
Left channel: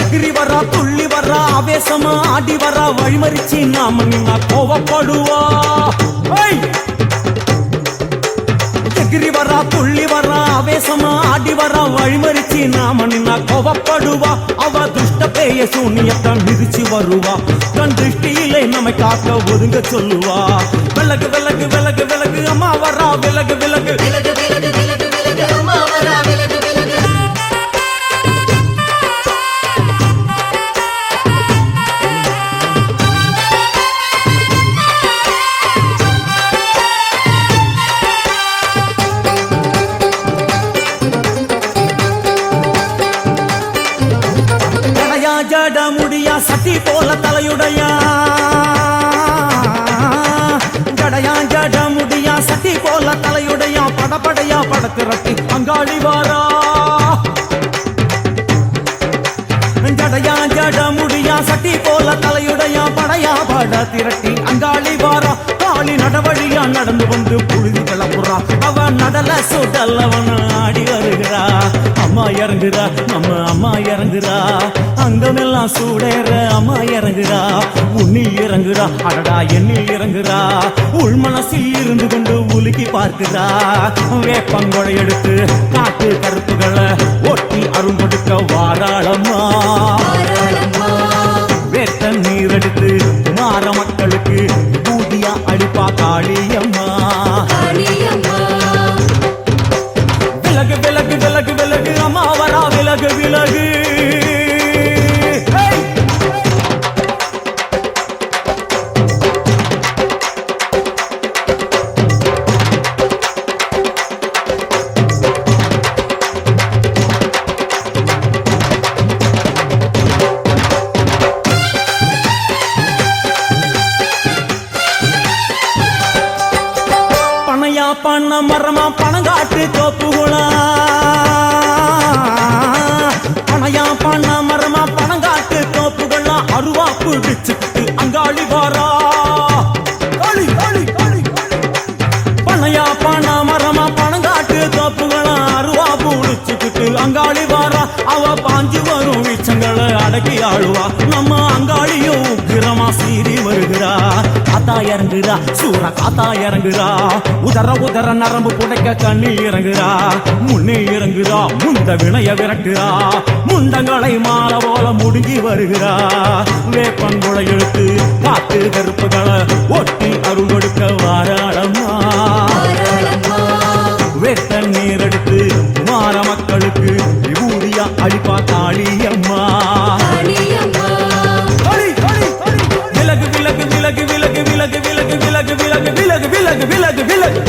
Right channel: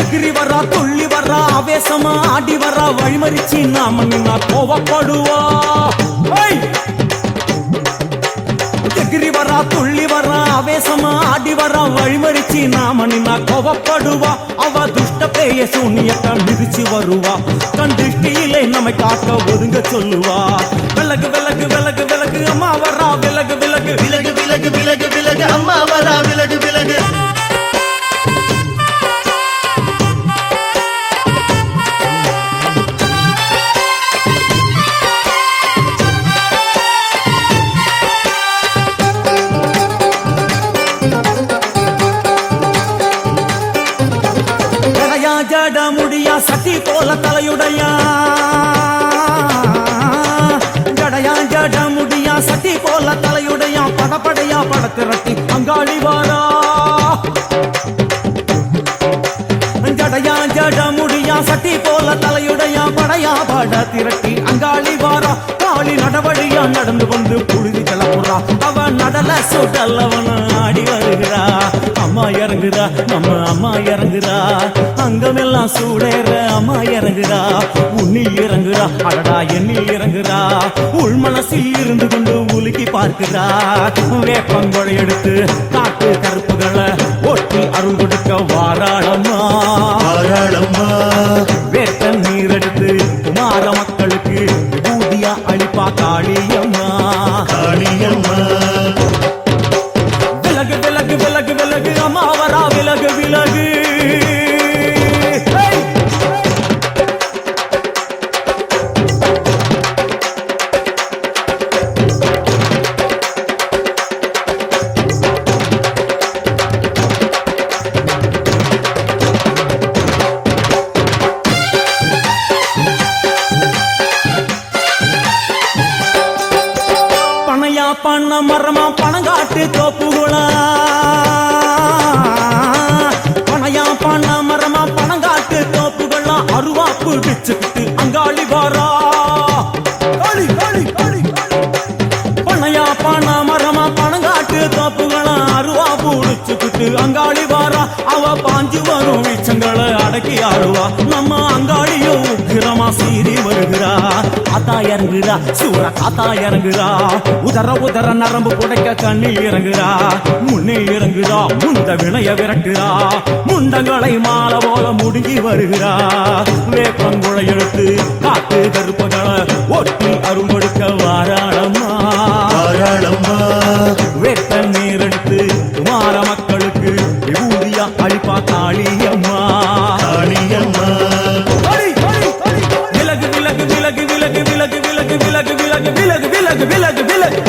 எகிரி வரா துள்ளி வரா ஆவேசமா ஆடி வரா வழிமறிச்சு நாம நின்னா கோவப்படுவா எகிரி வரா துள்ளி வரா ஆவேசமா ஆடி வரா வழிமறிச்சு நாம நின்னா கோவப்படுவா அவ துஷ்ட பேய சூனியத்தை மிதிச்சு வருவா கண் திருஷ்டியிலே நம்மை காக்க ஒதுங்க சொல்லுவா விலகு விலகு விலகு விலகு அம்மா வரா விலகு விலகு அம்மா வரா விலகு விலகு ஜட முடியா சட்டி போல தலையுடையா ஜடையா ஜட முடியா சட்டி போல தலையுடையா படப்படையா படத்திரட்டி அங்காளி வாரா ஜடையா ஜட முடியா சட்டி போல தலையுடையா படையா பட திரட்டி அங்காளி வாரா காளி நடவழியா நடந்து வந்து புழுதி கிளப்புறா அவ நடல சுடல் அவன் ஆடி வருகிறா அம்மா இறங்குறா நம்ம அம்மா இறங்குறா அங்கமெல்லாம் சூடேற அம்மா இறங்குறா உன்னில் இறங்குறா அடடா எண்ணில் இறங்குறா உள் மனசில் இருந்து கொண்டு உலுக்கி பார்க்கிறா வேப்பங்கொடை எடுத்து காட்டு கருப்புகளை ஒட்டி அருள் கொடுக்க வாராளம்மா வேட்ட நீர் எடுத்து குமார மக்களுக்கு பூதியா அளிப்பா காளியம்மா விலகு விலகு விலகு விலகு அம்மா வரா விலகு விலகு பனையா பண்ண மரமா பணங்காட்டு தோப்புகுளா பனையா பண்ண மரமா பணங்காட்டு தோப்புகளா அருவா பிடிச்சுக்கிட்டு அங்காளி வாரா காளி காளி காளி பனையா பண்ண மரமா பணங்காட்டு தோப்புகளா அருவா பிடிச்சுக்கிட்டு அங்காளி வாரா அவ பாஞ்சு வரும் வீச்சங்களை அடக்கி ஆளுவா நம்ம அங்காளியோ உக்கிரமா சீறி வருகிறா காத்தா இறங்குறா சூற காத்தா இறங்குறா உதர உதர நரம்பு புடைக்க கண்ணில் இறங்குறா முன்னில் இறங்குறா முந்த வினைய விரட்டுறா முண்டங்களை மாலை போல முடுங்கி வருகிறா வேப்பங்குளை எடுத்து காத்து கருப்புகளை ஒட்டி அருள் கொடுக்க வாராளம்மா வேட்ட நீர் எடுத்து குமார மக்களுக்கு விபூதியா அளிப்பா காளியம்மா விலகு விலகு விலகு விலகு விலகு விலகு விலகு விலகு விலகு விலகு விலகு விலகு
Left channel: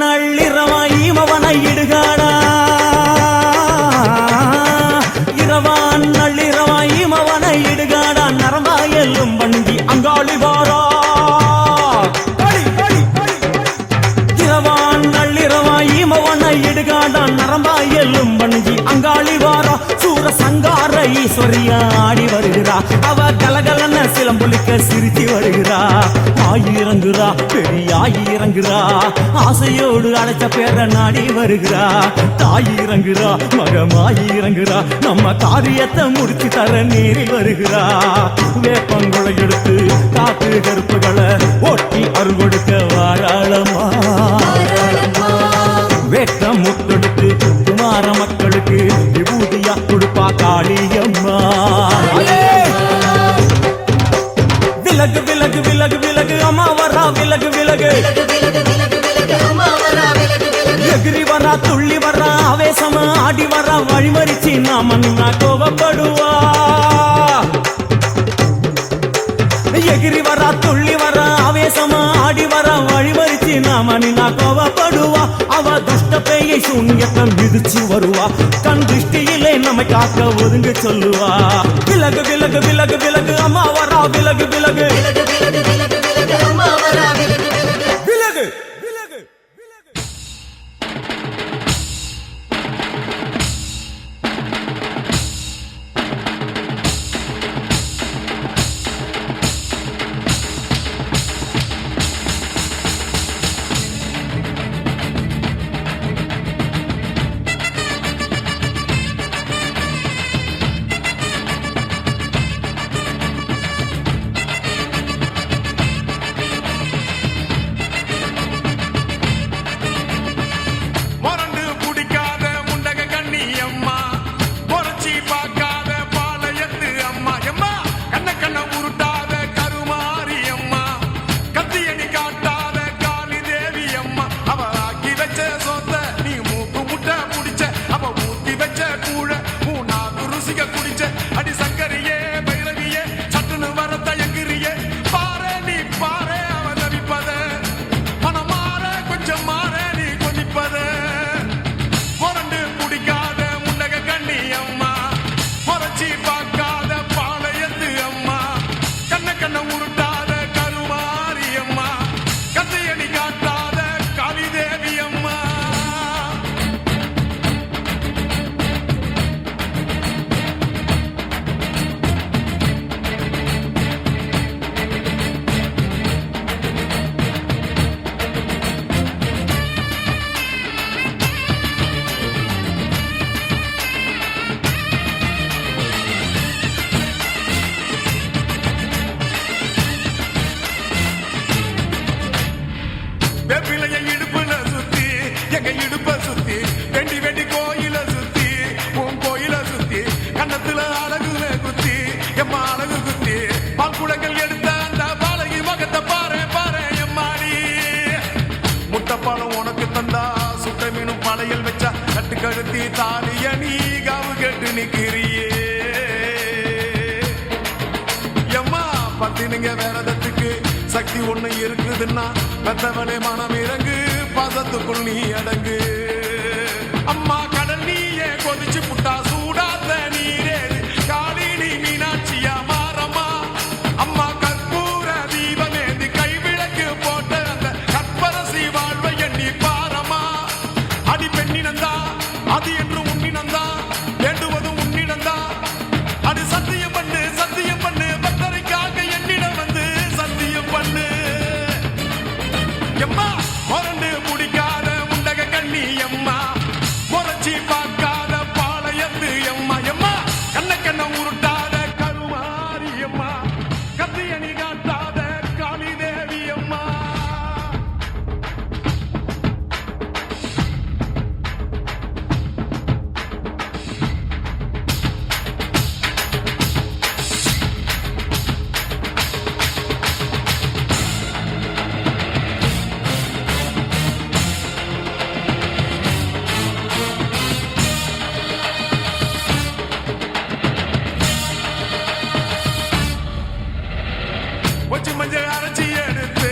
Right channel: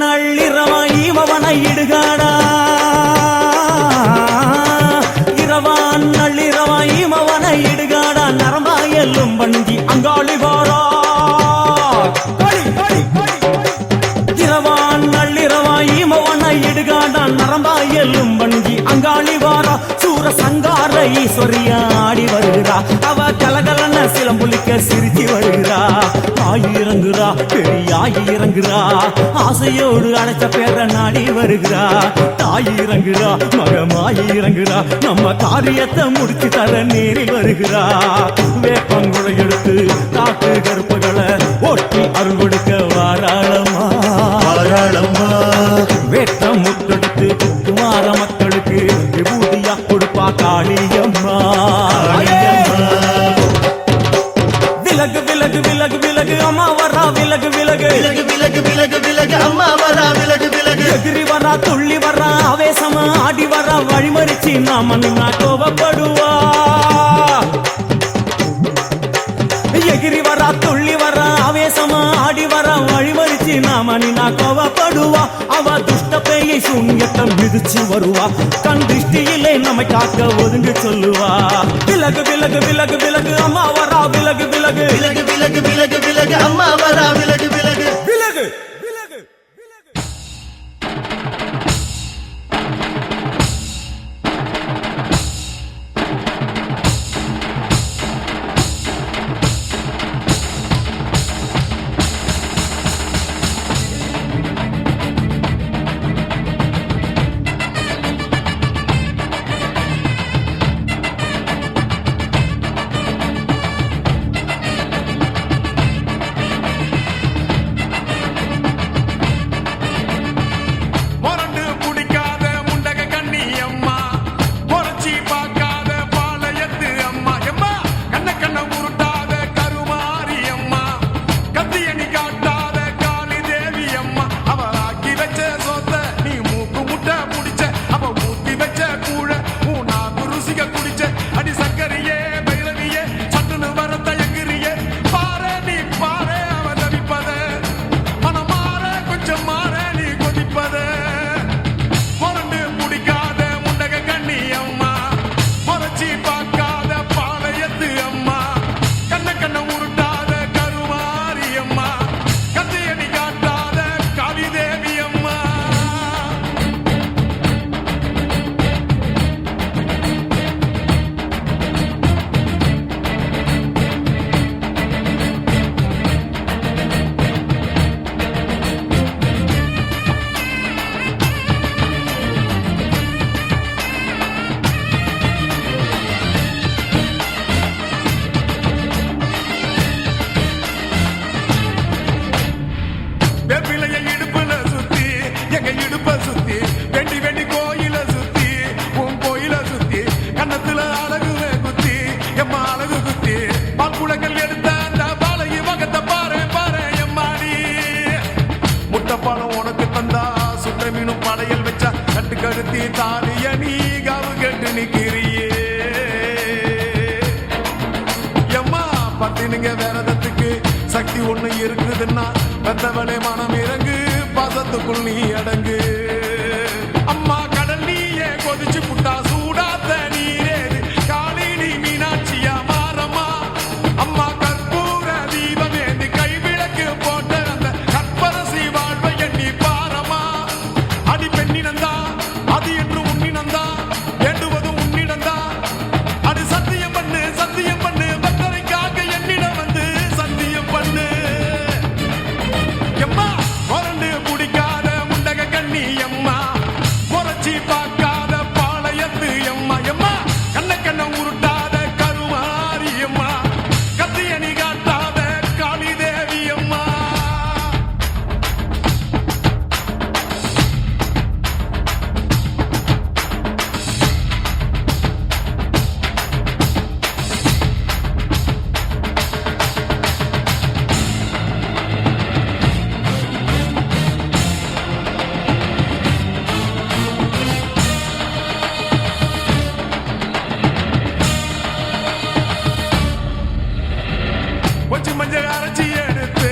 நள்ளிரவாயிமவனை இடுகாடா இரவான் நள்ளிரவாயிமவனை இடுகாடா நரம்பா எல்லும் பணிஞ்சி அங்காளி வாரா காளி காளி காளி இரவான் நள்ளிரவாயிமவனை இடுகாடா நரம்பா எல்லும் பணிஞ்சி அங்காளி வாரா சூர சங்கார ஈஸ்வரியா ஆடி வருகிறா அவ கலகலன சிலம்புலிக்க சிரிச்சு வருகிறா ஆயிரங்குறா பெரியாயி இறங்குறா ஆசையோடு அடைச்ச பேர நாடி வருகிறா தாய் இறங்குறா மகமாயி இறங்குறா நம்ம காரியத்தை முடிச்சு தர நேரில் வருகிறா வேப்பங்குளை எடுத்து காட்டு கருப்புகளை ஒட்டி அருள் கொடுக்க வாராளம்மா வேட்ட முத்தெடுத்து குமார மக்களுக்கு விபூதியா கொடுப்பா காளியம்மா விலகு விலகு விலகு விலகு அம்மா வரா விலகு விலகு எகிரி வரா துள்ளி வரா ஆவேசமா ஆடி வரா வழிமறிச்சு நாம நின்னா கோவப்படுவா எகிரி வரா துள்ளி வரா ஆவேசமா ஆடி வரா வழிமறிச்சு நாம நின்னா கோவப்படுவா அவ துஷ்ட பேயை சூன்யத்தை மிதிச்சு வருவா கண் திருஷ்டியிலே நம்மை காக்க ஒதுங்க சொல்லுவா விலகு விலகு விலகு விலகு அம்மா வரா விலகு விலகு விலகு குடிப்பத முரண்டு பிடிக்காத முண்டக கண்ணி அம்மா முறைச்சி பார்க்காத பாளையத்து அம்மா கண்ண கண்ண உருட்டாத கருமாரி அம்மா கத்தியணி காட்டாத காளிதேவி அம்மா வெப்பிலைய இடுப்புல சுத்தி எங்க இடுப்ப சுத்தி வெண்டி வெண்டி கோயில சுத்தி உன் கோயில சுத்தி கண்ணத்துல அழகு குத்தி எம்மா அழகு குத்தி பால்குடங்கள் எடுத்த அந்த பாலகி மகத்தை பாரு பாரு எம்மாடி முட்டைப்பாலம் உனக்கு தந்தா சுட்ட மீனும் படையல் வச்சா கட்டு கழுத்தி தாலிய நீ காவு கேட்டு நிக்கிறியே எம்மா பத்தினுங்க வேறதத்துக்கு சக்தி ஒண்ணு இருக்குதுன்னா பெத்தவனே மனம் இறங்கு பாசத்துக்குள் நீ அடங்கு அம்மா கடல் நீயே கொதிச்சு புட்டா சூடாத்த நீரேது காளினி மீனாட்சியா மாறம்மா அம்மா கற்பூர தீபமேந்தி கைவிளக்கு போட்ட அந்த கற்பரசி வாழ்வை எண்ணி பாரம்மா அடி பெண்ணினந்தா அது என்று உன்னினந்தா வேண்டுவதும் உன்னிடந்தா அது சத்தியம் பண்ணு பக்தரைக்காக என்னிடம் வந்து சத்தியம் பண்ணு எம்மா முரண்டு பிடிக்காத முண்டக கண்ணி எம்மா முறைச்சி பார்க்காத பாளையத்து எம்மா எம்மா கண்ண கண்ண உருட்டாத கருமாரி எம்மா கத்தியணி காட்டாத காளிதேவி அம்மா வச்சு மஞ்சள் அரைச்சி எடுத்து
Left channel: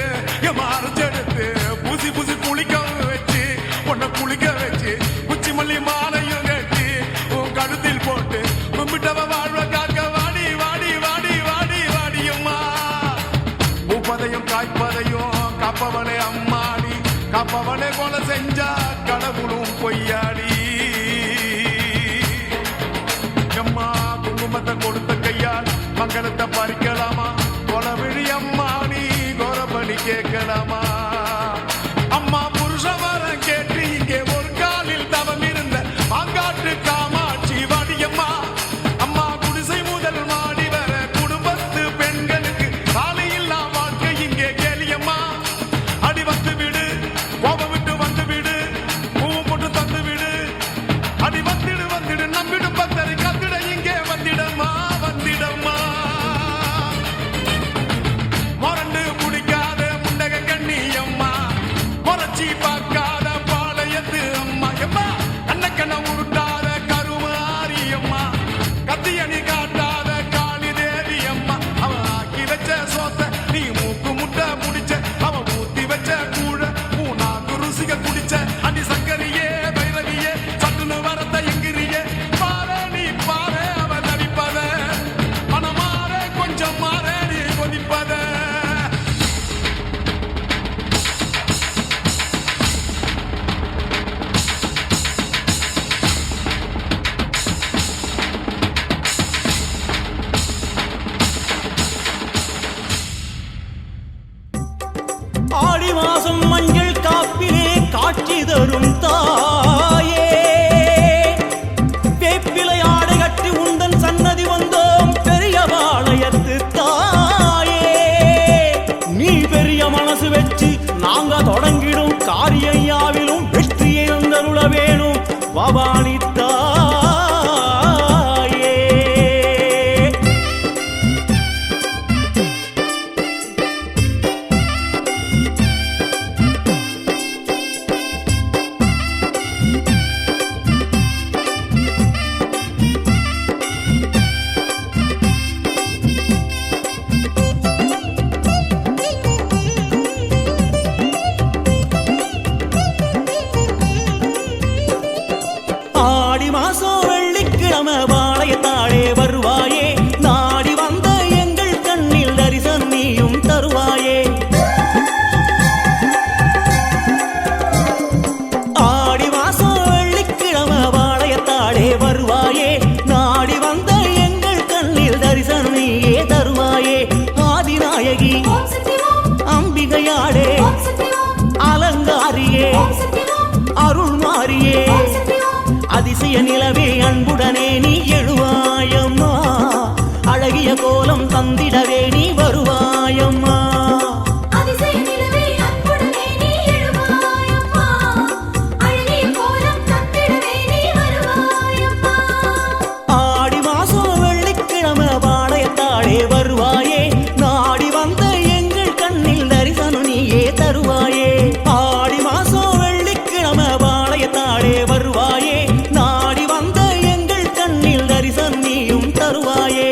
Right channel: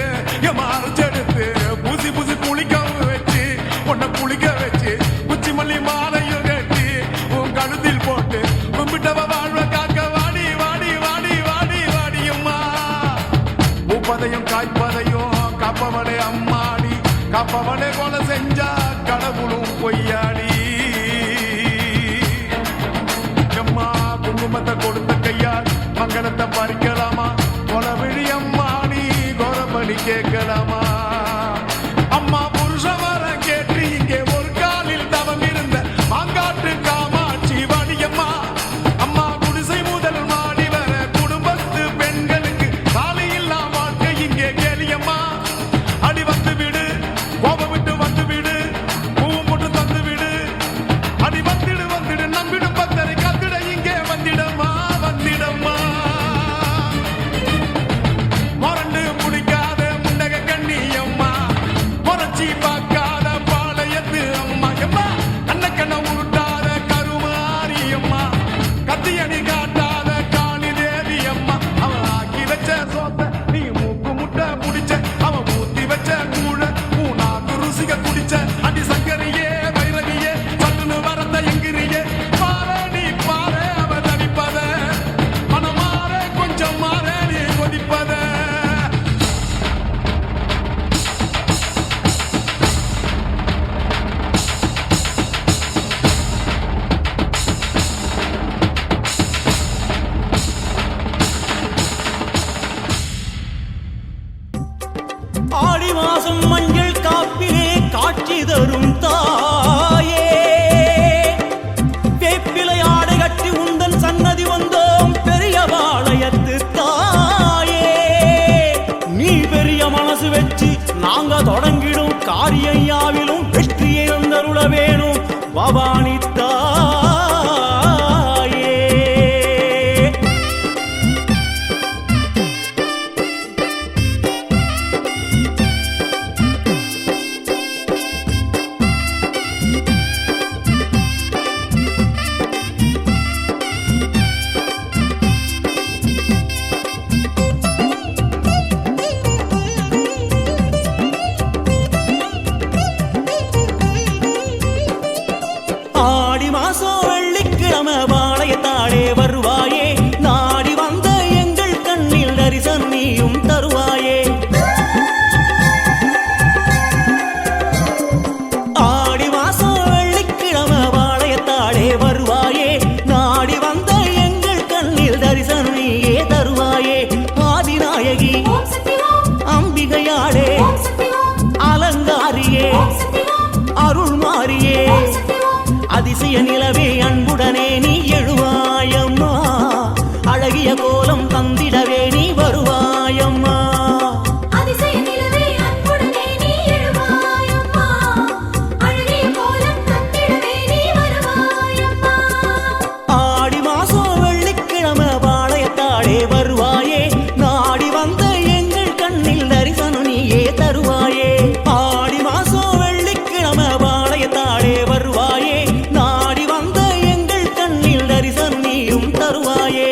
எம்மா அரைச்சி எடுத்து பூசி பூசி குளிக்க வச்சு உன்னை குளிக்க வச்சு குச்சி மல்லி மாலையும் கட்டி உன் கழுத்தில் போட்டு கும்பிட்டவ வாழ்வ காக்க வாடி வாடி வாடி வாடி வாடி அம்மா பூப்பதையும் காய்ப்பதையும் காப்பவளே அம்மாடி காப்பவளே கொலை செஞ்சா கடவுளும் பொய்யாடி எம்மா குங்குமத்தை கொடுத்த கையால் மங்களத்தை பறிக்கலாமா கொலவிழி அம்மா நீ கோரபலி கேட்கலாமா அம்மா புருஷ வரம் கேட்டு இங்கே ஒரு காலில் தவம் இருந்த மாங்காட்டு காமாட்சி வாடியம்மா அம்மா குடிசை முதல் மாடி வர குடும்பத்து பெண்களுக்கு காலையில்லா வாழ்க்கை இங்கே கேளியம்மா அடி வந்து விடு கோபம் விட்டு வந்து விடு பூவும் போட்டு தந்து விடு அடி வந்துடு நம்பிடும் பக்தரை கத்திட இங்கே வந்திடம்மா வந்திடம்மா முரண்டு பிடிக்காத முண்டக கண்ணி அம்மா முறைச்சி பார்க்காத பாளையத்து அம்மா எம்மா கண்ண கண்ண உருட்டாத கருமாரி அம்மா கத்தியணி காட்டாத காளிதேவி அம்மா அவன் ஆக்கி வச்ச சோத்த நீ மூக்கு முட்டை முடிச்ச அவன் ஊத்தி வச்ச கூழ பூனாக்கு ருசிக குடிச்ச அடி சங்கரியே பைரவியே சட்டுன்னு வரத்த எங்கிரியே பாரு நீ பாரு அவ தவிப்பத மனமாற கொஞ்சம் மாற நீ கொதிப்பத ஆடி மாசம் மஞ்சள் காப்பிலே காட்சி தரும் தாயே வேப்பிலை ஆடை கட்டி உந்தன் சன்னதி வந்தோம் பெரிய பாளையத்து தாயே நீ பெரிய மனசு வச்சு நாங்க தொடங்கிடும் காரியம் யாவிலும் வெற்றியை தந்தருள வேணும் பவானி தாயே வெள்ளிக்கிழமை பாளையத்தாளே வருவாயே நாடி வந்த எங்கள் கண்ணில் தரிசனம் நீயும் தருவாயே ஆடி மாசம் வெள்ளிக்கிழமை பாளையத்தாளே வருவாயே நாடி வந்த எங்கள் கண்ணில் தரிசனம் நீயே தருவாயே ஆதிநாயகி அம்பிகையாளே அலங்காரியே அருள் மாறியே அதிசய நிலவே அன்புடனே நீ எழுவாயம்மா அழகிய கோலம் தந்திடவே நீ வருவாயம்மா ஆடி மாசம் வெள்ளிக்கிழமை பாளையத்தாளே வருவாயே நாடி வந்த எங்கள் கண்ணில் தரிசனம் நீயே தருவாயே ஆடி மாசம் வெள்ளிக்கிழமை பாளையத்தாளே வருவாயே நாடி வந்த எங்கள் கண்ணில் தரிசனம் நீயும் தருவாயே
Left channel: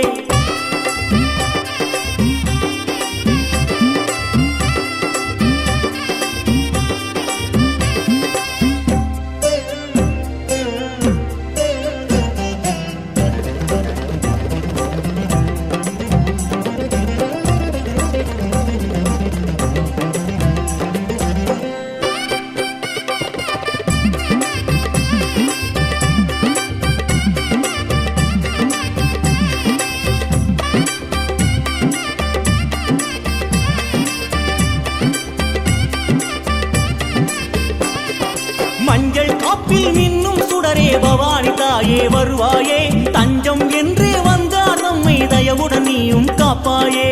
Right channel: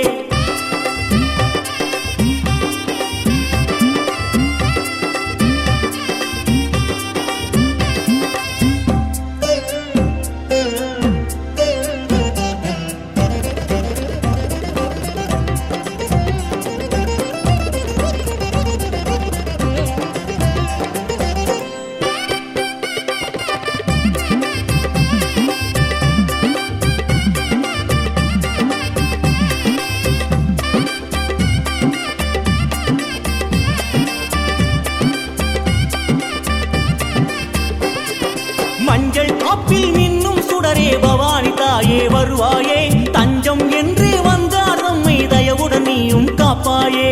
மஞ்சள் காப்பில் மின்னும் சுடரே பவானி தாயே வருவாயே தஞ்சம் என்று வந்தார் நம்மை தயவுடன் நீயும் காப்பாயே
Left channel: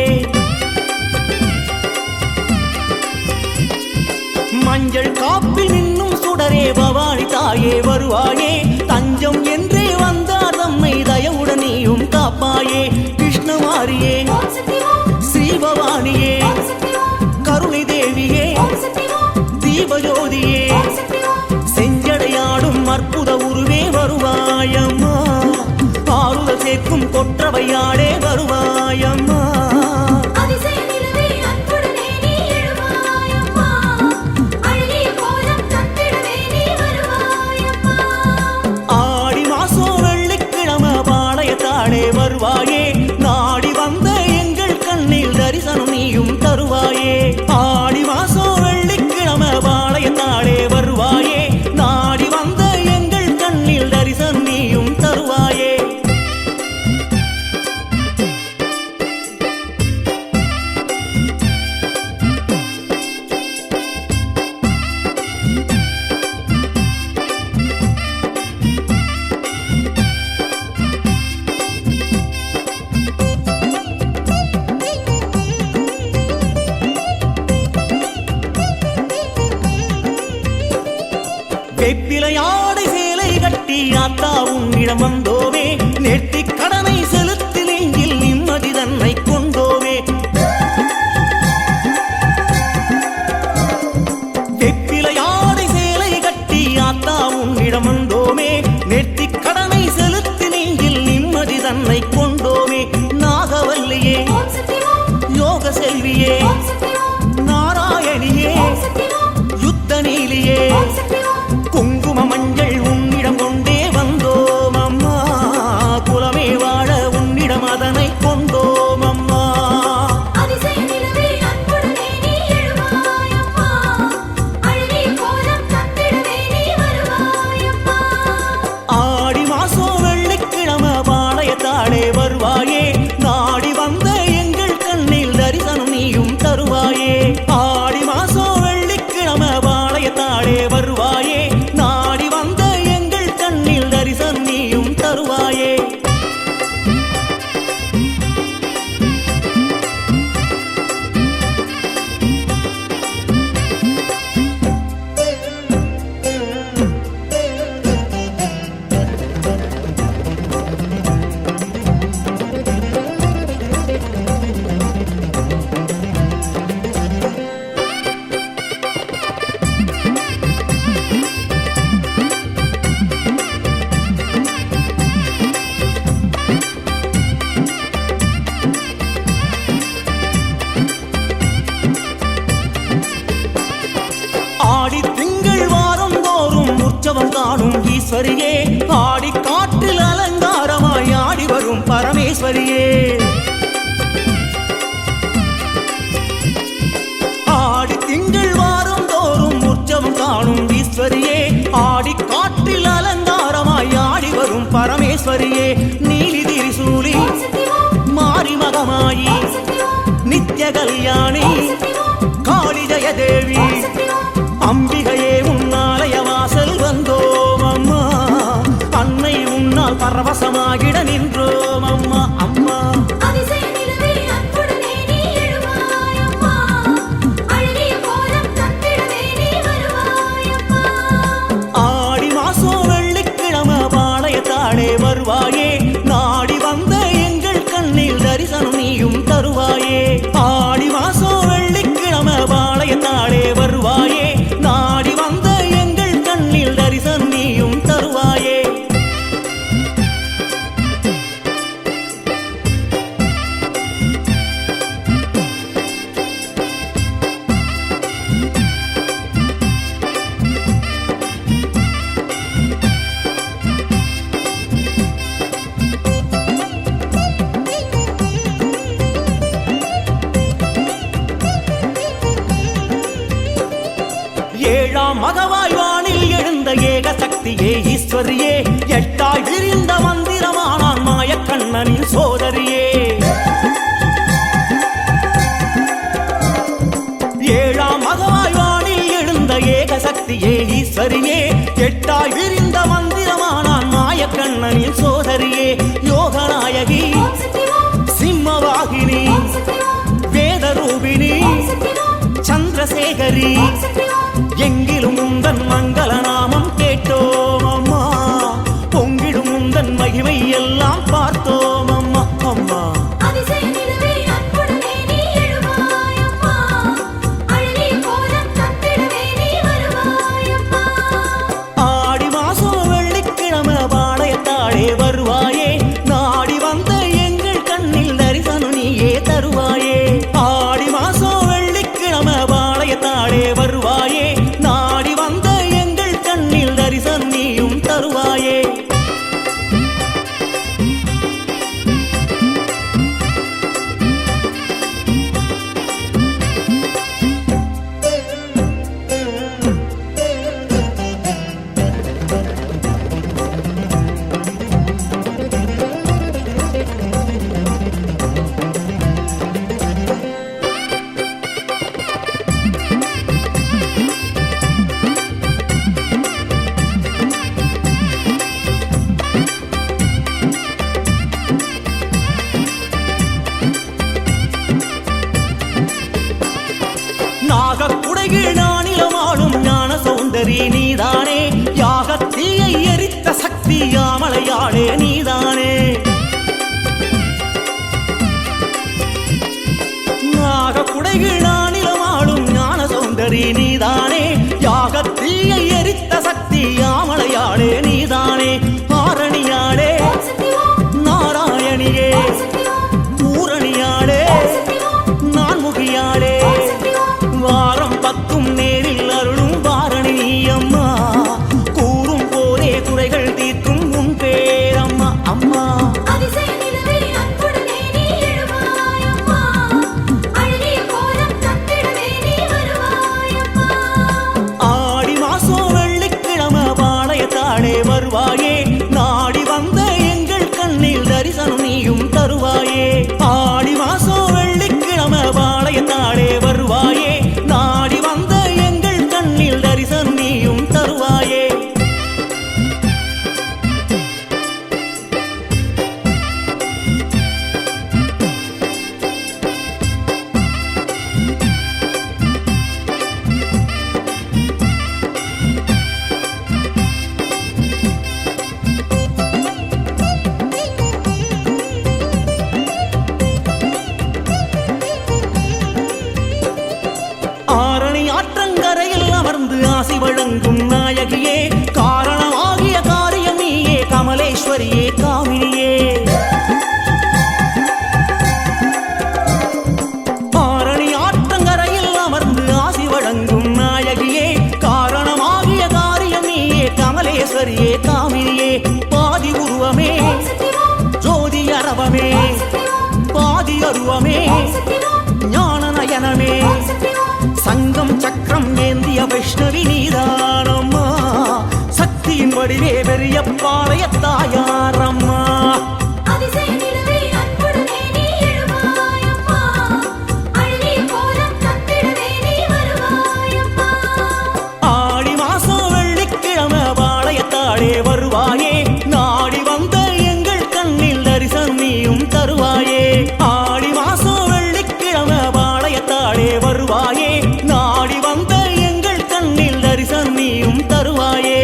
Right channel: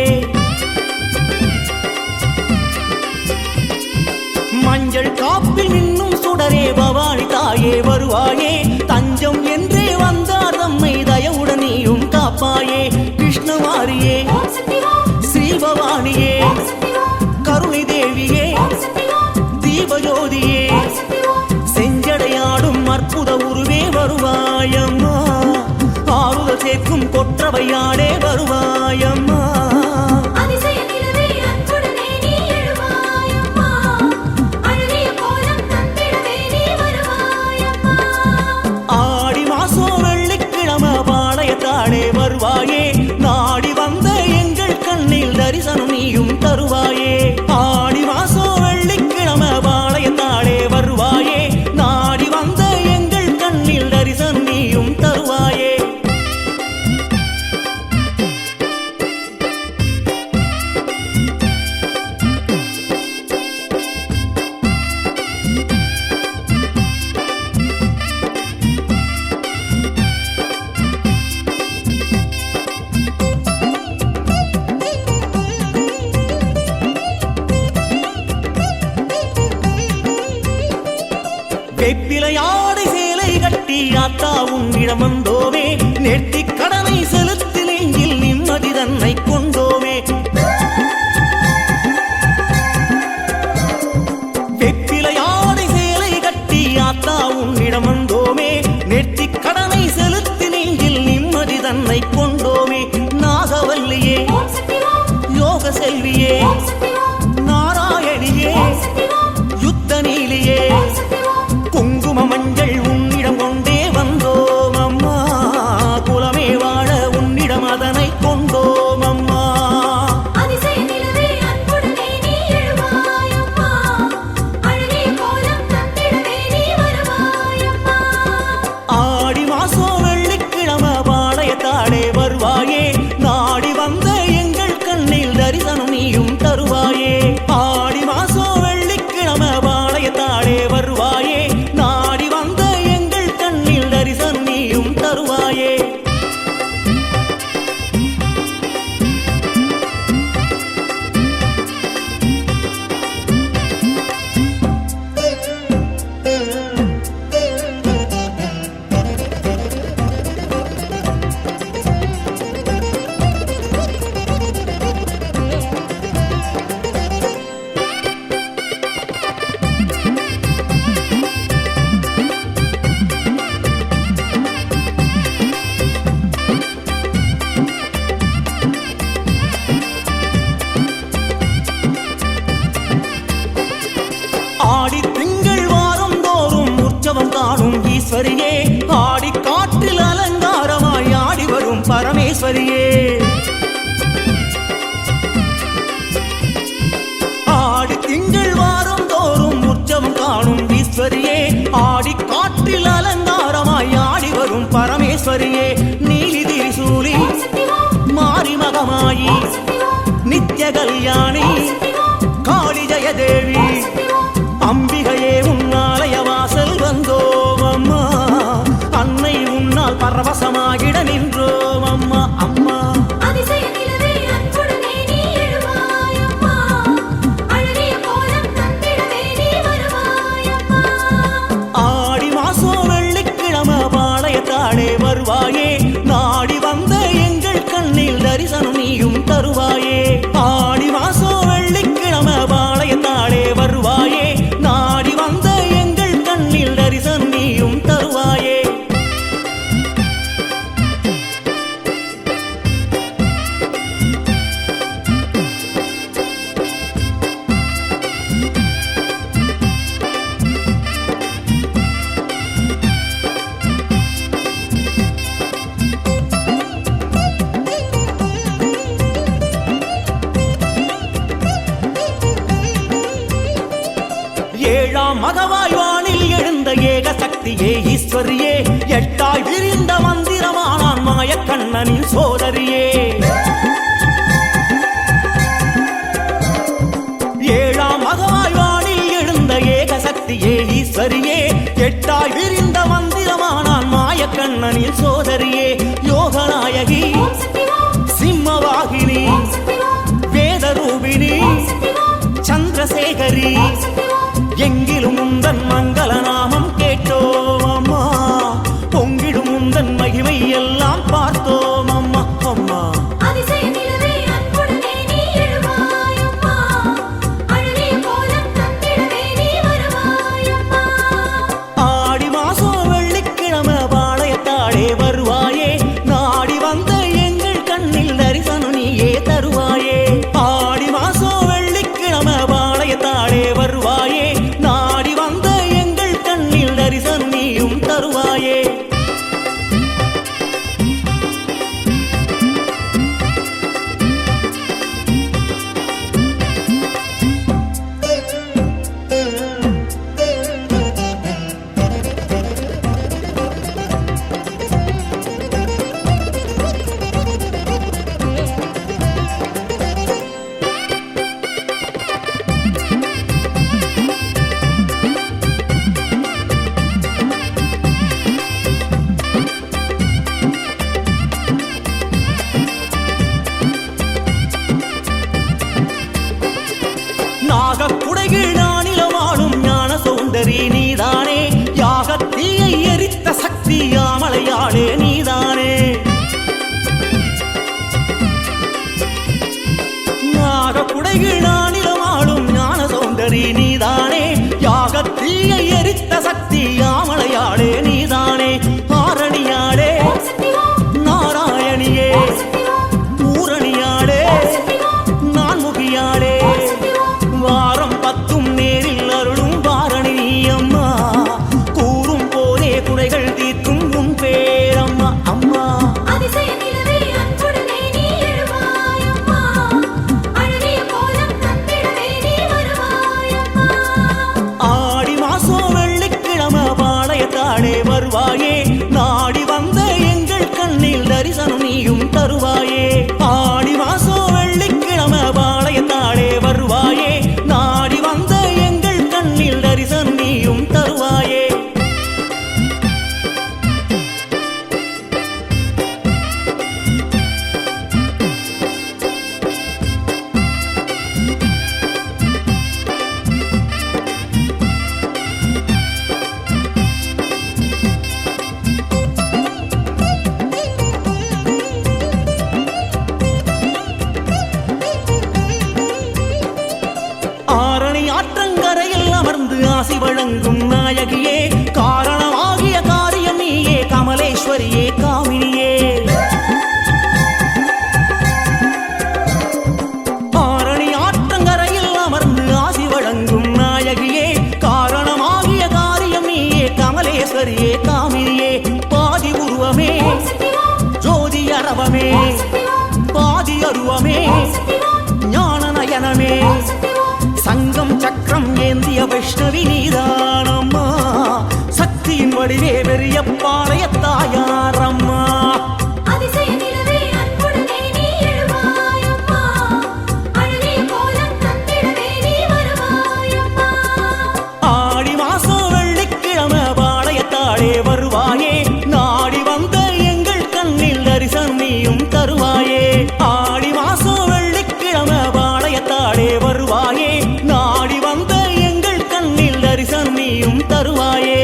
மஞ்சள் காப்பில் மின்னும் சுடரே பவானி தாயே வருவாயே தஞ்சம் என்றே வந்தார் நம்மை தயவுடன் நீயும் காப்பாயே கிருஷ்ணமாரியே ஸ்ரீபவானியே கருணை தேவியே தீபஜோதியே செஞ்சடையாடும் அற்புத உருவே வருவாயம்மா ஆறுதல் சேர்க்கும் கொற்றவையாடே வருவாயம்மா ஆடி மாசம் வெள்ளிக்கிழமை பாளையத்தாளே வருவாயே நாடி வந்த எங்கள் கண்ணில் தரிசனம் நீயும் தருவாயே ஆடி மாசம் வெள்ளிக்கிழமை பாளையத்தாளே வருவாயே நாடி வந்த எங்கள் கண்ணில் தரிசனம் நீயும் தருவாயே வெப்பிலையாடை சேலை கட்டி ஆத்தா உன்னிடம் வந்தோமே நெட்டி கடனை செலுத்தி நெஞ்சில் நிம்மதி தன்னை கொண்டோமே வெப்பிலையாடை சேலை கட்டி ஆத்தா உன்னிடம் வந்தோமே நெட்டி கடனை செலுத்தி நெஞ்சில் நிம்மதி தன்னை கொண்டோமே நாகவல்லியே யோக செல்வியே நாராயணியே யுத்த நீலியே குங்கும மஞ்சள் உன்னிடம் கொண்டே வந்தோம் அம்மா குலமே வாழ உன்னிடம் அதனை கொண்டோம் அம்மா ஆடி மாசம் வெள்ளிக்கிழமை பாளையத்தாளே வருவாயே நாடி வந்த எங்கள் கண்ணில் தரிசனம் நீயும் தருவாயே ஆடி மாசம் வெள்ளிக்கிழமை பாளையத்தாளே வருவாயே நாடி வந்த எங்கள் கண்ணில் தரிசனம் நீயும் தருவாயே ஆடி திங்கள் வாரம் தோறும் உற்சவம் காணும் ஈஸ்வரியே ஆடி காற்றில் அலங்கார வரும் பரமேஸ்வரியே. ஆடி திங்கள் வாரம் தோறும் உற்சவம் காணும் ஈஸ்வரியே. ஆடி காற்றில் அலங்காரமாய் ஆடி வரும் பரமேஸ்வரியே. நீலி திரிசூலி மாரி மகமாயி நித்ய கல்யாணி காளி ஜெயதேவி அம்பிகையே உன்னாலய வாசல் வந்தோம் அம்மா. அன்னை உன்னால் பரவசமாகிட நின்றோம் அம்மா. அம்மா ஆடி மாசம் வெள்ளிக்கிழமை பாளையத்தாடே வருவாயே. நாடி வந்த எங்கள் கண்ணில் தரிசனம் நீயும் தருவாயே. ஆடி மாசம் வெள்ளிக்கிழமை பாளையத்தாடே வருவாயே. நாடி வந்த எங்கள் கண்ணில் தரிசனம் நீயும் தருவாயே. ஏழாம் மகவாய் வானில் எழுந்த ஏக சக்தியே ஈஸ்வரியே. எட்டாய் விரிந்த மந்திரமானான் மாயக்கண்ணனின் சோதரியே. ஏழாம் மகவாய் வானில் எழுந்த ஏக சக்தியே ஈஸ்வரியே. எட்டாய் விரிந்த மந்திரமானான் மாயக்கண்ணனின் சோதரியே. யோகநாயகி சிம்மவாகினி வேதரூபிணி சந்திரசேகரி எங்கிலும் உந்தன் மங்கள நாமம் கேட்டோம் அம்மா. பொங்கிடும் உந்தன் மகிமை எல்லாம் பார்த்தோம் அம்மா. அம்மா ஆடி மாசம் வெள்ளிக்கிழமை பாளையத்தாடே வருவாயே. நாடி வந்த எங்கள் கண்ணில் தரிசனம் நீயே தருவாயே. ஆடி மாசம் வெள்ளிக்கிழமை பாளையத்தாடே வருவாயே. நாடி வந்த எங்கள் கண்ணில் தரிசனம் நீயும் தருவாயே. நாகக்குடையில் நானிலமாடும் ஞான சௌந்தரி நீதானே. யாகத்தீயை எரித்த சக்தி யாமலையாளே நீதானே. நாகக்குடையில் நானிலமாடும் ஞான சௌந்தரி நீதானே. யாகத்தீயை எரித்த சக்தி யாமலையாளே நீதானே. ஆரணியாளே நாராயணியே பூரணியாளே நான்முகியாளே. வாரம் பத்தும் நேரில் அருளும் வாரணி அம்மா. கூறும் போதே குறைகள் தீர்க்கும் உன் பேரம்மா. அம்மா ஆடி மாசம் வெள்ளிக்கிழமை பாளையத்தாடே வருவாயே. நாடி வந்த எங்கள் கண்ணில் தரிசனம் நீயும் தருவாயே. ஆடி மாசம் வெள்ளிக்கிழமை பாளையத்தாடே வருவாயே. நாடி வந்த எங்கள் கண்ணில் தரிசனம் நீயும் தருவாயே. ஆரணி ஆற்றங்கரையில் அமர்ந்து ஆசி வழங்கும் நாயகியே. காரணமாகிய காரியம் நீயே கமலேஸ்வரியே காமினியே. ஆரணி ஆற்றங்கரையில் அமர்ந்து ஆசி வழங்கும் நாயகியே. காரணமாகிய காரியம் நீயே கமலேஸ்வரியே காமினியே. பாதி உருவமே ஜோதி அரவமே பாதி அருவமே ஞான நயனமே சங்கம் சக்கரம் ஏந்திய வைஷ்ணவி நீதானம்மா சக்தியின் வடிவே பெரிய பாளையத்தாயாரம்மா அதிசய நிலவே அன்புடனே நீ எழுவாயம்மா அழகே கோலம் தந்திடவே நீ வருவாயம்மா ஆடி மாசம் வெள்ளிக்கிழமை பாளையத்தாடே வருவாயே நாடி வந்த எங்கள் கண்ணில் தரிசனம் நீயும் தருவாயே ஆடி மாசம் வெள்ளிக்கிழமை பாளையத்தாடே வருவாயே நாடி வந்த எங்கள் கண்ணில் தரிசனம் நீயும் தருவாயே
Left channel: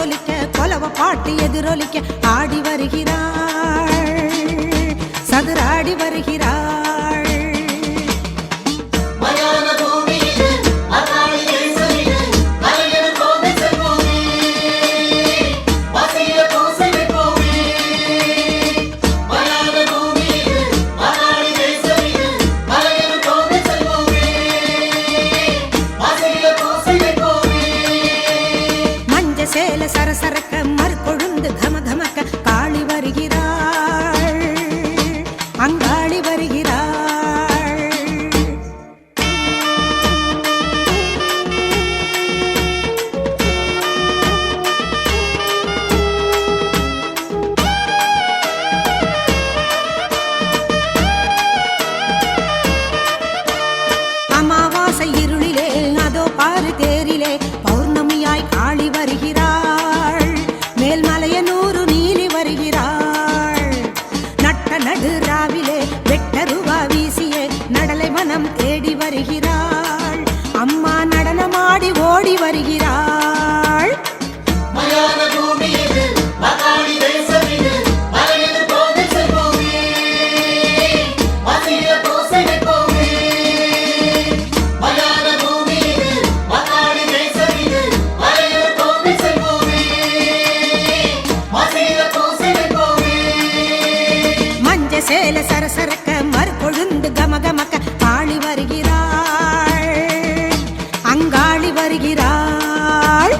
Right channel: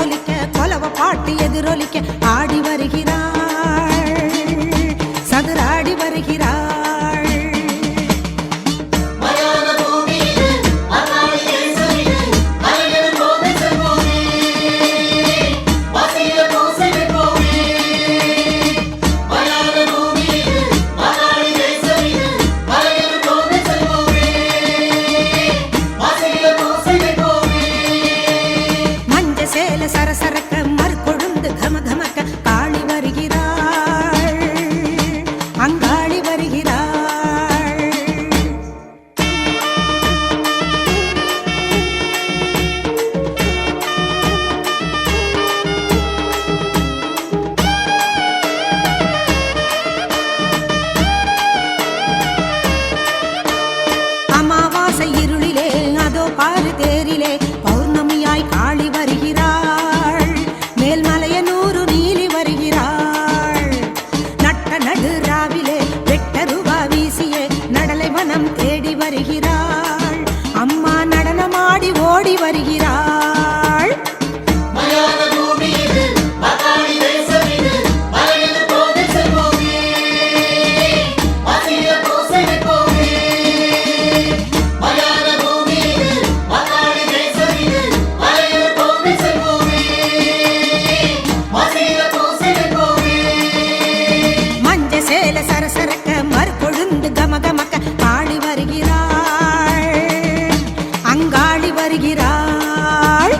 முரசொலிக்க கொலவ பாட்டு எதிரொலிக்க ஆடி வருகிறாள், சதுராடி வருகிறாள். சேல சரசரக்க மறுகொழுந்து கமகமக்க காளி வருகிறாள், அங்காளி வருகிறாள். அமாவாசை இருளிலே அதோ பாரு தேரிலே பௌர்ணமியாய் காளி வருகிறாள், மேல்மலையனூரு நீலி வருகிறாள். நட்ட நடு ராவிலே வெட்டருவா வீசியே நடலை மனம் தேடி வருகிறாள், அம்மா நடனமாடி ஓடி வருகிறாள். சேல சரசரக்க மறுகொழுந்து கமகமக்க காளி வருகிறாள், அங்காளி வருகிறாள்.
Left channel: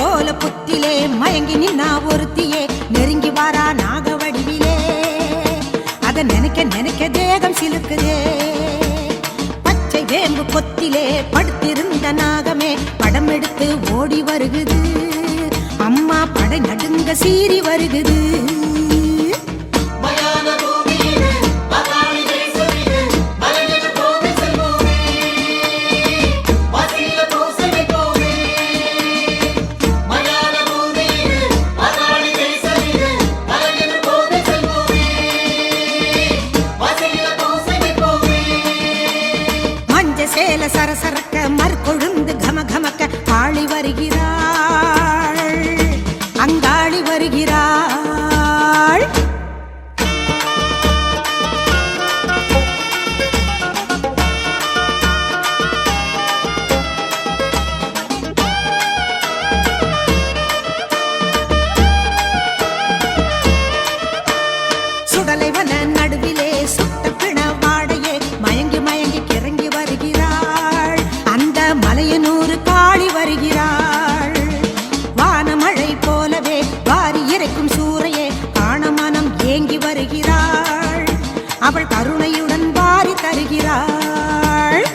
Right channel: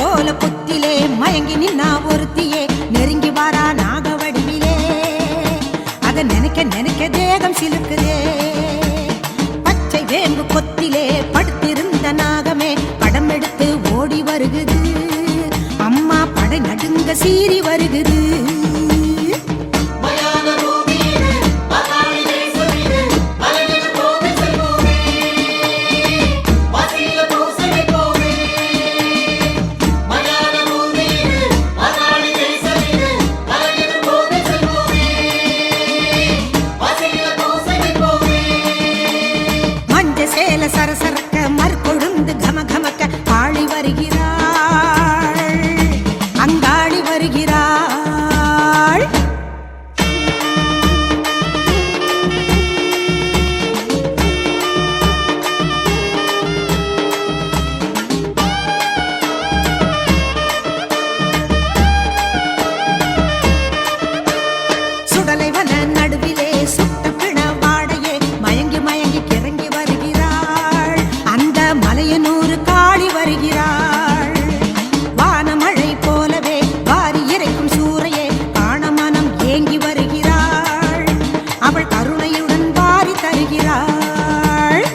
போல புத்திலே மயங்கி நின்னா ஒருத்தியே நெருங்கி வாரா நாக வடிவிலே, அத நினைக்க நினைக்க தேகம் சிலுக்குதே. பச்சை வேம்பு கொத்திலே படுத்திருந்த நாகமே படம் எடுத்து ஓடி வருகுது, அம்மா படை நடுங்க சீறி வருகுது. சேல சரசரக்க மறுகொழுந்து கமகமக்க காளி வருகிறாள், அங்காளி வருகிறாள். சுடலைவன நடுவிலே சுட்ட பிண வாடையே மயங்கி மயங்கி கிறங்கி வருகிறாள், அந்த மலையனூரு காளி வருகிறாள். வானமழை போலவே வாரி இறைக்கும் சூறையே காண மனம் ஏங்கி வருகிறாள், அவள் கருணையுடன் வாரி தருகிறாள்.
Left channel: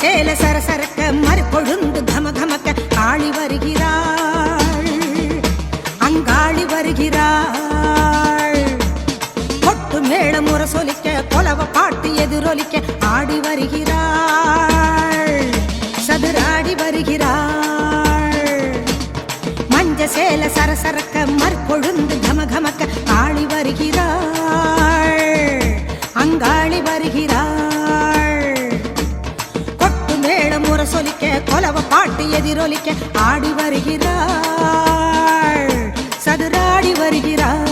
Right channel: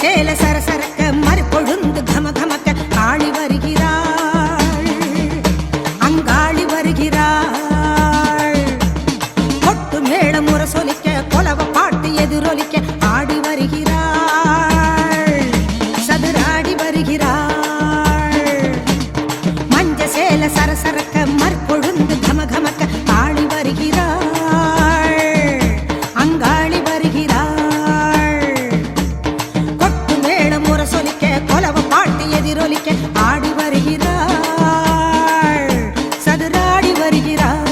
சேல சரசரக்க மறுகொழுந்து கமகமக்க காளி வருகிறாள், அங்காளி வருகிறாள். கொட்டு மேள முரசொலிக்க கொலவ பாட்டு எதிரொலிக்க ஆடி வருகிறாள், சதுராடி வருகிறாள். மஞ்ச சேல சரசரக்க மறுகொழுந்து கமகமக்க காளி வருகிறாள், அங்காளி வருகிறாள். முரசொலிக்க கொலவ பாட்டு எதிரொலிக்க ஆடி வருகிறாள், சதுராடி வருகிறாள்.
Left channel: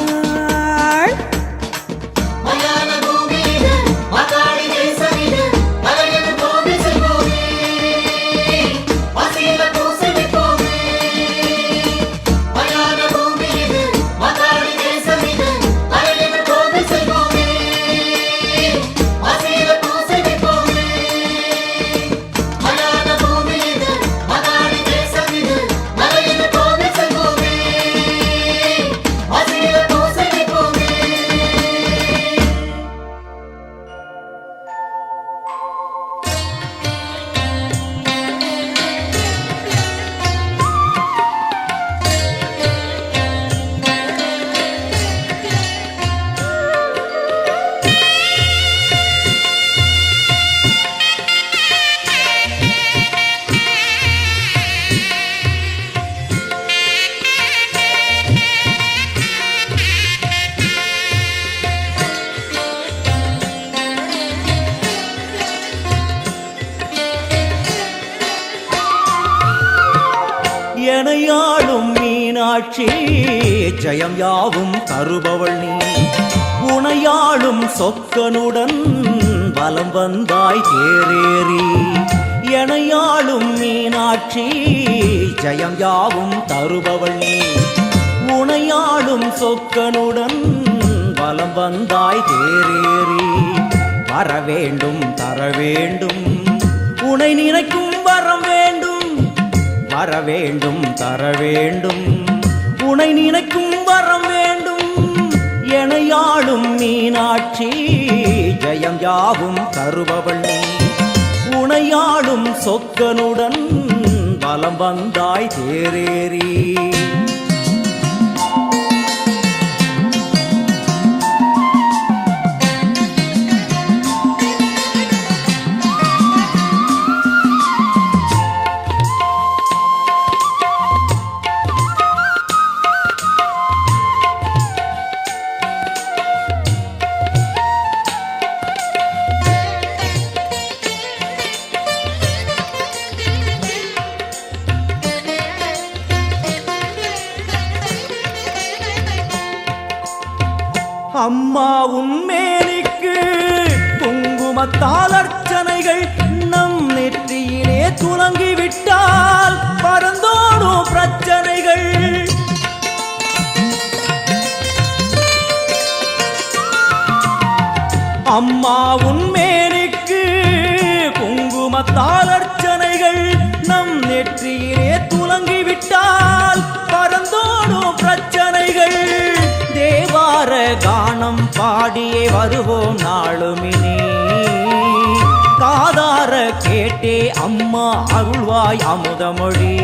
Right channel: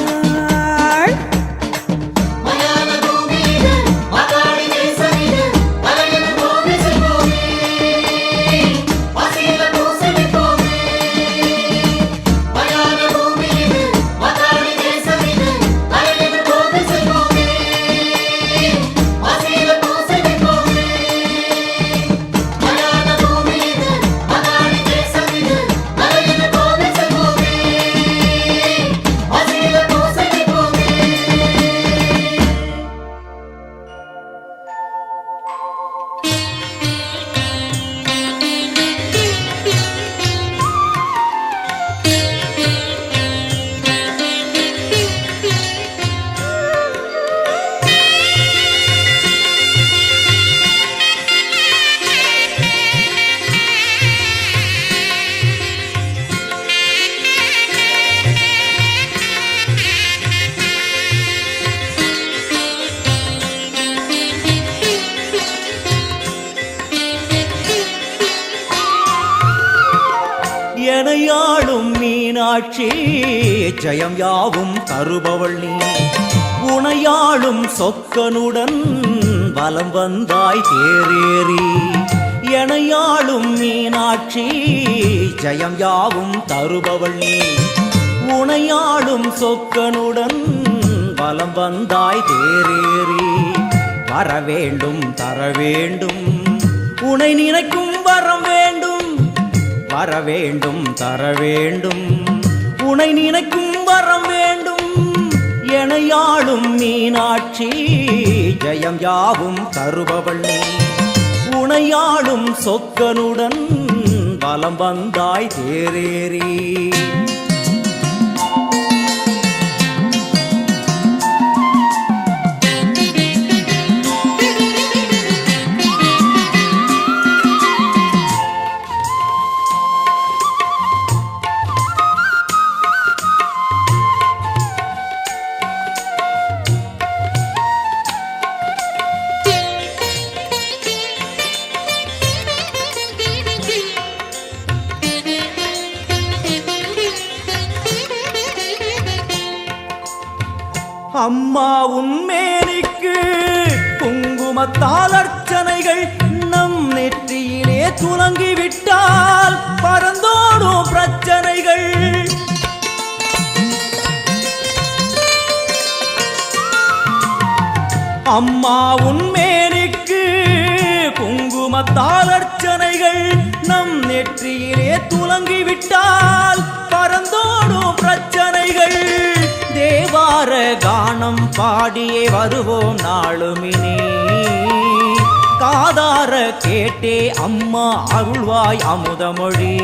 Así மீனாட்சி ஜெயம் யாவும் தருபவள் நீ உனையாளும் சொக்கனுடன் வலம் வந்தாய் தேரேறி எனையாளும் மீனாட்சி ஜெயம் யாவும் தருபவள் நீ உனையாளும் சொக்கனுடன் வலம் வந்தாய் தேரேறி வரவேண்டும் தரவேண்டும் உனை நினைக்கும் வரம் வேண்டும் வரவேண்டும் தரவேண்டும் உனை நினைக்கும் வரம் வேண்டும் எனையாளும் மீனாட்சி ஜெயம் யாவும் தருபவள் நீ உனையாளும் சொக்கனுடன் வலம் வந்தாய் தேரேறி அம்மா உன்மேனிக்கு குங்குமத்தால் அர்ச்சனைகள் நம் நெற்றியிலே துலங்கிவிட்டால் பறந்தோடும் பிரச்சனைகள் அம்மா உன்மேனிக்கு குங்குமத்தால் அர்ச்சனைகள் நம் நெற்றியிலே துலங்கிவிட்டால் பறந்தோடும் பிரச்சனைகள் தேவார கானம் பாடியே வருவோம் நாளுமினே காதார கேட்டே அம்மா அருள்வாய் அமுதமொழி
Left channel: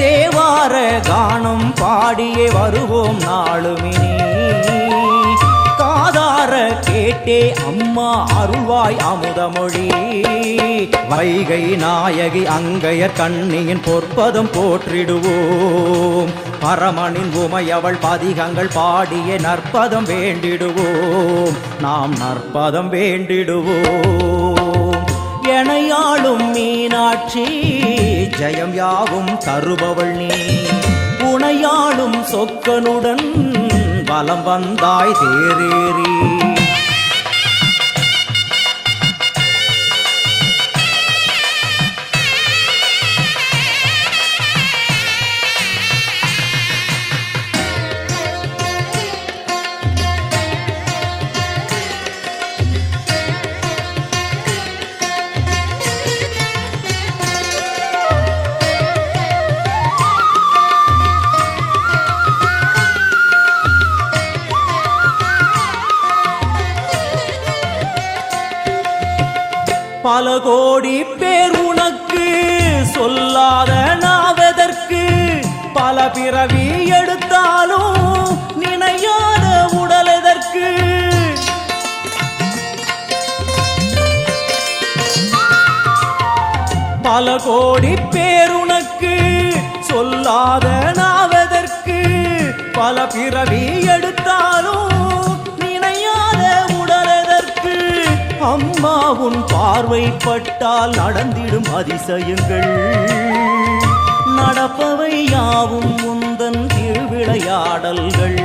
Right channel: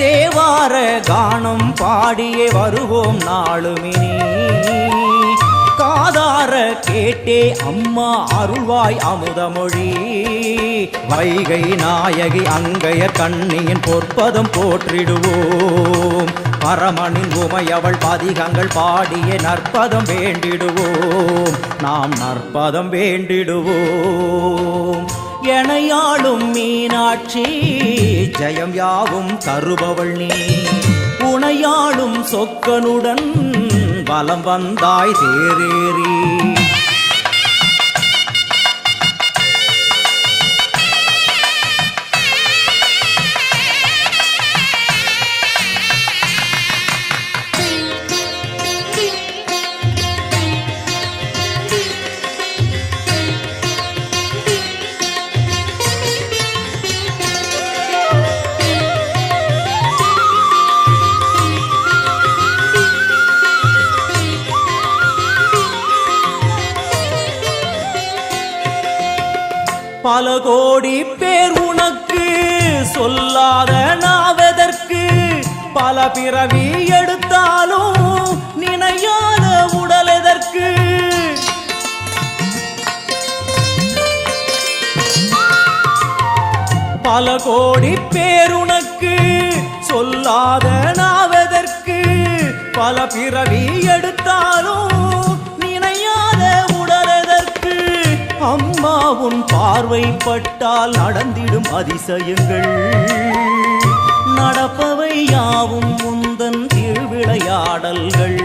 தேவார கானம் பாடியே வருவோம் நாளுமினே காதார கேட்டே அம்மா அருள்வாய் அமுதமொழி வைகை நாயகி அங்கையர் கண்ணியின் பொற்பதம் போற்றிடுவோம் பரமனின் உமையவள் பதிகங்கள் பாடிய நற்பதம் வேண்டிடுவோம் நாம் நற்பதம் வேண்டிடுவோம் எனையாளும் மீனாட்சி ஜெயம் யாவும் தருபவள் நீ உனையாளும் சொக்கனுடன் வலம் வந்தாய் தேரேறி பல கோடி பேர் உனக்கு சொல்லாத நாவதற்கு பல பிறவி எடுத்தாலும் நினையாத உடல் எதற்கு பல கோடி பேர் உனக்கு சொல்லாத நாவதற்கு பல பிறவி எடுத்தாலும் நினையாத உடல் எதற்கு அம்மா உன் பார்வை பட்டால் நடந்திடும் அதிசயங்கள் நடப்பவை யாவும் உந்தன் திருவிளையாடல்கள்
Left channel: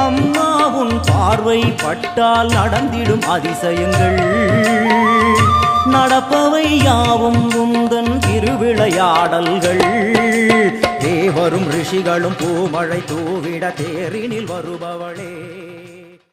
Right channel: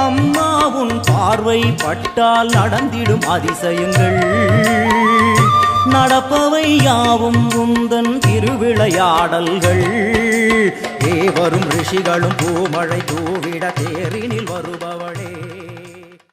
அம்மா உன் பார்வை பட்டால் நடந்திடும் அதிசயங்கள் நடப்பவை யாவும் உந்தன் திருவிளையாடல்கள் தேவரும் ரிஷிகளும் பூமழை தூவிட தேரினில் வருபவளே